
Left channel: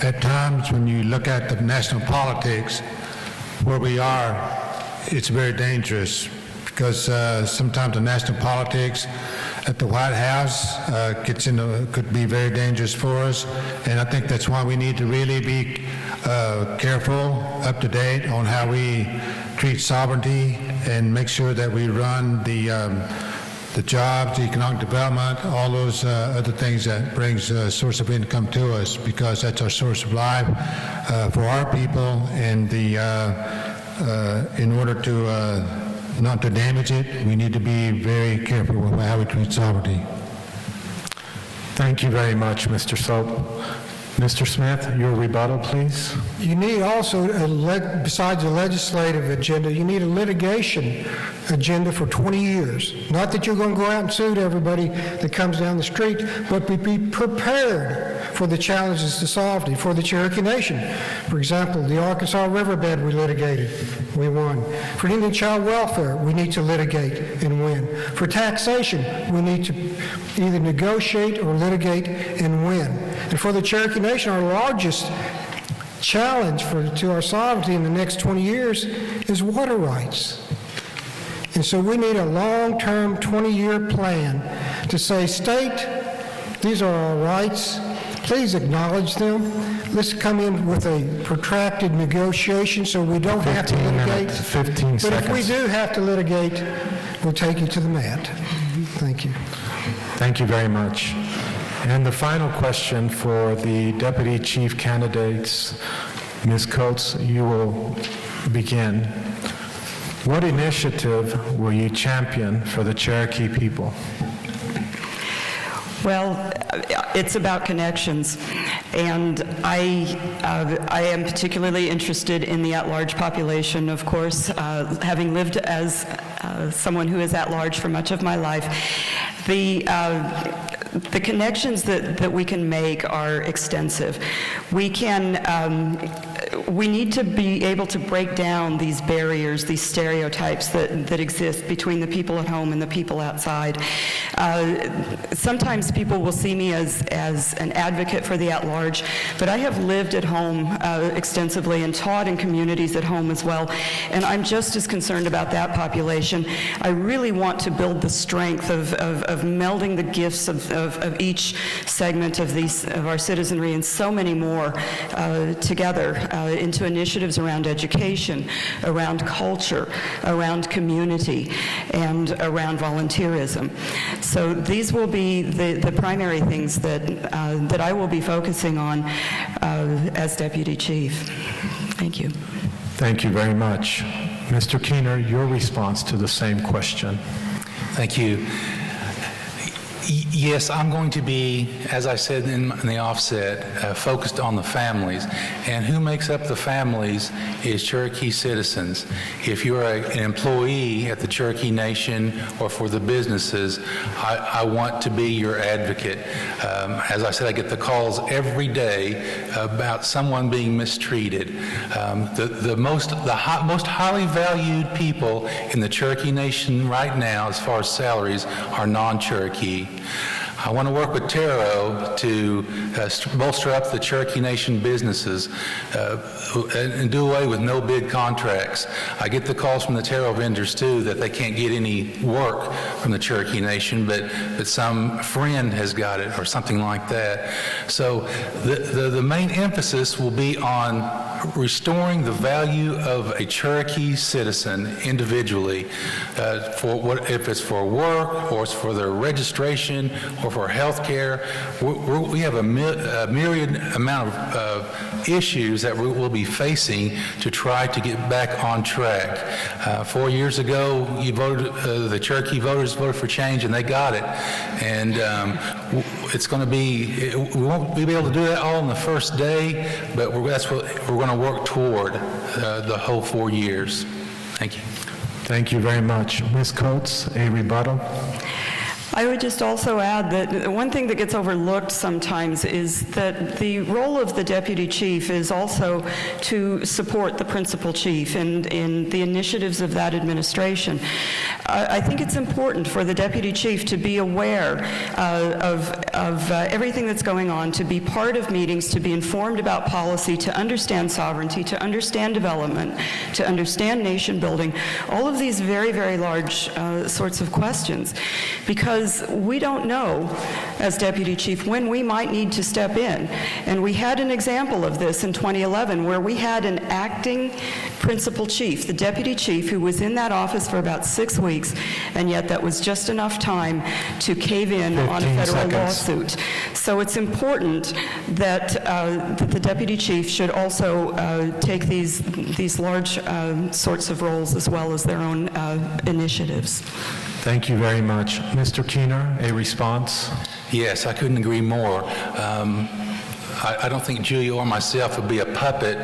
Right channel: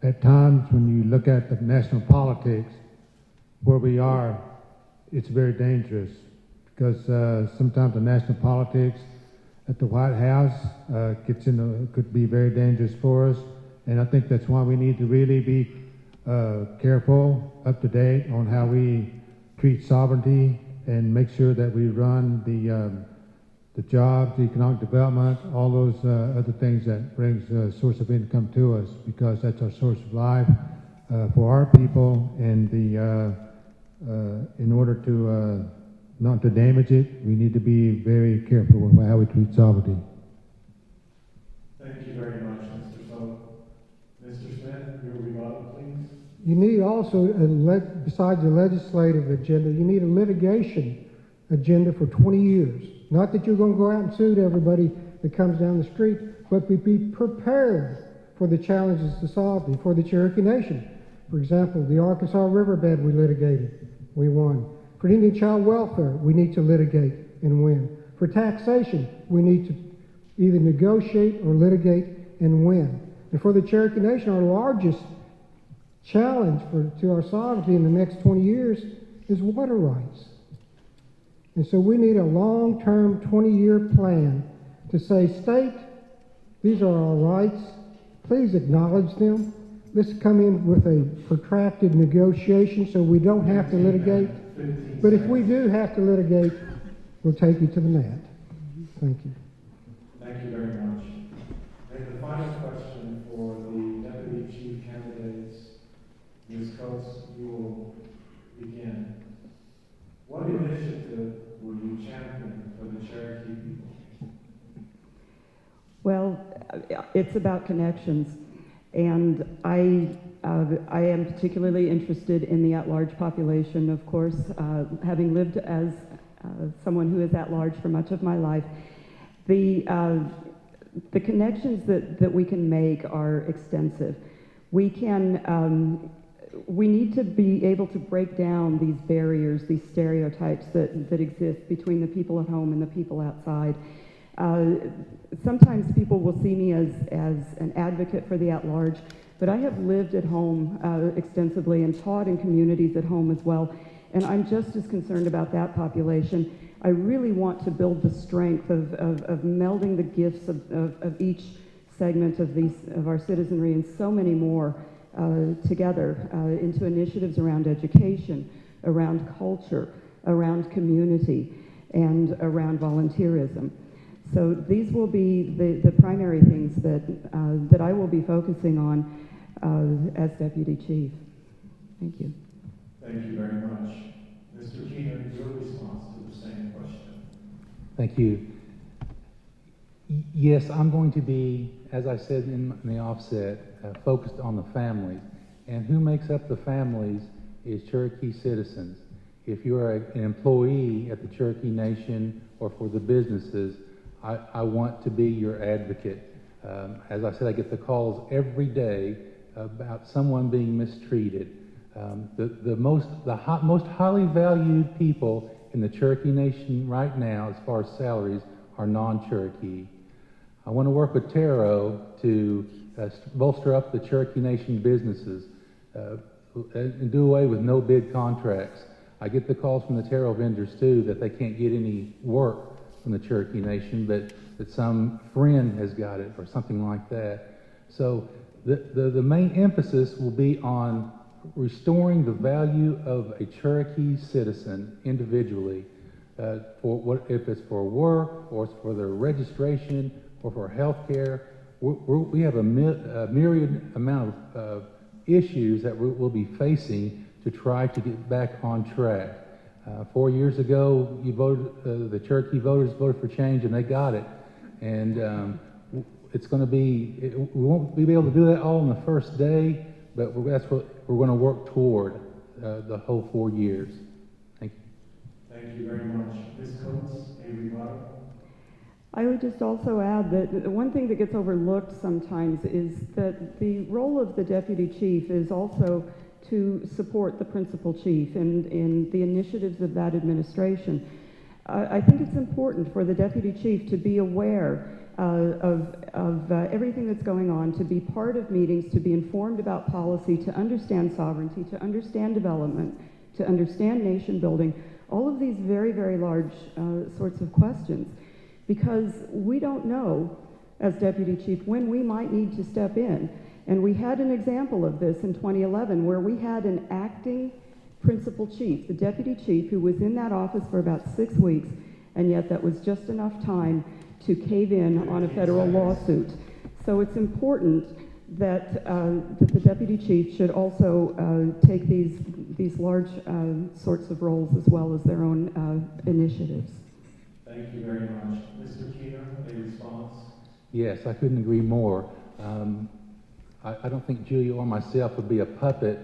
at times when you look at the national politics where we are, it's very dangerous because sometimes the national politics at the White House could be very dangerous for us, and I think that's why we need to really be careful, up to date on how we treat sovereignty and make sure that we run the jobs, the economic development, all those other things that brings a source of income to us, because that's our source of life for our people, and in order to not to damage it, we need to be very careful with how we treat sovereignty. Thank you very much, Mr. Soap. Mr. Smith, your rebuttal, please. You need also, besides the legislative agenda, you need a litigation agenda for 20 years. Not that you're going to go out and sue everybody that comes down the street, but be prepared for the challenges to sovereignty, for the Cherokee Nation. For example, the Arkansas riverbed we litigated, we won. For Indian child welfare, we need to litigate and win. For taxation, we need to either negotiate or litigate and win. And for the Cherokee Nation, our largest challenge to our sovereignty in the next 20 years is water rights. And so we need a long-term 20-year plan to say, state, these are our rights, please acknowledge them. Let's come in with a protracted negotiation so we don't have to litigate. 15 but seconds. if we do have to litigate, we'll take you to the mat. Thank you. Thank you very much. And the final question for the Deputy Chief candidates, Ms. Coates, you will begin. What initiative will you champion for the Cherokee people? Well, it's about connections, and I am particularly interested in the at-large population, of course, having lived as someone who is at large for much of my life. The connections that we can make are extensive. We need to be able to break down these barriers, these stereotypes that exist between the people at home and the people outside. Sometimes people will see me as an advocate for the at-large, but I have lived at home extensively and taught in communities at home as well, and I'm just as concerned about that population. I really want to build the strength of melding the gifts of each segment of our citizenry and so many more together into initiatives around education, around culture, around community, and around volunteerism. So these will be the primary things that I will be focusing on as Deputy Chief. Thank you. Thank you very much. Mr. Keener, your response to the same question. Thank you. Yes, I'm going to be, as I said in the offset, focused on the families. And who makes up the families is Cherokee citizens. If you're an employee at the Cherokee Nation or for the businesses, I want to be your advocate. As I said, I get the calls every day about someone being mistreated. The most highly valued people in the Cherokee Nation right now, as far as salaries, are non-Cherokee. I want to work with Taro to bolster up the Cherokee Nation businesses and do away with no bid contracts. I get the calls from the Taro vendors too that they can't get any work from the Cherokee Nation, but some friend has got it or something like that. So the main emphasis will be on restoring the value of a Cherokee citizen individually, if it's for work or it's for their registration or for health care. We have a myriad amount of issues that we'll be facing to try to get back on track. 4 years ago, the Cherokee voters voted for change, and they got it. And it's going to be, we won't be able to do that all in the first day, but that's what we're going to work toward the whole 4 years. Thank you. Thank you very much. Ms. Coates, a rebuttal? I would just also add that one thing that gets overlooked sometimes is that the role of the deputy chief is also to support the principal chief in the initiatives of that administration. I think it's important for the deputy chief to be aware of everything that's going on, to be part of meetings, to be informed about policy, to understand sovereignty, to understand development, to understand nation building, all of these very, very large sorts of questions. Because we don't know, as deputy chief, when we might need to step in. And we had an example of this in 2011 where we had an acting principal chief, the deputy chief, who was in that office for about 6 weeks, and yet that was just enough time to cave in on a federal lawsuit. So it's important that the deputy chief should also take these large sorts of roles as well as their own initiatives. Thank you very much. Mr. Keener, a response? Yes, I couldn't agree more. I don't think Julia or myself would be a puppet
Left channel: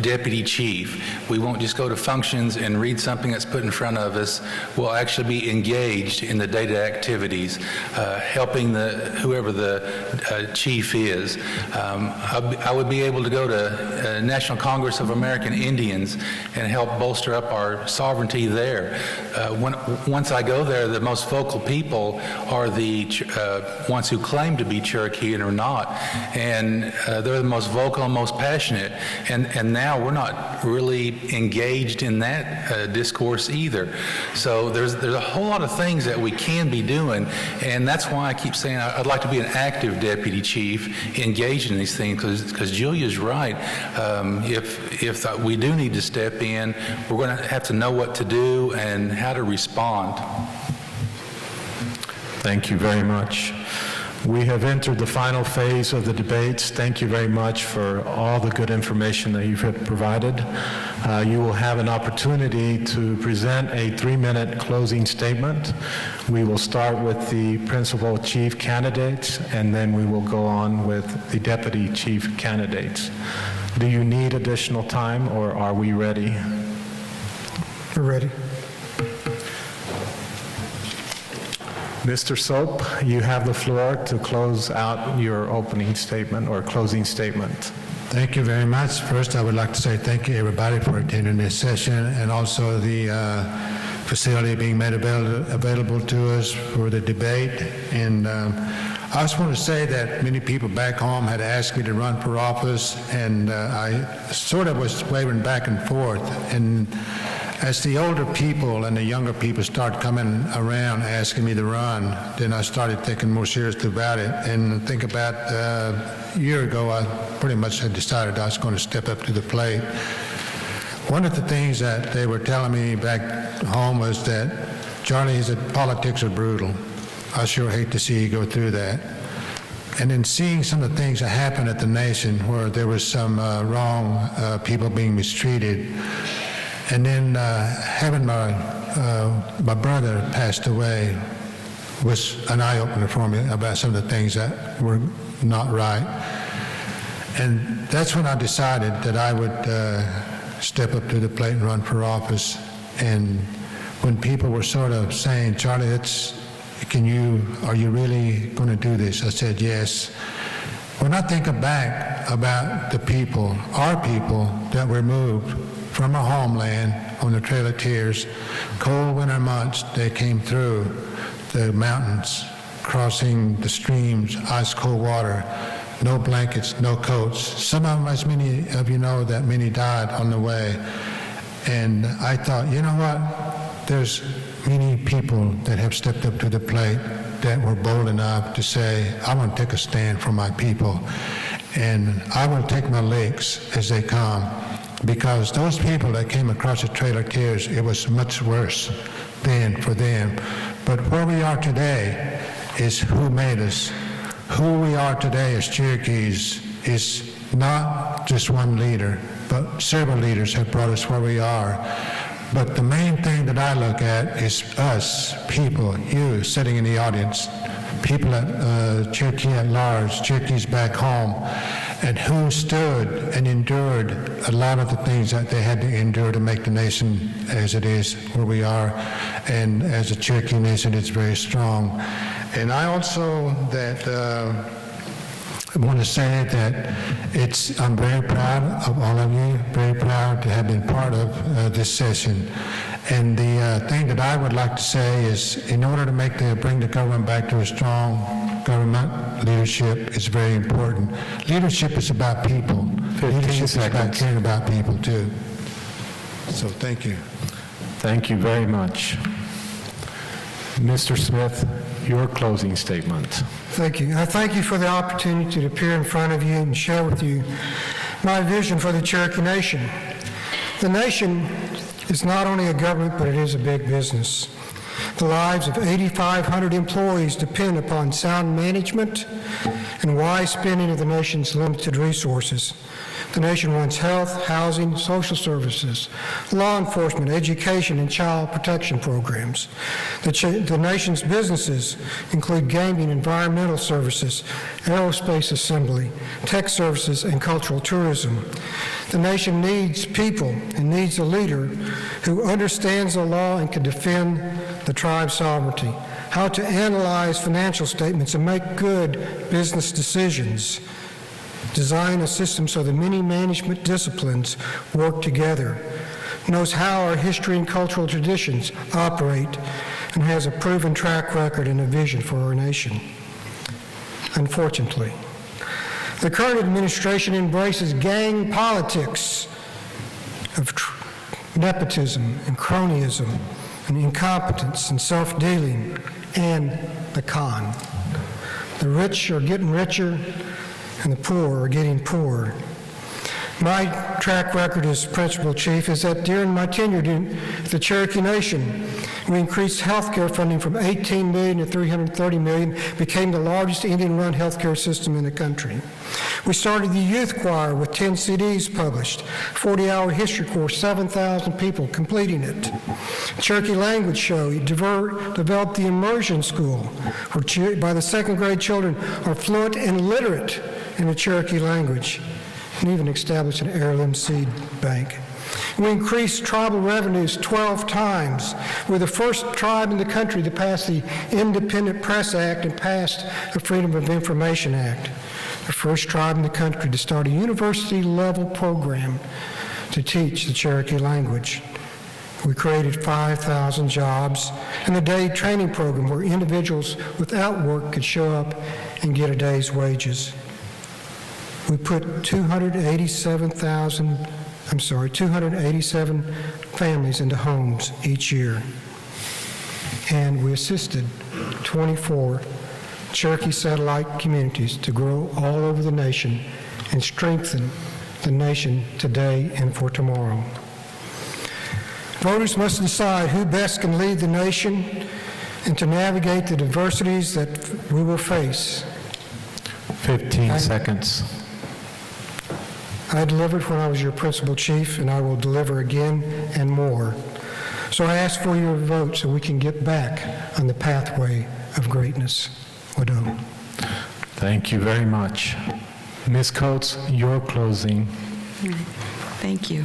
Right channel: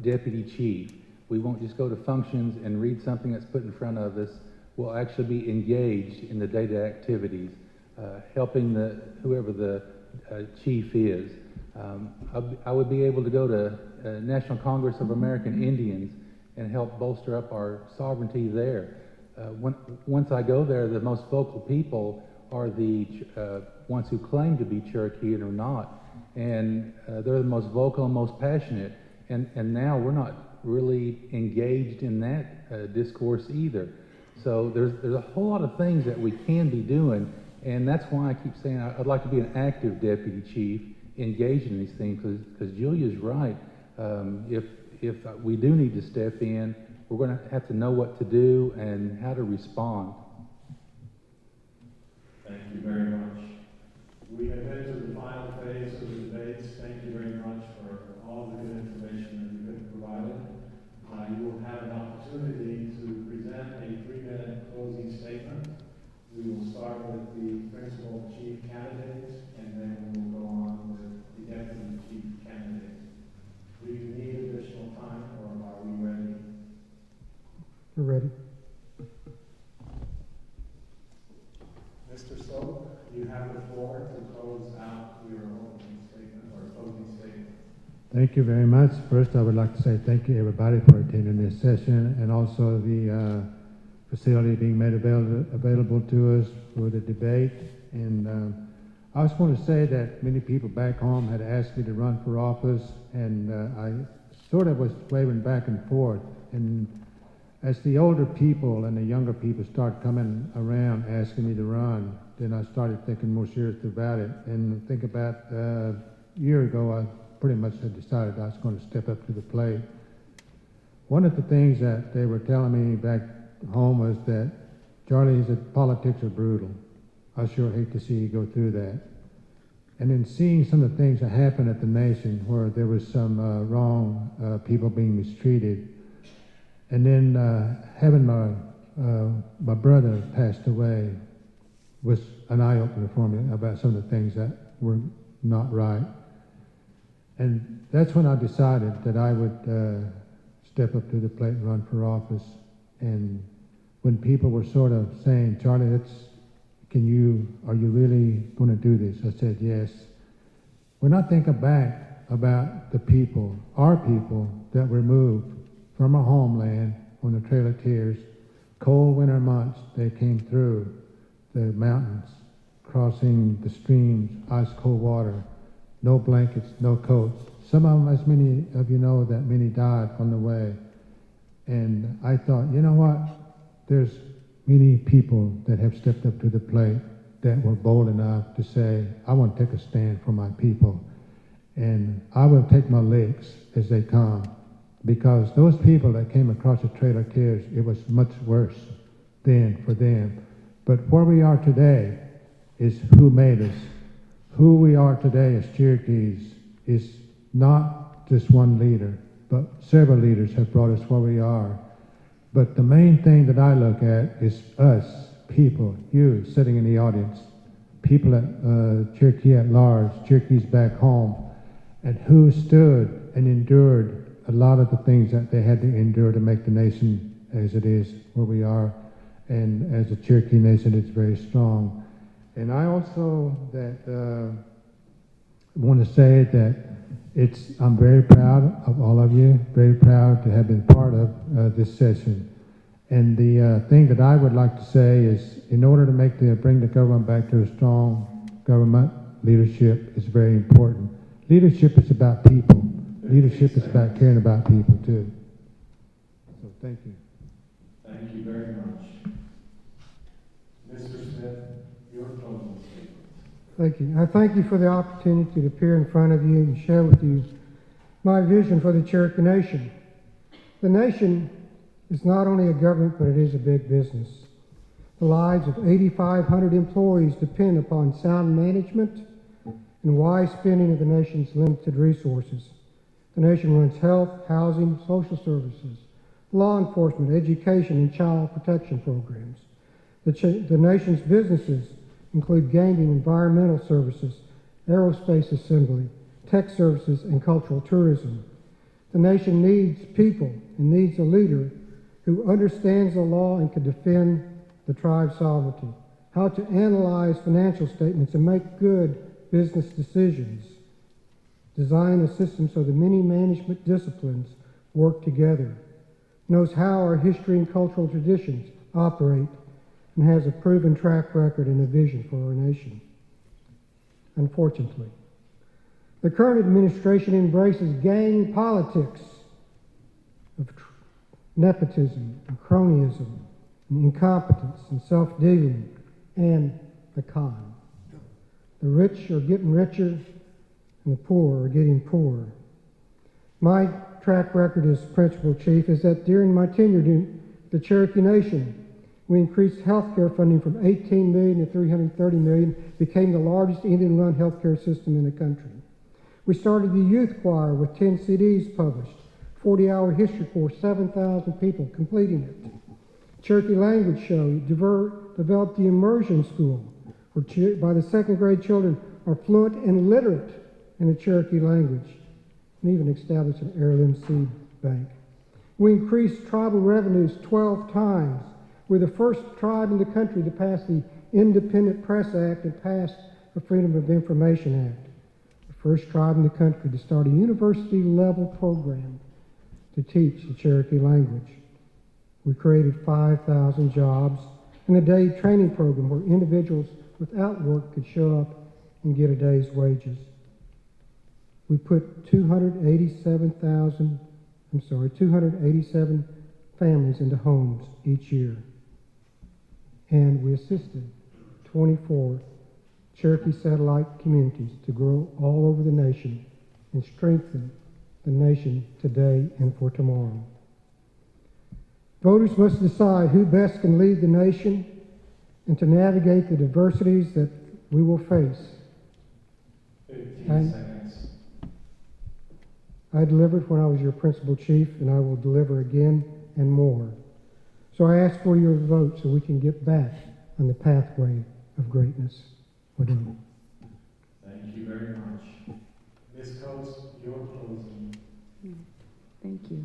deputy chief. We won't just go to functions and read something that's put in front of us. We'll actually be engaged in the day-to-day activities, helping whoever the chief is. I would be able to go to National Congress of American Indians and help bolster up our sovereignty there. Once I go there, the most vocal people are the ones who claim to be Cherokee and are not. And they're the most vocal and most passionate. And now we're not really engaged in that discourse either. So there's a whole lot of things that we can be doing, and that's why I keep saying I'd like to be an active deputy chief engaged in these things, because Julia's right. If we do need to step in, we're going to have to know what to do and how to respond. Thank you very much. We have entered the final phase of the debates. Thank you very much for all the good information that you've provided. You will have an opportunity to present a 3-minute closing statement. We will start with the principal chief candidates, and then we will go on with the deputy chief candidates. Do you need additional time, or are we ready? We're ready. Mr. Soap, you have the floor to close out your opening statement or closing statement. Thank you very much. First, I would like to say thank you, everybody, for attending this session, and also the facility being made available to us for the debate. And I just want to say that many people back home had asked me to run for office, and I sort of was wavering back and forth. And as the older people and the younger people started coming around asking me to run, then I started thinking more seriously about it. And I think about a year ago, I pretty much had decided I was going to step up to the plate. One of the things that they were telling me back home was that, Charlie, politics are brutal. I sure hate to see you go through that. And in seeing some of the things that happened at the nation where there was some wrong people being mistreated, and then having my brother passed away was an eye-opener for me about some of the things that were not right. And that's when I decided that I would step up to the plate and run for office. And when people were sort of saying, Charlie, are you really going to do this? I said, yes. When I think back about the people, our people that were moved from our homeland on the Trail of Tears, cold winter months, they came through the mountains, crossing the streams, ice cold water, no blankets, no coats. Some of them, as many of you know, that many died on the way. And I thought, you know what? There's many people that have stepped up to the plate that were bold enough to say, I want to take a stand for my people. And I will take my licks as they come. Because those people that came across the Trail of Tears, it was much worse then for them. But where we are today is who made us. Who we are today as Cherokees is not just one leader, but several leaders have brought us where we are. But the main thing that I look at is us, people, you sitting in the audience, people at Cherokee At-Large, Cherokees back home. and who stood and endured a lot of the things that they had to endure to make the nation as it is where we are, and as a Cherokee Nation, it's very strong. And I also I want to say that I'm very proud of all of you, very proud to have been part of this session. And the thing that I would like to say is, in order to bring the government back to a strong government, leadership is very important. Leadership is about people. Leadership is about caring about people too. So thank you. Thank you very much. Mr. Smith, your closing statement. Thank you. I thank you for the opportunity to appear in front of you and share with you my vision for the Cherokee Nation. The nation is not only a government, but it is a big business. The lives of 8,500 employees depend upon sound management and wise spending of the nation's limited resources. The nation runs health, housing, social services, law enforcement, education, and child protection programs. The nation's businesses include gaming, environmental services, aerospace assembly, tech services, and cultural tourism. The nation needs people and needs a leader who understands the law and can defend the tribe's sovereignty, how to analyze financial statements and make good business decisions, design a system so the many management disciplines work together, knows how our history and cultural traditions operate, and has a proven track record and a vision for our nation. Unfortunately, the current administration embraces gang politics of nepotism and cronyism and incompetence and self-dealing and the con. The rich are getting richer and the poor are getting poorer. My track record as principal chief is that during my tenure in the Cherokee Nation, we increased health care funding from $18 million to $330 million, became the largest Indian-run healthcare system in the country. We started the youth choir with 10 CDs published, 40-hour history course, 7,000 people completing it. Cherokee language show, developed the immersion school, where by the second grade children are fluent and literate in the Cherokee language, and even established an heirloom seed bank. We increased tribal revenues 12 times. We're the first tribe in the country to pass the Independent Press Act and passed the Freedom of Information Act. The first tribe in the country to start a university-level program to teach the Cherokee language. We created 5,000 jobs and the day training program where individuals without work could show up and get a day's wages. We put 287 families into homes each year. And we assisted 24 Cherokee satellite communities to grow all over the nation and strengthen the nation today and for tomorrow. Voters must decide who best can lead the nation and to navigate the diversities that we will face. 15 seconds. I delivered when I was your principal chief, and I will deliver again and more. So I ask for your vote so we can get back on the pathway of greatness. Wado. Thank you very much. Ms. Coates, your closing. Thank you.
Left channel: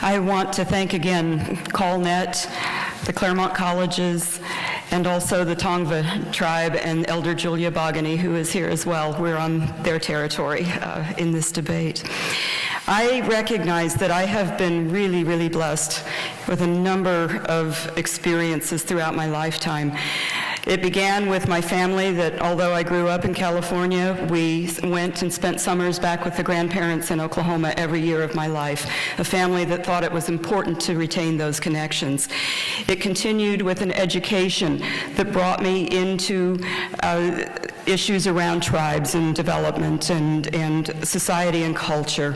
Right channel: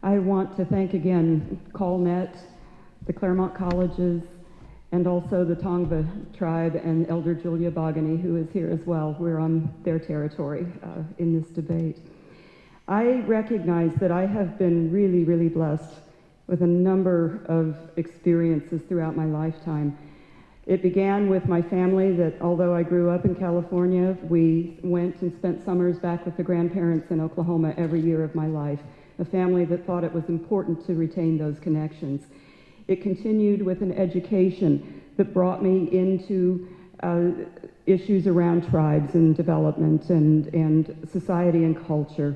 I want to thank again CallNet, the Claremont Colleges, and also the Tongva tribe and Elder Julia Bogany, who is here as well. We're on their territory in this debate. I recognize that I have been really, really blessed with a number of experiences throughout my lifetime. It began with my family that, although I grew up in California, we went and spent summers back with the grandparents in Oklahoma every year of my life, a family that thought it was important to retain those connections. It continued with an education that brought me into issues around tribes and development and society and culture.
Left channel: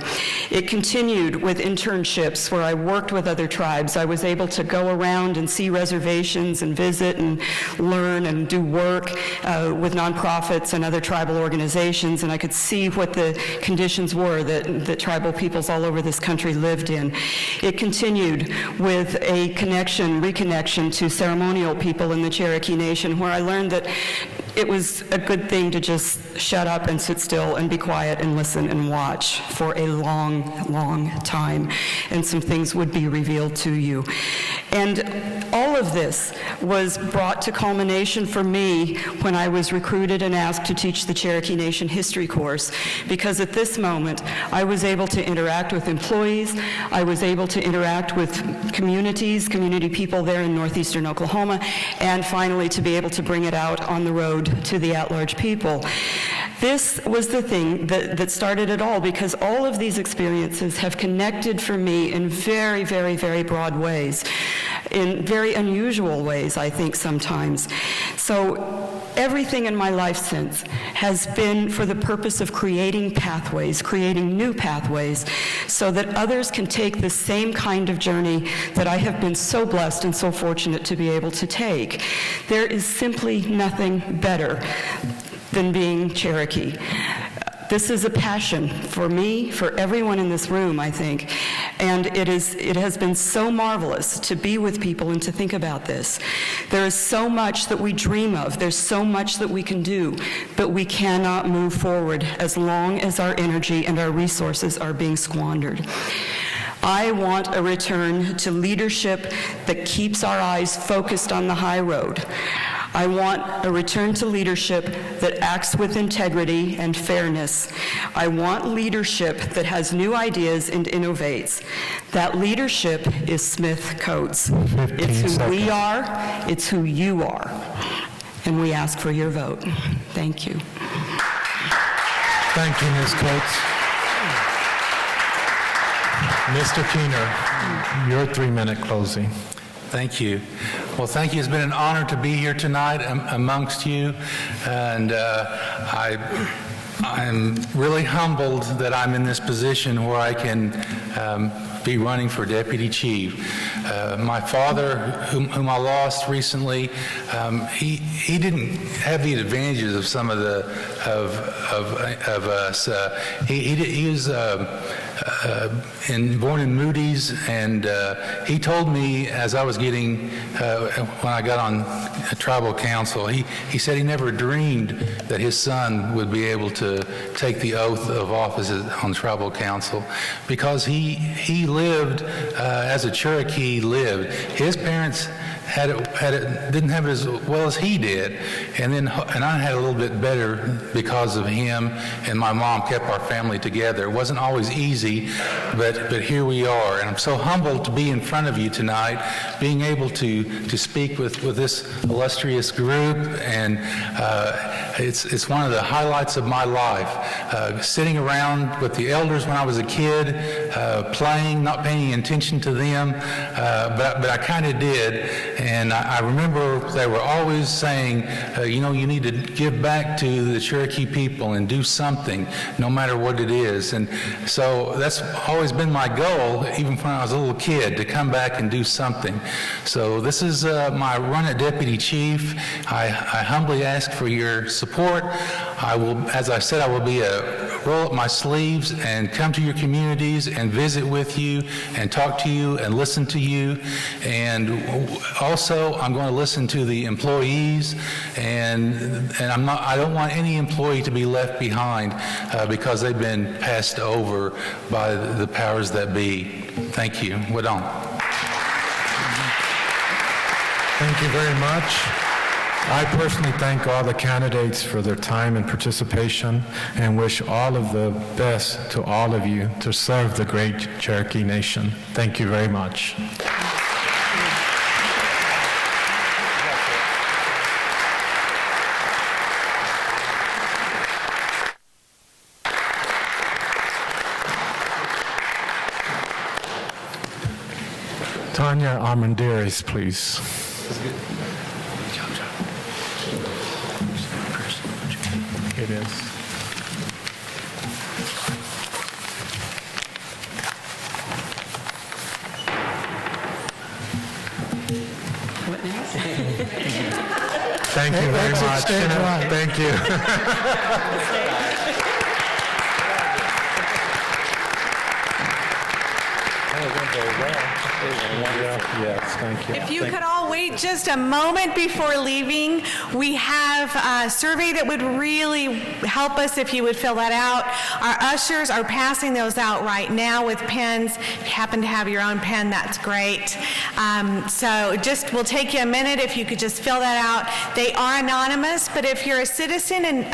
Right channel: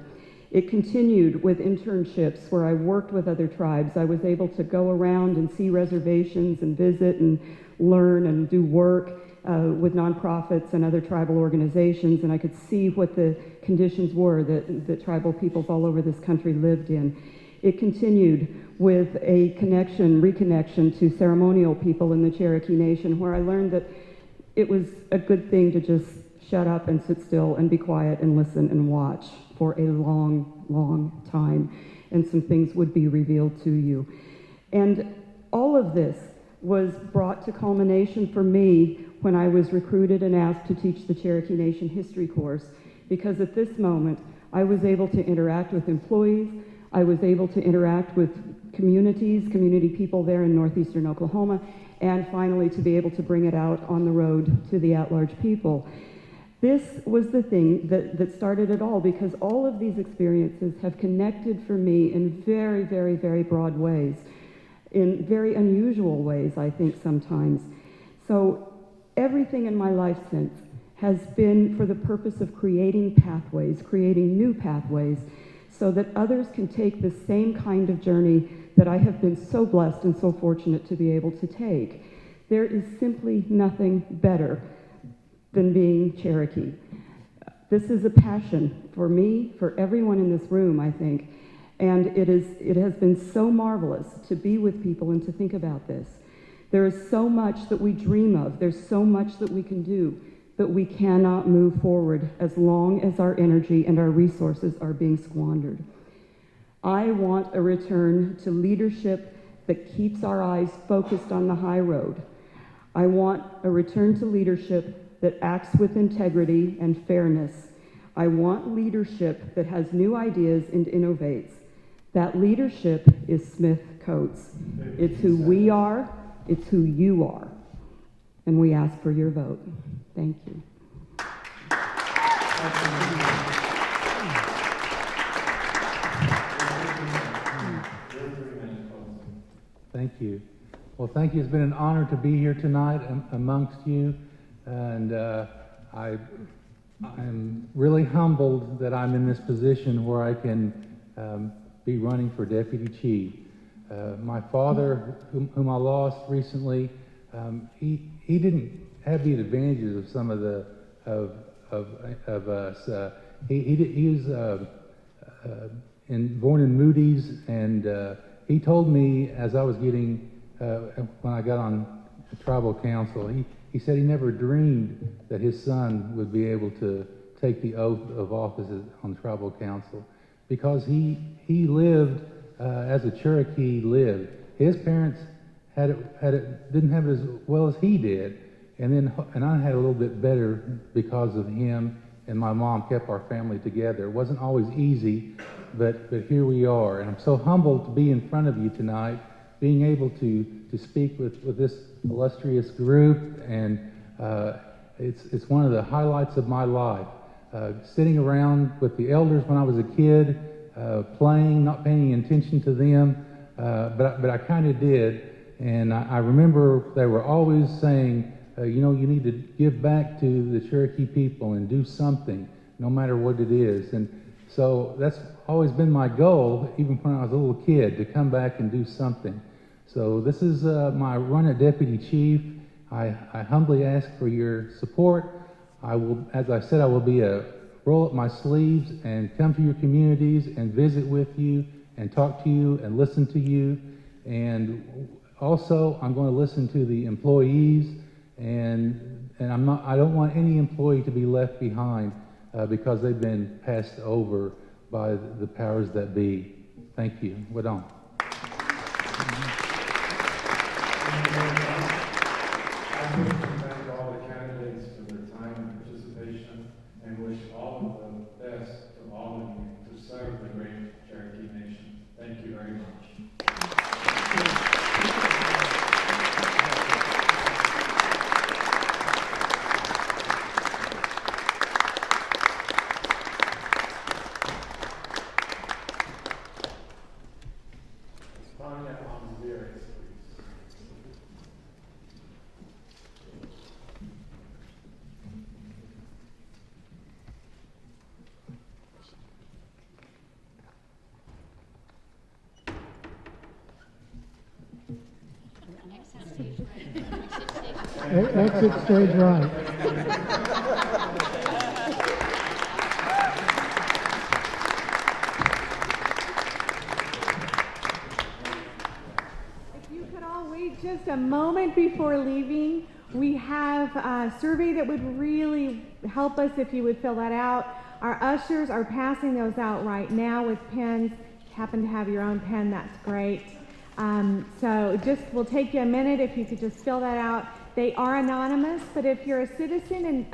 It continued with internships where I worked with other tribes. I was able to go around and see reservations and visit and learn and do work with nonprofits and other tribal organizations, and I could see what the conditions were that tribal peoples all over this country lived in. It continued with a reconnection to ceremonial people in the Cherokee Nation, where I learned that it was a good thing to just shut up and sit still and be quiet and listen and watch for a long, long time, and some things would be revealed to you. And all of this was brought to culmination for me when I was recruited and asked to teach the Cherokee Nation history course, because at this moment I was able to interact with employees, I was able to interact with communities, community people there in northeastern Oklahoma, and finally to be able to bring it out on the road to the at-large people. This was the thing that started it all, because all of these experiences have connected for me in very, very, very broad ways, in very unusual ways, I think, sometimes. So everything in my life since has been for the purpose of creating pathways, creating new pathways, so that others can take the same kind of journey that I have been so blessed and so fortunate to be able to take. There is simply nothing better than being Cherokee. This is a passion for me, for everyone in this room, I think, and it has been so marvelous to be with people and to think about this. There is so much that we dream of, there's so much that we can do, but we cannot move forward as long as our energy and our resources are being squandered. I want a return to leadership that keeps our eyes focused on the high road. I want a return to leadership that acts with integrity and fairness. I want leadership that has new ideas and innovates. That leadership is Smith Coates. It's who we are, it's who you are. And we ask for your vote. Thank you. Thank you, Ms. Coates. Mr. Keener, your 3-minute closing. Thank you. Well, thank you. It's been an honor to be here tonight amongst you, and I'm really humbled that I'm in this position where I can be running for deputy chief. My father, whom I lost recently, he didn't have the advantages of some of the of us. He was born in Moody's, and he told me as I was getting, when I got on tribal council, he said he never dreamed that his son would be able to take the oath of office on tribal council, because he lived as a Cherokee lived. His parents didn't have it as well as he did, and I had a little bit better because of him, and my mom kept our family together. It wasn't always easy, but here we are, and I'm so humbled to be in front of you tonight, being able to speak with this illustrious group, and it's one of the highlights of my life. Sitting around with the elders when I was a kid, playing, not paying attention to them, but I kind of did. And I remember they were always saying, you need to give back to the Cherokee people and do something, no matter what it is. And so that's always been my goal, even when I was a little kid, to come back and do something. So this is my run at deputy chief. I humbly ask for your support. I will, as I said, I will roll up my sleeves and come to your communities and visit with you and talk to you and listen to you. And also, I'm going to listen to the employees, and I don't want any employee to be left behind because they've been passed over by the powers that be. Thank you. Wadon. Thank you very much. I personally thank all the candidates for their time and participation, and wish all of the best to all of you to serve the great Cherokee Nation. Thank you very much. Tanya Armendariz, please. It is. What next? Thank you very Exit much. stage right. Thank you. I don't think they were there. They were wonderful. Yes, thank you. If you could all wait just a moment before leaving, we have a survey that would really help us if you would fill that out. Our ushers are passing those out right now with pens. If you happen to have your own pen, that's great. So just will take you a minute if you could just fill that out. They are anonymous, but if you're a citizen and